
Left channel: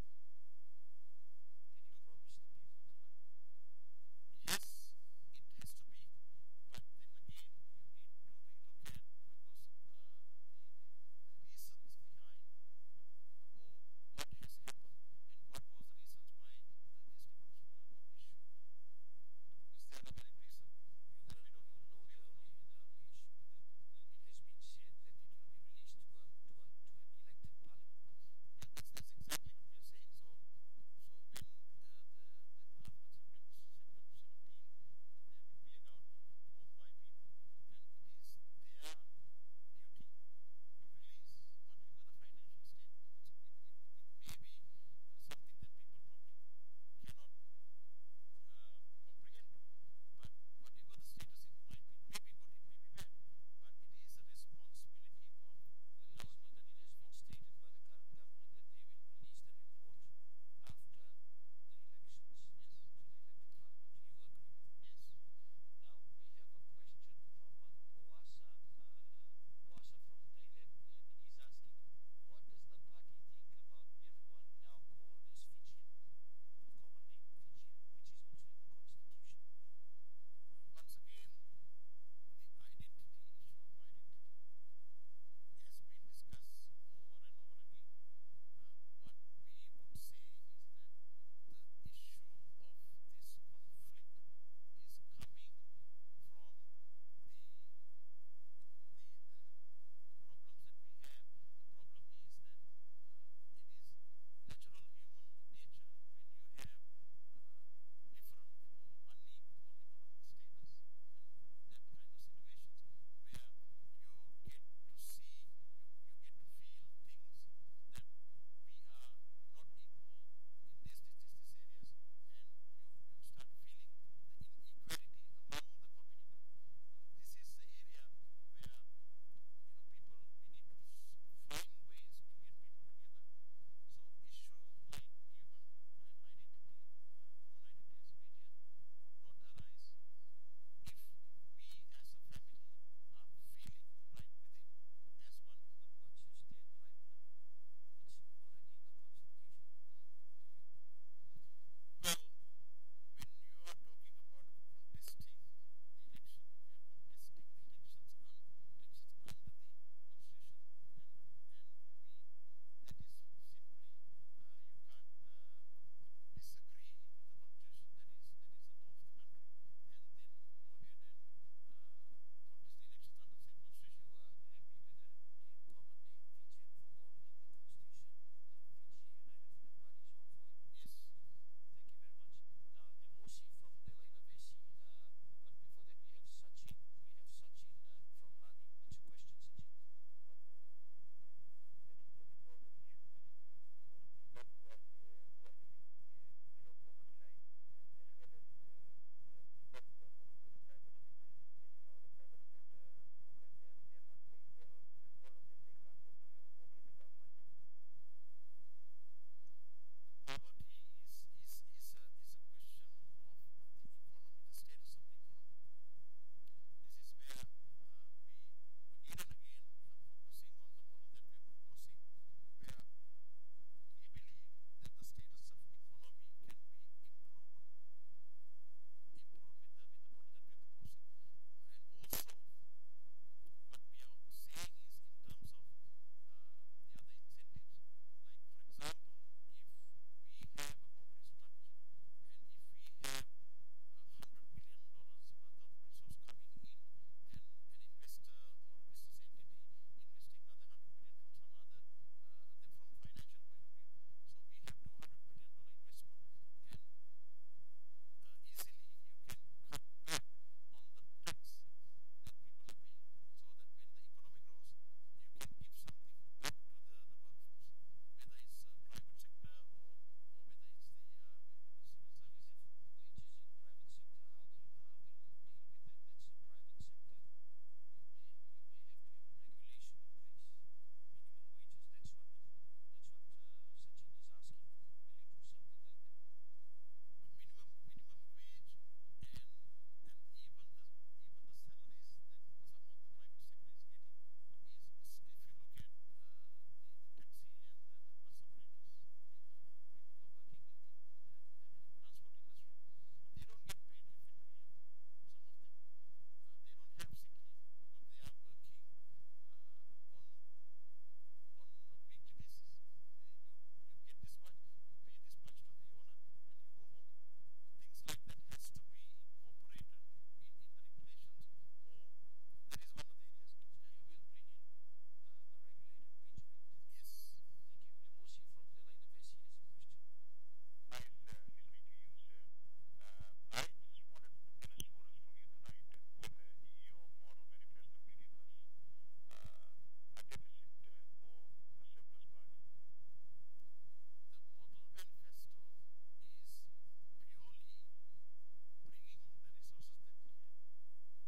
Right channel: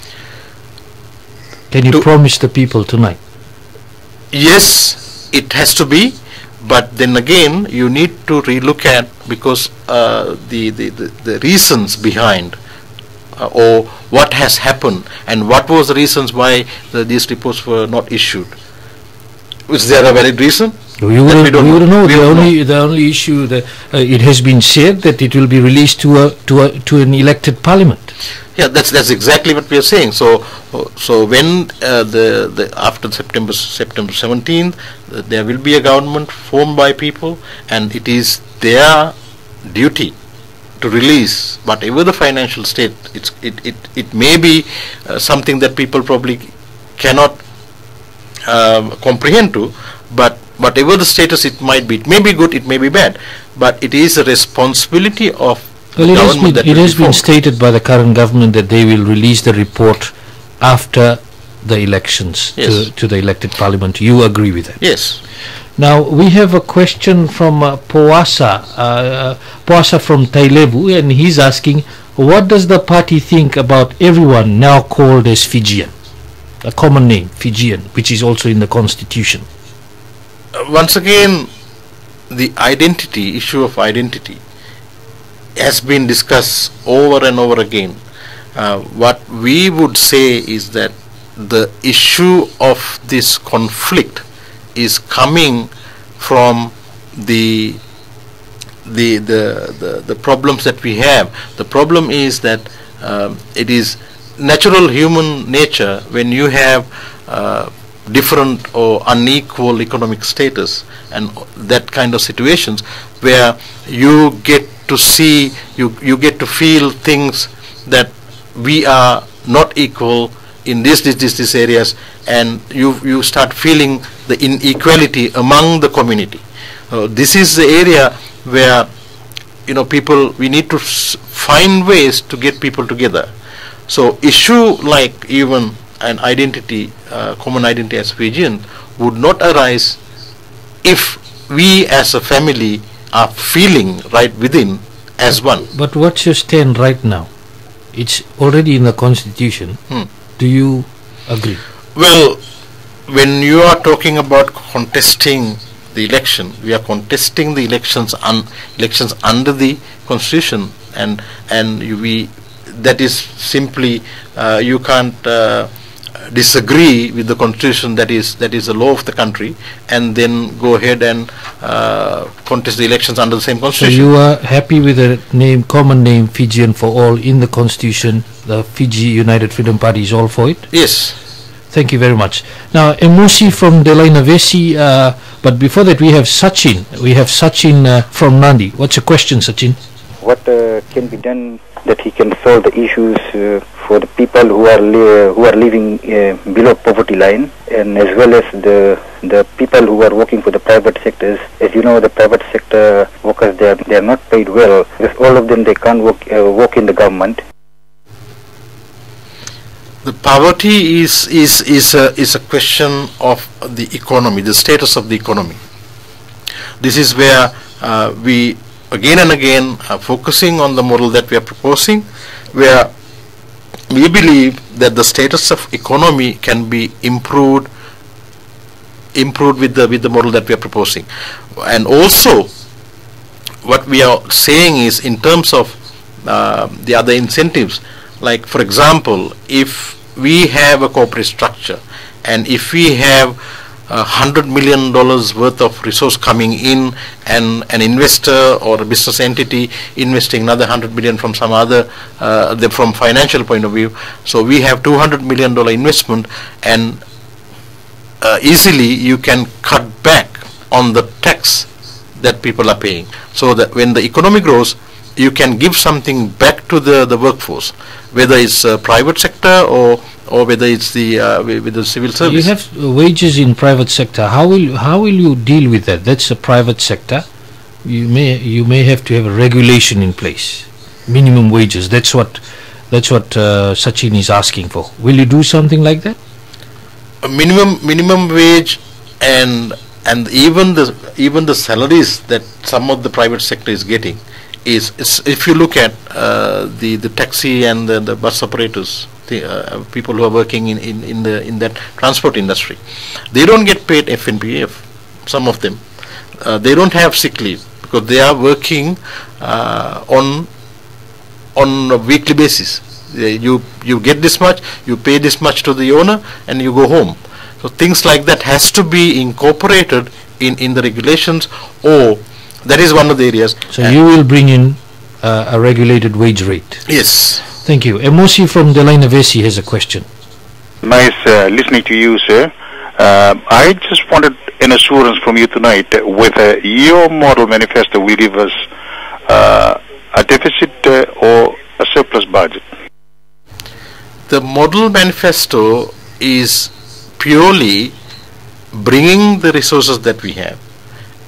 Can you promise the people tonight? Yes, it has to be, but then again you need to relook at, because the reasons behind or what has happened and what was the reasons why these reports were not issued. Is there a valid reason? We wouldn't know. The only issue that it has been said that it will be released to an elected parliament. Yeah, that's exactly what we are saying. So when after September 17th, there will be a government formed by people, and it is their duty to release whatever the financial state. It may be something that people probably cannot comprehend to, but whatever the status it might be, it may be good, it may be bad, but it is a responsibility of the government. It has been stated by the current government that they will release the report after the elections. Yes. to the elected parliament. You agree with that? Yes. Now we have a question from Poasa from Tailevu, and he's asking, what does the party think about everyone now called as Fijian, a common name, Fijian, which is also in the constitution? Once again, the issue of identity has been discussed over and over again. What we would say is that the issue of this conflict is coming from the problems that we have. The problem is that it is natural human nature when you have different or unequal economic status and that kind of situations where you get to see, you get to feel things that we are not equal in these areas, and you start feeling the inequality among the community. This is the area where we need to find ways to get people together. So issue like even an identity, common identity as Fijian, would not arise if we as a family are feeling right within as one. But what's your stand right now? It's already in the constitution. Do you agree? Well, when you are talking about contesting the election, we are contesting the elections under the constitution, and that is simply you can't disagree with the constitution that is the law of the country and then go ahead and contest the elections under the same constitution. So you are happy with the common name Fijian for all in the constitution? The Fiji United Freedom Party is all for it? Yes. Thank you very much. Now, Emosi from Delainavesi, but before that we have Sachin. From Nandi. What's your question, Sachin? What can be done that he can solve the issues for the people who are living below poverty line, and as well as the people who are working for the private sectors? As you know, the private sector workers, they are not paid well, because all of them, they can't work in the government. The poverty is a question of the economy, the status of the economy. This is where we again and again are focusing on the model that we are proposing, where we believe that the status of economy can be improved with the model that we are proposing. And also what we are saying is, in terms of the other incentives, like for example, if we have a corporate structure and if we have $100 million worth of resource coming in, and an investor or a business entity investing another $100 million from some other from financial point of view, so we have $200 million investment, and easily you can cut back on the tax that people are paying, so that when the economy grows, you can give something back to the workforce, whether it's private sector or whether it's with the civil service. You have wages in private sector. How will you deal with that? That's a private sector. You may have to have a regulation in place, minimum wages. That's what Sachin is asking for. Will you do something like that? A minimum wage and even the salaries that some of the private sector is getting is if you look at the taxi and the bus operators, people who are working in that transport industry, they don't get paid FNPF. Some of them, they don't have sick leave because they are working on a weekly basis. You get this much, you pay this much to the owner, and you go home. So things like that has to be incorporated in the regulations, or that is one of the areas. So you will bring in a regulated wage rate. Yes. Thank you. Emosi from Delina Vesi has a question. Nice listening to you, sir. I just wanted an assurance from you tonight whether your model manifesto will give us a deficit or a surplus budget. The model manifesto is purely bringing the resources that we have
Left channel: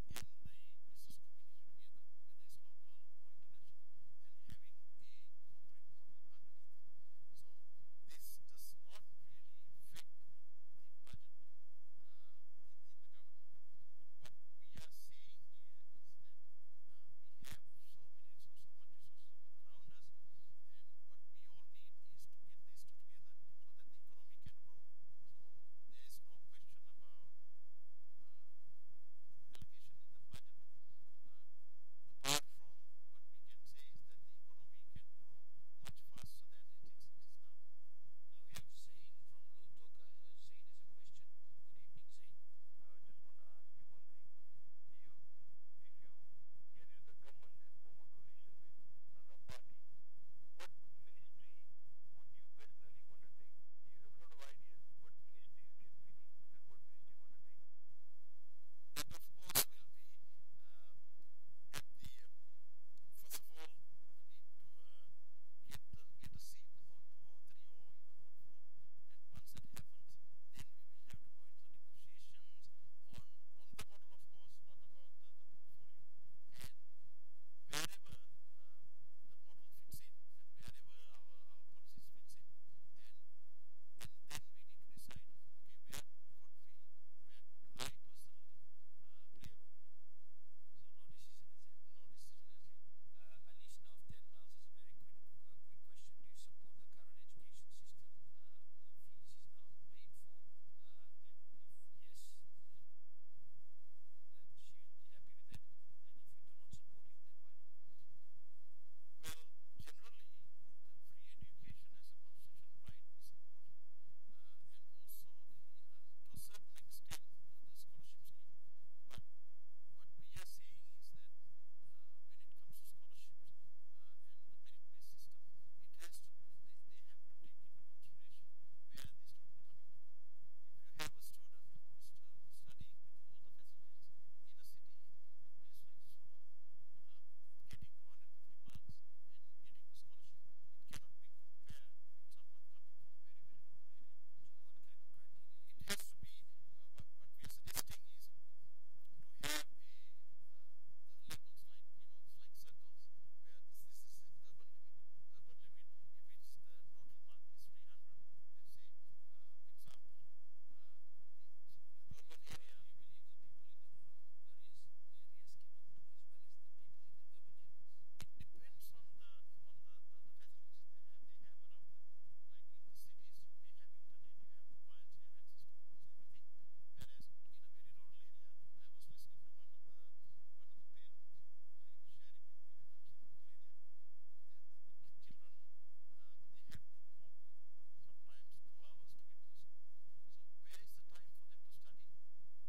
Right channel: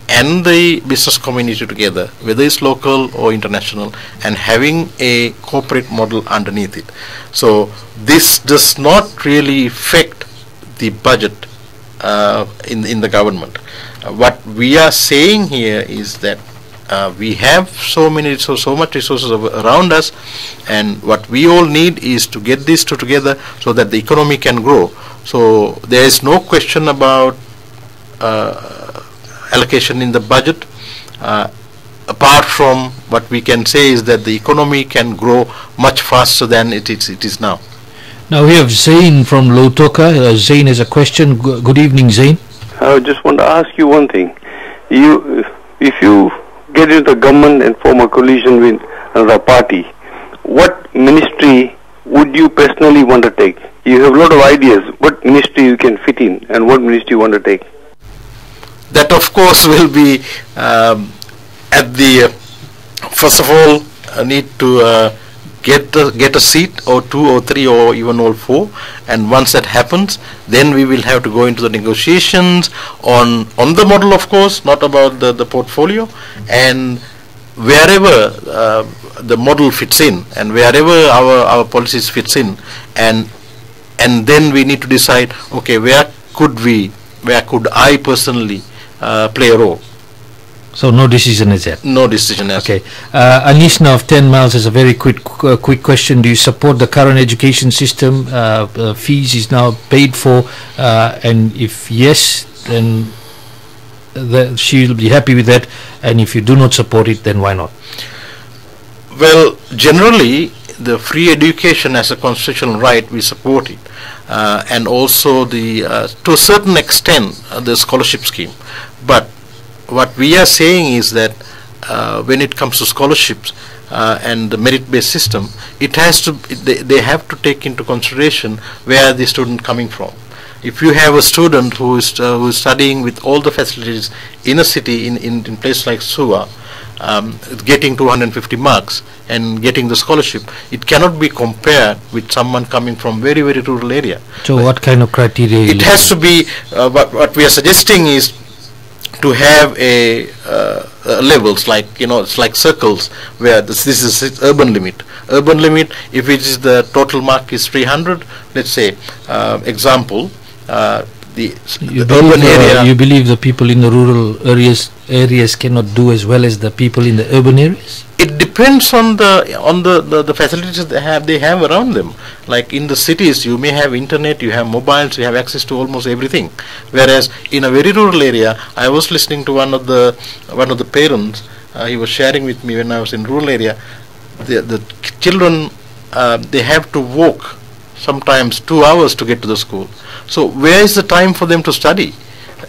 and the business community together, whether it's local or international, and having a corporate model underneath it. So this does not really affect the budget in the government. What we are saying here is that we have so much resources around us, and what we all need is to get these two together so that the economy can grow. So there is no question about allocation in the budget, apart from what we can say is that the economy can grow much faster than it is now. Now we have Zain from Lautoka. Zain has a question. Good evening, Zain. I just want to ask you one thing. If you get into the government and form a coalition with another party, what ministry would you personally want to take? You have a lot of ideas. What ministry you can fit in, and what ministry you want to take? That of course will be at the first of all need to get a seat or two or three or even all four, and once that happens, then we will have to go into the negotiations on the model, of course, not about the portfolio, and wherever the model fits in and wherever our policies fits in, and then we need to decide, okay, where could I personally play a role. So no decision is yet. No decision as okay. Anishna of 10 Miles has a very quick question. Do you support the current education system? Fees is now paid for, and if yes, then she will be happy with that. And if you do not support it, then why not? Well, generally, the free education as a constitutional right, we support it, and also the to a certain extent the scholarship scheme. But what we are saying is that when it comes to scholarships and the merit-based system, it has to they have to take into consideration where the student coming from. If you have a student who is studying with all the facilities in a city in place like Suva, getting 250 marks and getting the scholarship, it cannot be compared with someone coming from very rural area. So what kind of criteria? It has to be what we are suggesting is to have a levels, like, you know, it's like circles where this is urban limit. Urban limit, if it is the total mark is 300, let's say, example, the urban area. You believe the people in the rural areas cannot do as well as the people in the urban areas? It depends on the facilities they have around them. Like in the cities, you may have internet, you have mobiles, you have access to almost everything. Whereas in a very rural area, I was listening to one of the parents. He was sharing with me when I was in rural area. The children they have to walk sometimes 2 hours to get to the school. So where is the time for them to study?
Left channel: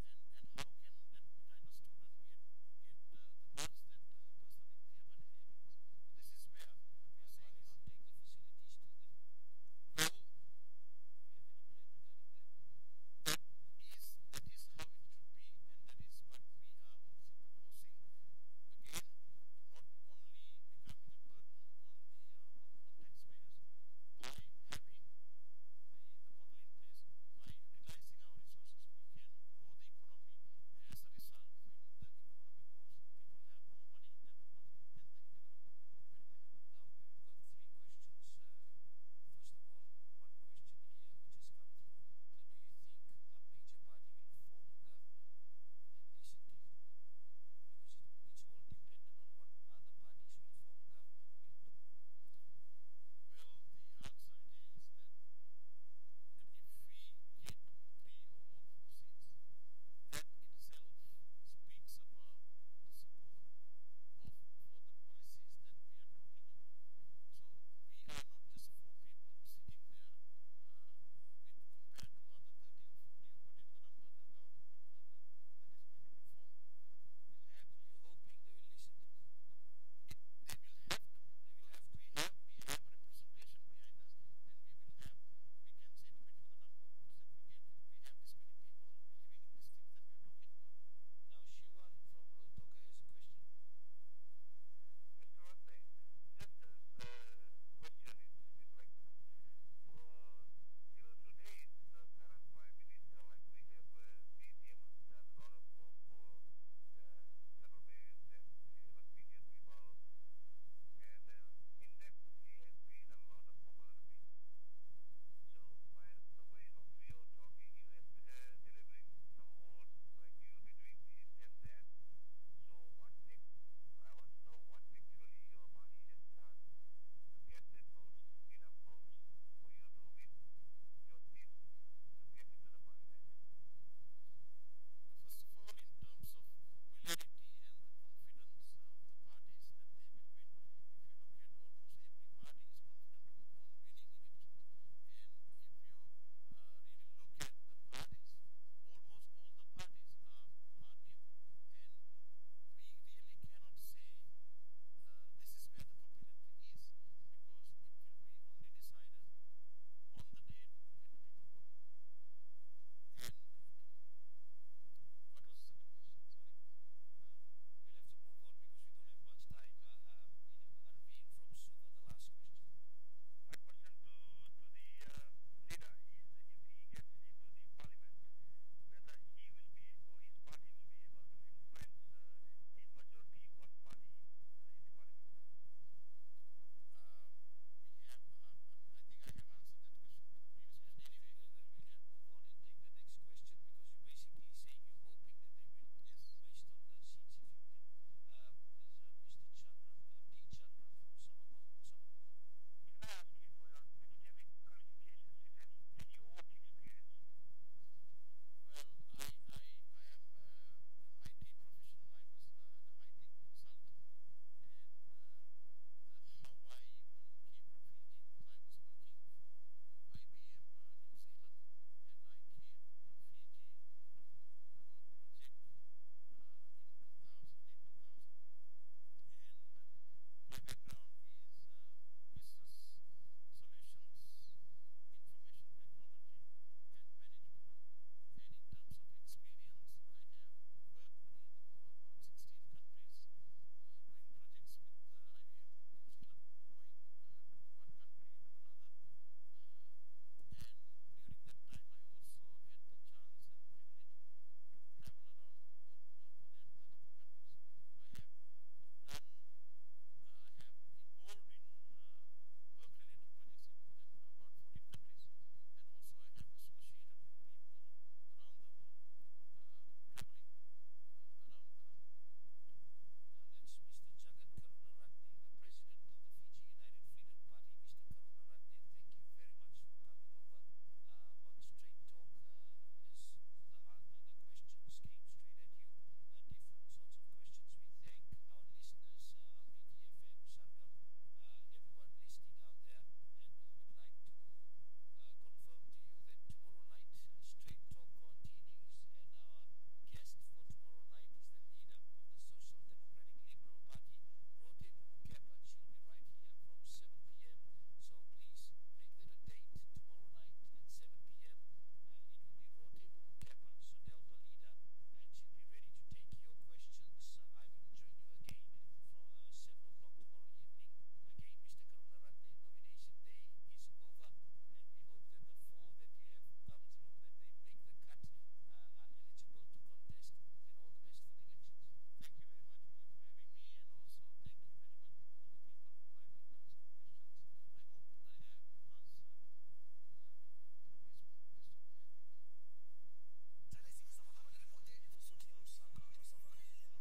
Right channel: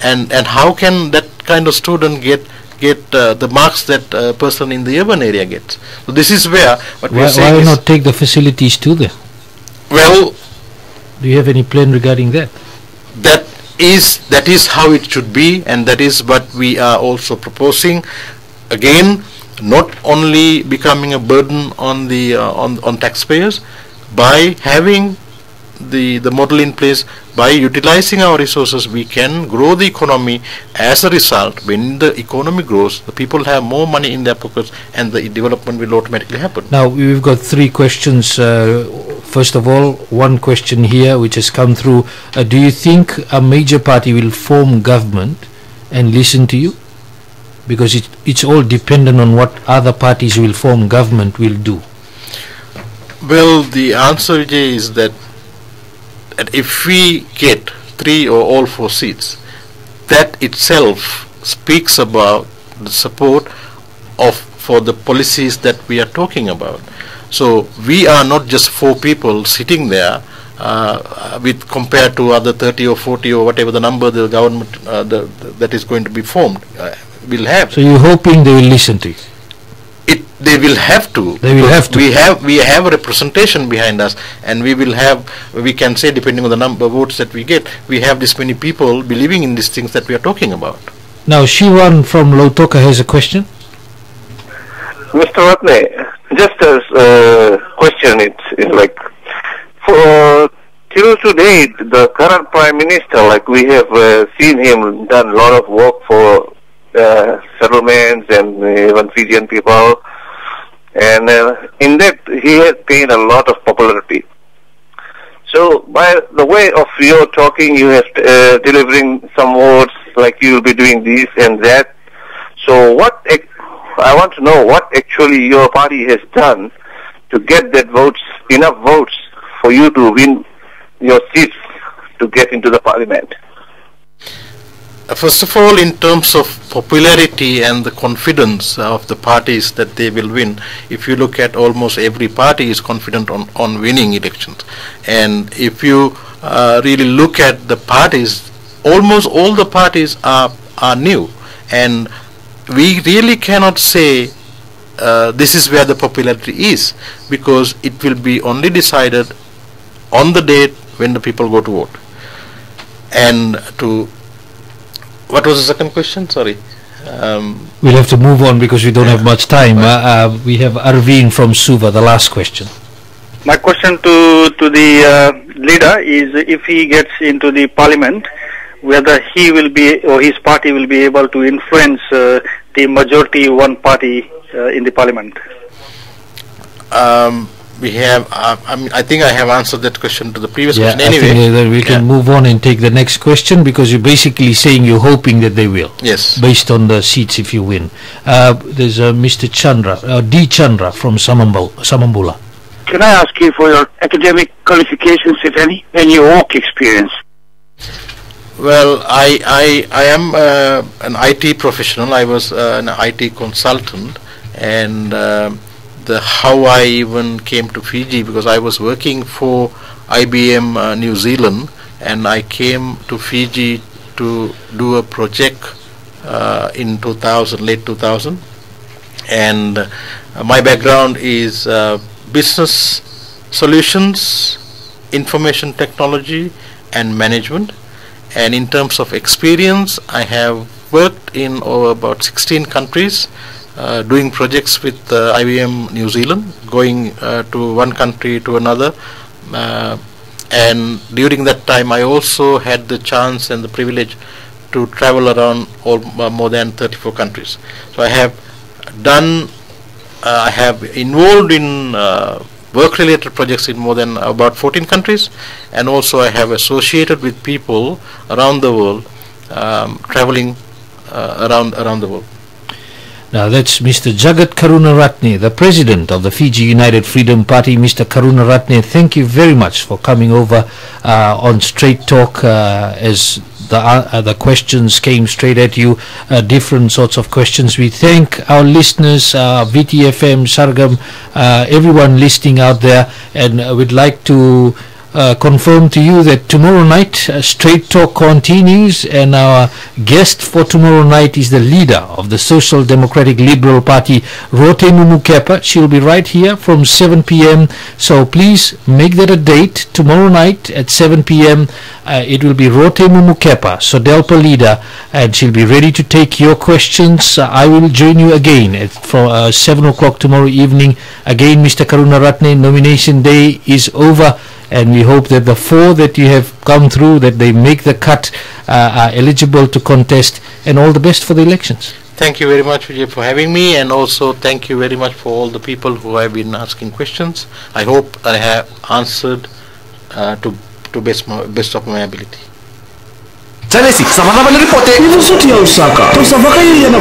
And how can that kind of student get the marks that a person in the urban area gets? So this is where why not take the facilities to them? Well, do you have any plan regarding that? That is how it should be, and that is what we are also proposing. Again, not only becoming a burden on the on taxpayers by having the model in place. By utilizing our resources, we can grow the economy. As a result, when the economy grows, the people have more money in their pockets, and the development will automatically happen. Now we've got 3 questions. First of all, one question here which has come through. Do you think a major party will form government and listen to you? Because it's all dependent on what other parties will form government will do. Well, the answer, Vijay, is that if we get 3 or all 4 seats, that itself speaks about the support for the policies that we are talking about. So we are not just 4 people sitting there with compared to other 30 or 40 or whatever the number the government that is going to be formed will have. So you're hoping they will listen to you? They will have to. They will have to. We have a representation behind us, and we can say, depending on the number of votes that we get, we have this many people believing in these things that we are talking about. Now Shivan from Lautoka has a question. Mr. Ratne, just as a question, it's like, for till today, the current Prime Minister, like we have seen him done a lot of work for settlements and even Fijian people, and in that he has gained a lot of popularity. So by the way of your talking, you have delivering some words like you will be doing this and that. So I want to know what actually your party has done to get that enough votes for you to win your seats to get into the parliament. First of all, in terms of popularity and the confidence of the parties that they will win, if you look at almost every party is confident on winning elections. And if you really look at the parties, almost all the parties are new. And we really cannot say this is where the popularity is, because it will be only decided on the date when the people go to vote. And what was the second question? Sorry. We'll have to move on because we don't have much time. We have Arvind from Suva, the last question. My question to the leader is, if he gets into the parliament, whether he will be or his party will be able to influence the majority one party in the parliament. We have. I think I have answered that question to the previous question. I think that we can move on and take the next question, because you're basically saying you're hoping that they will. Yes. Based on the seats if you win. There's Mr. Chandra, D. Chandra from Samambula. Can I ask you for your academic qualifications, if any, and your work experience? Well, I am an IT professional. I was an IT consultant, and how I even came to Fiji, because I was working for IBM New Zealand, and I came to Fiji to do a project in late 2000, and my background is business solutions, information technology and management. And in terms of experience, I have worked in about 16 countries, doing projects with IBM New Zealand, going to one country to another, and during that time I also had the chance and the privilege to travel around more than 34 countries. So I have involved in work-related projects in more than about 14 countries, and also I have associated with people around the world, traveling around the world. Now that's Mr. Jagath Karunaratne, the president of the Fiji United Freedom Party. Mr. Karunaratne, thank you very much for coming over on Straight Talk as the questions came straight at you, different sorts of questions. We thank our listeners, Viti FM, Sargam, everyone listening out there, and we'd like to confirm to you that tomorrow night Straight Talk continues, and our guest for tomorrow night is the leader of the Social Democratic Liberal Party, Rote Mumukepa. She'll be right here from 7 p.m. So please make that a date. Tomorrow night at 7 p.m. It will be Rote Mumukepa, Sodelpa leader, and she'll be ready to take your questions. I will join you again for 7 o'clock tomorrow evening. Again, Mr. Karunaratne, nomination day is over, and we hope that the 4 that you have come through, that they make the cut, are eligible to contest, and all the best for the elections. Thank you very much, Vijay, for having me, and also thank you very much for all the people who have been asking questions. I hope I have answered to best of my ability. Salesi, sama-sama na ripote. Ito sa tiyaw saka. Ito sa vakay yan na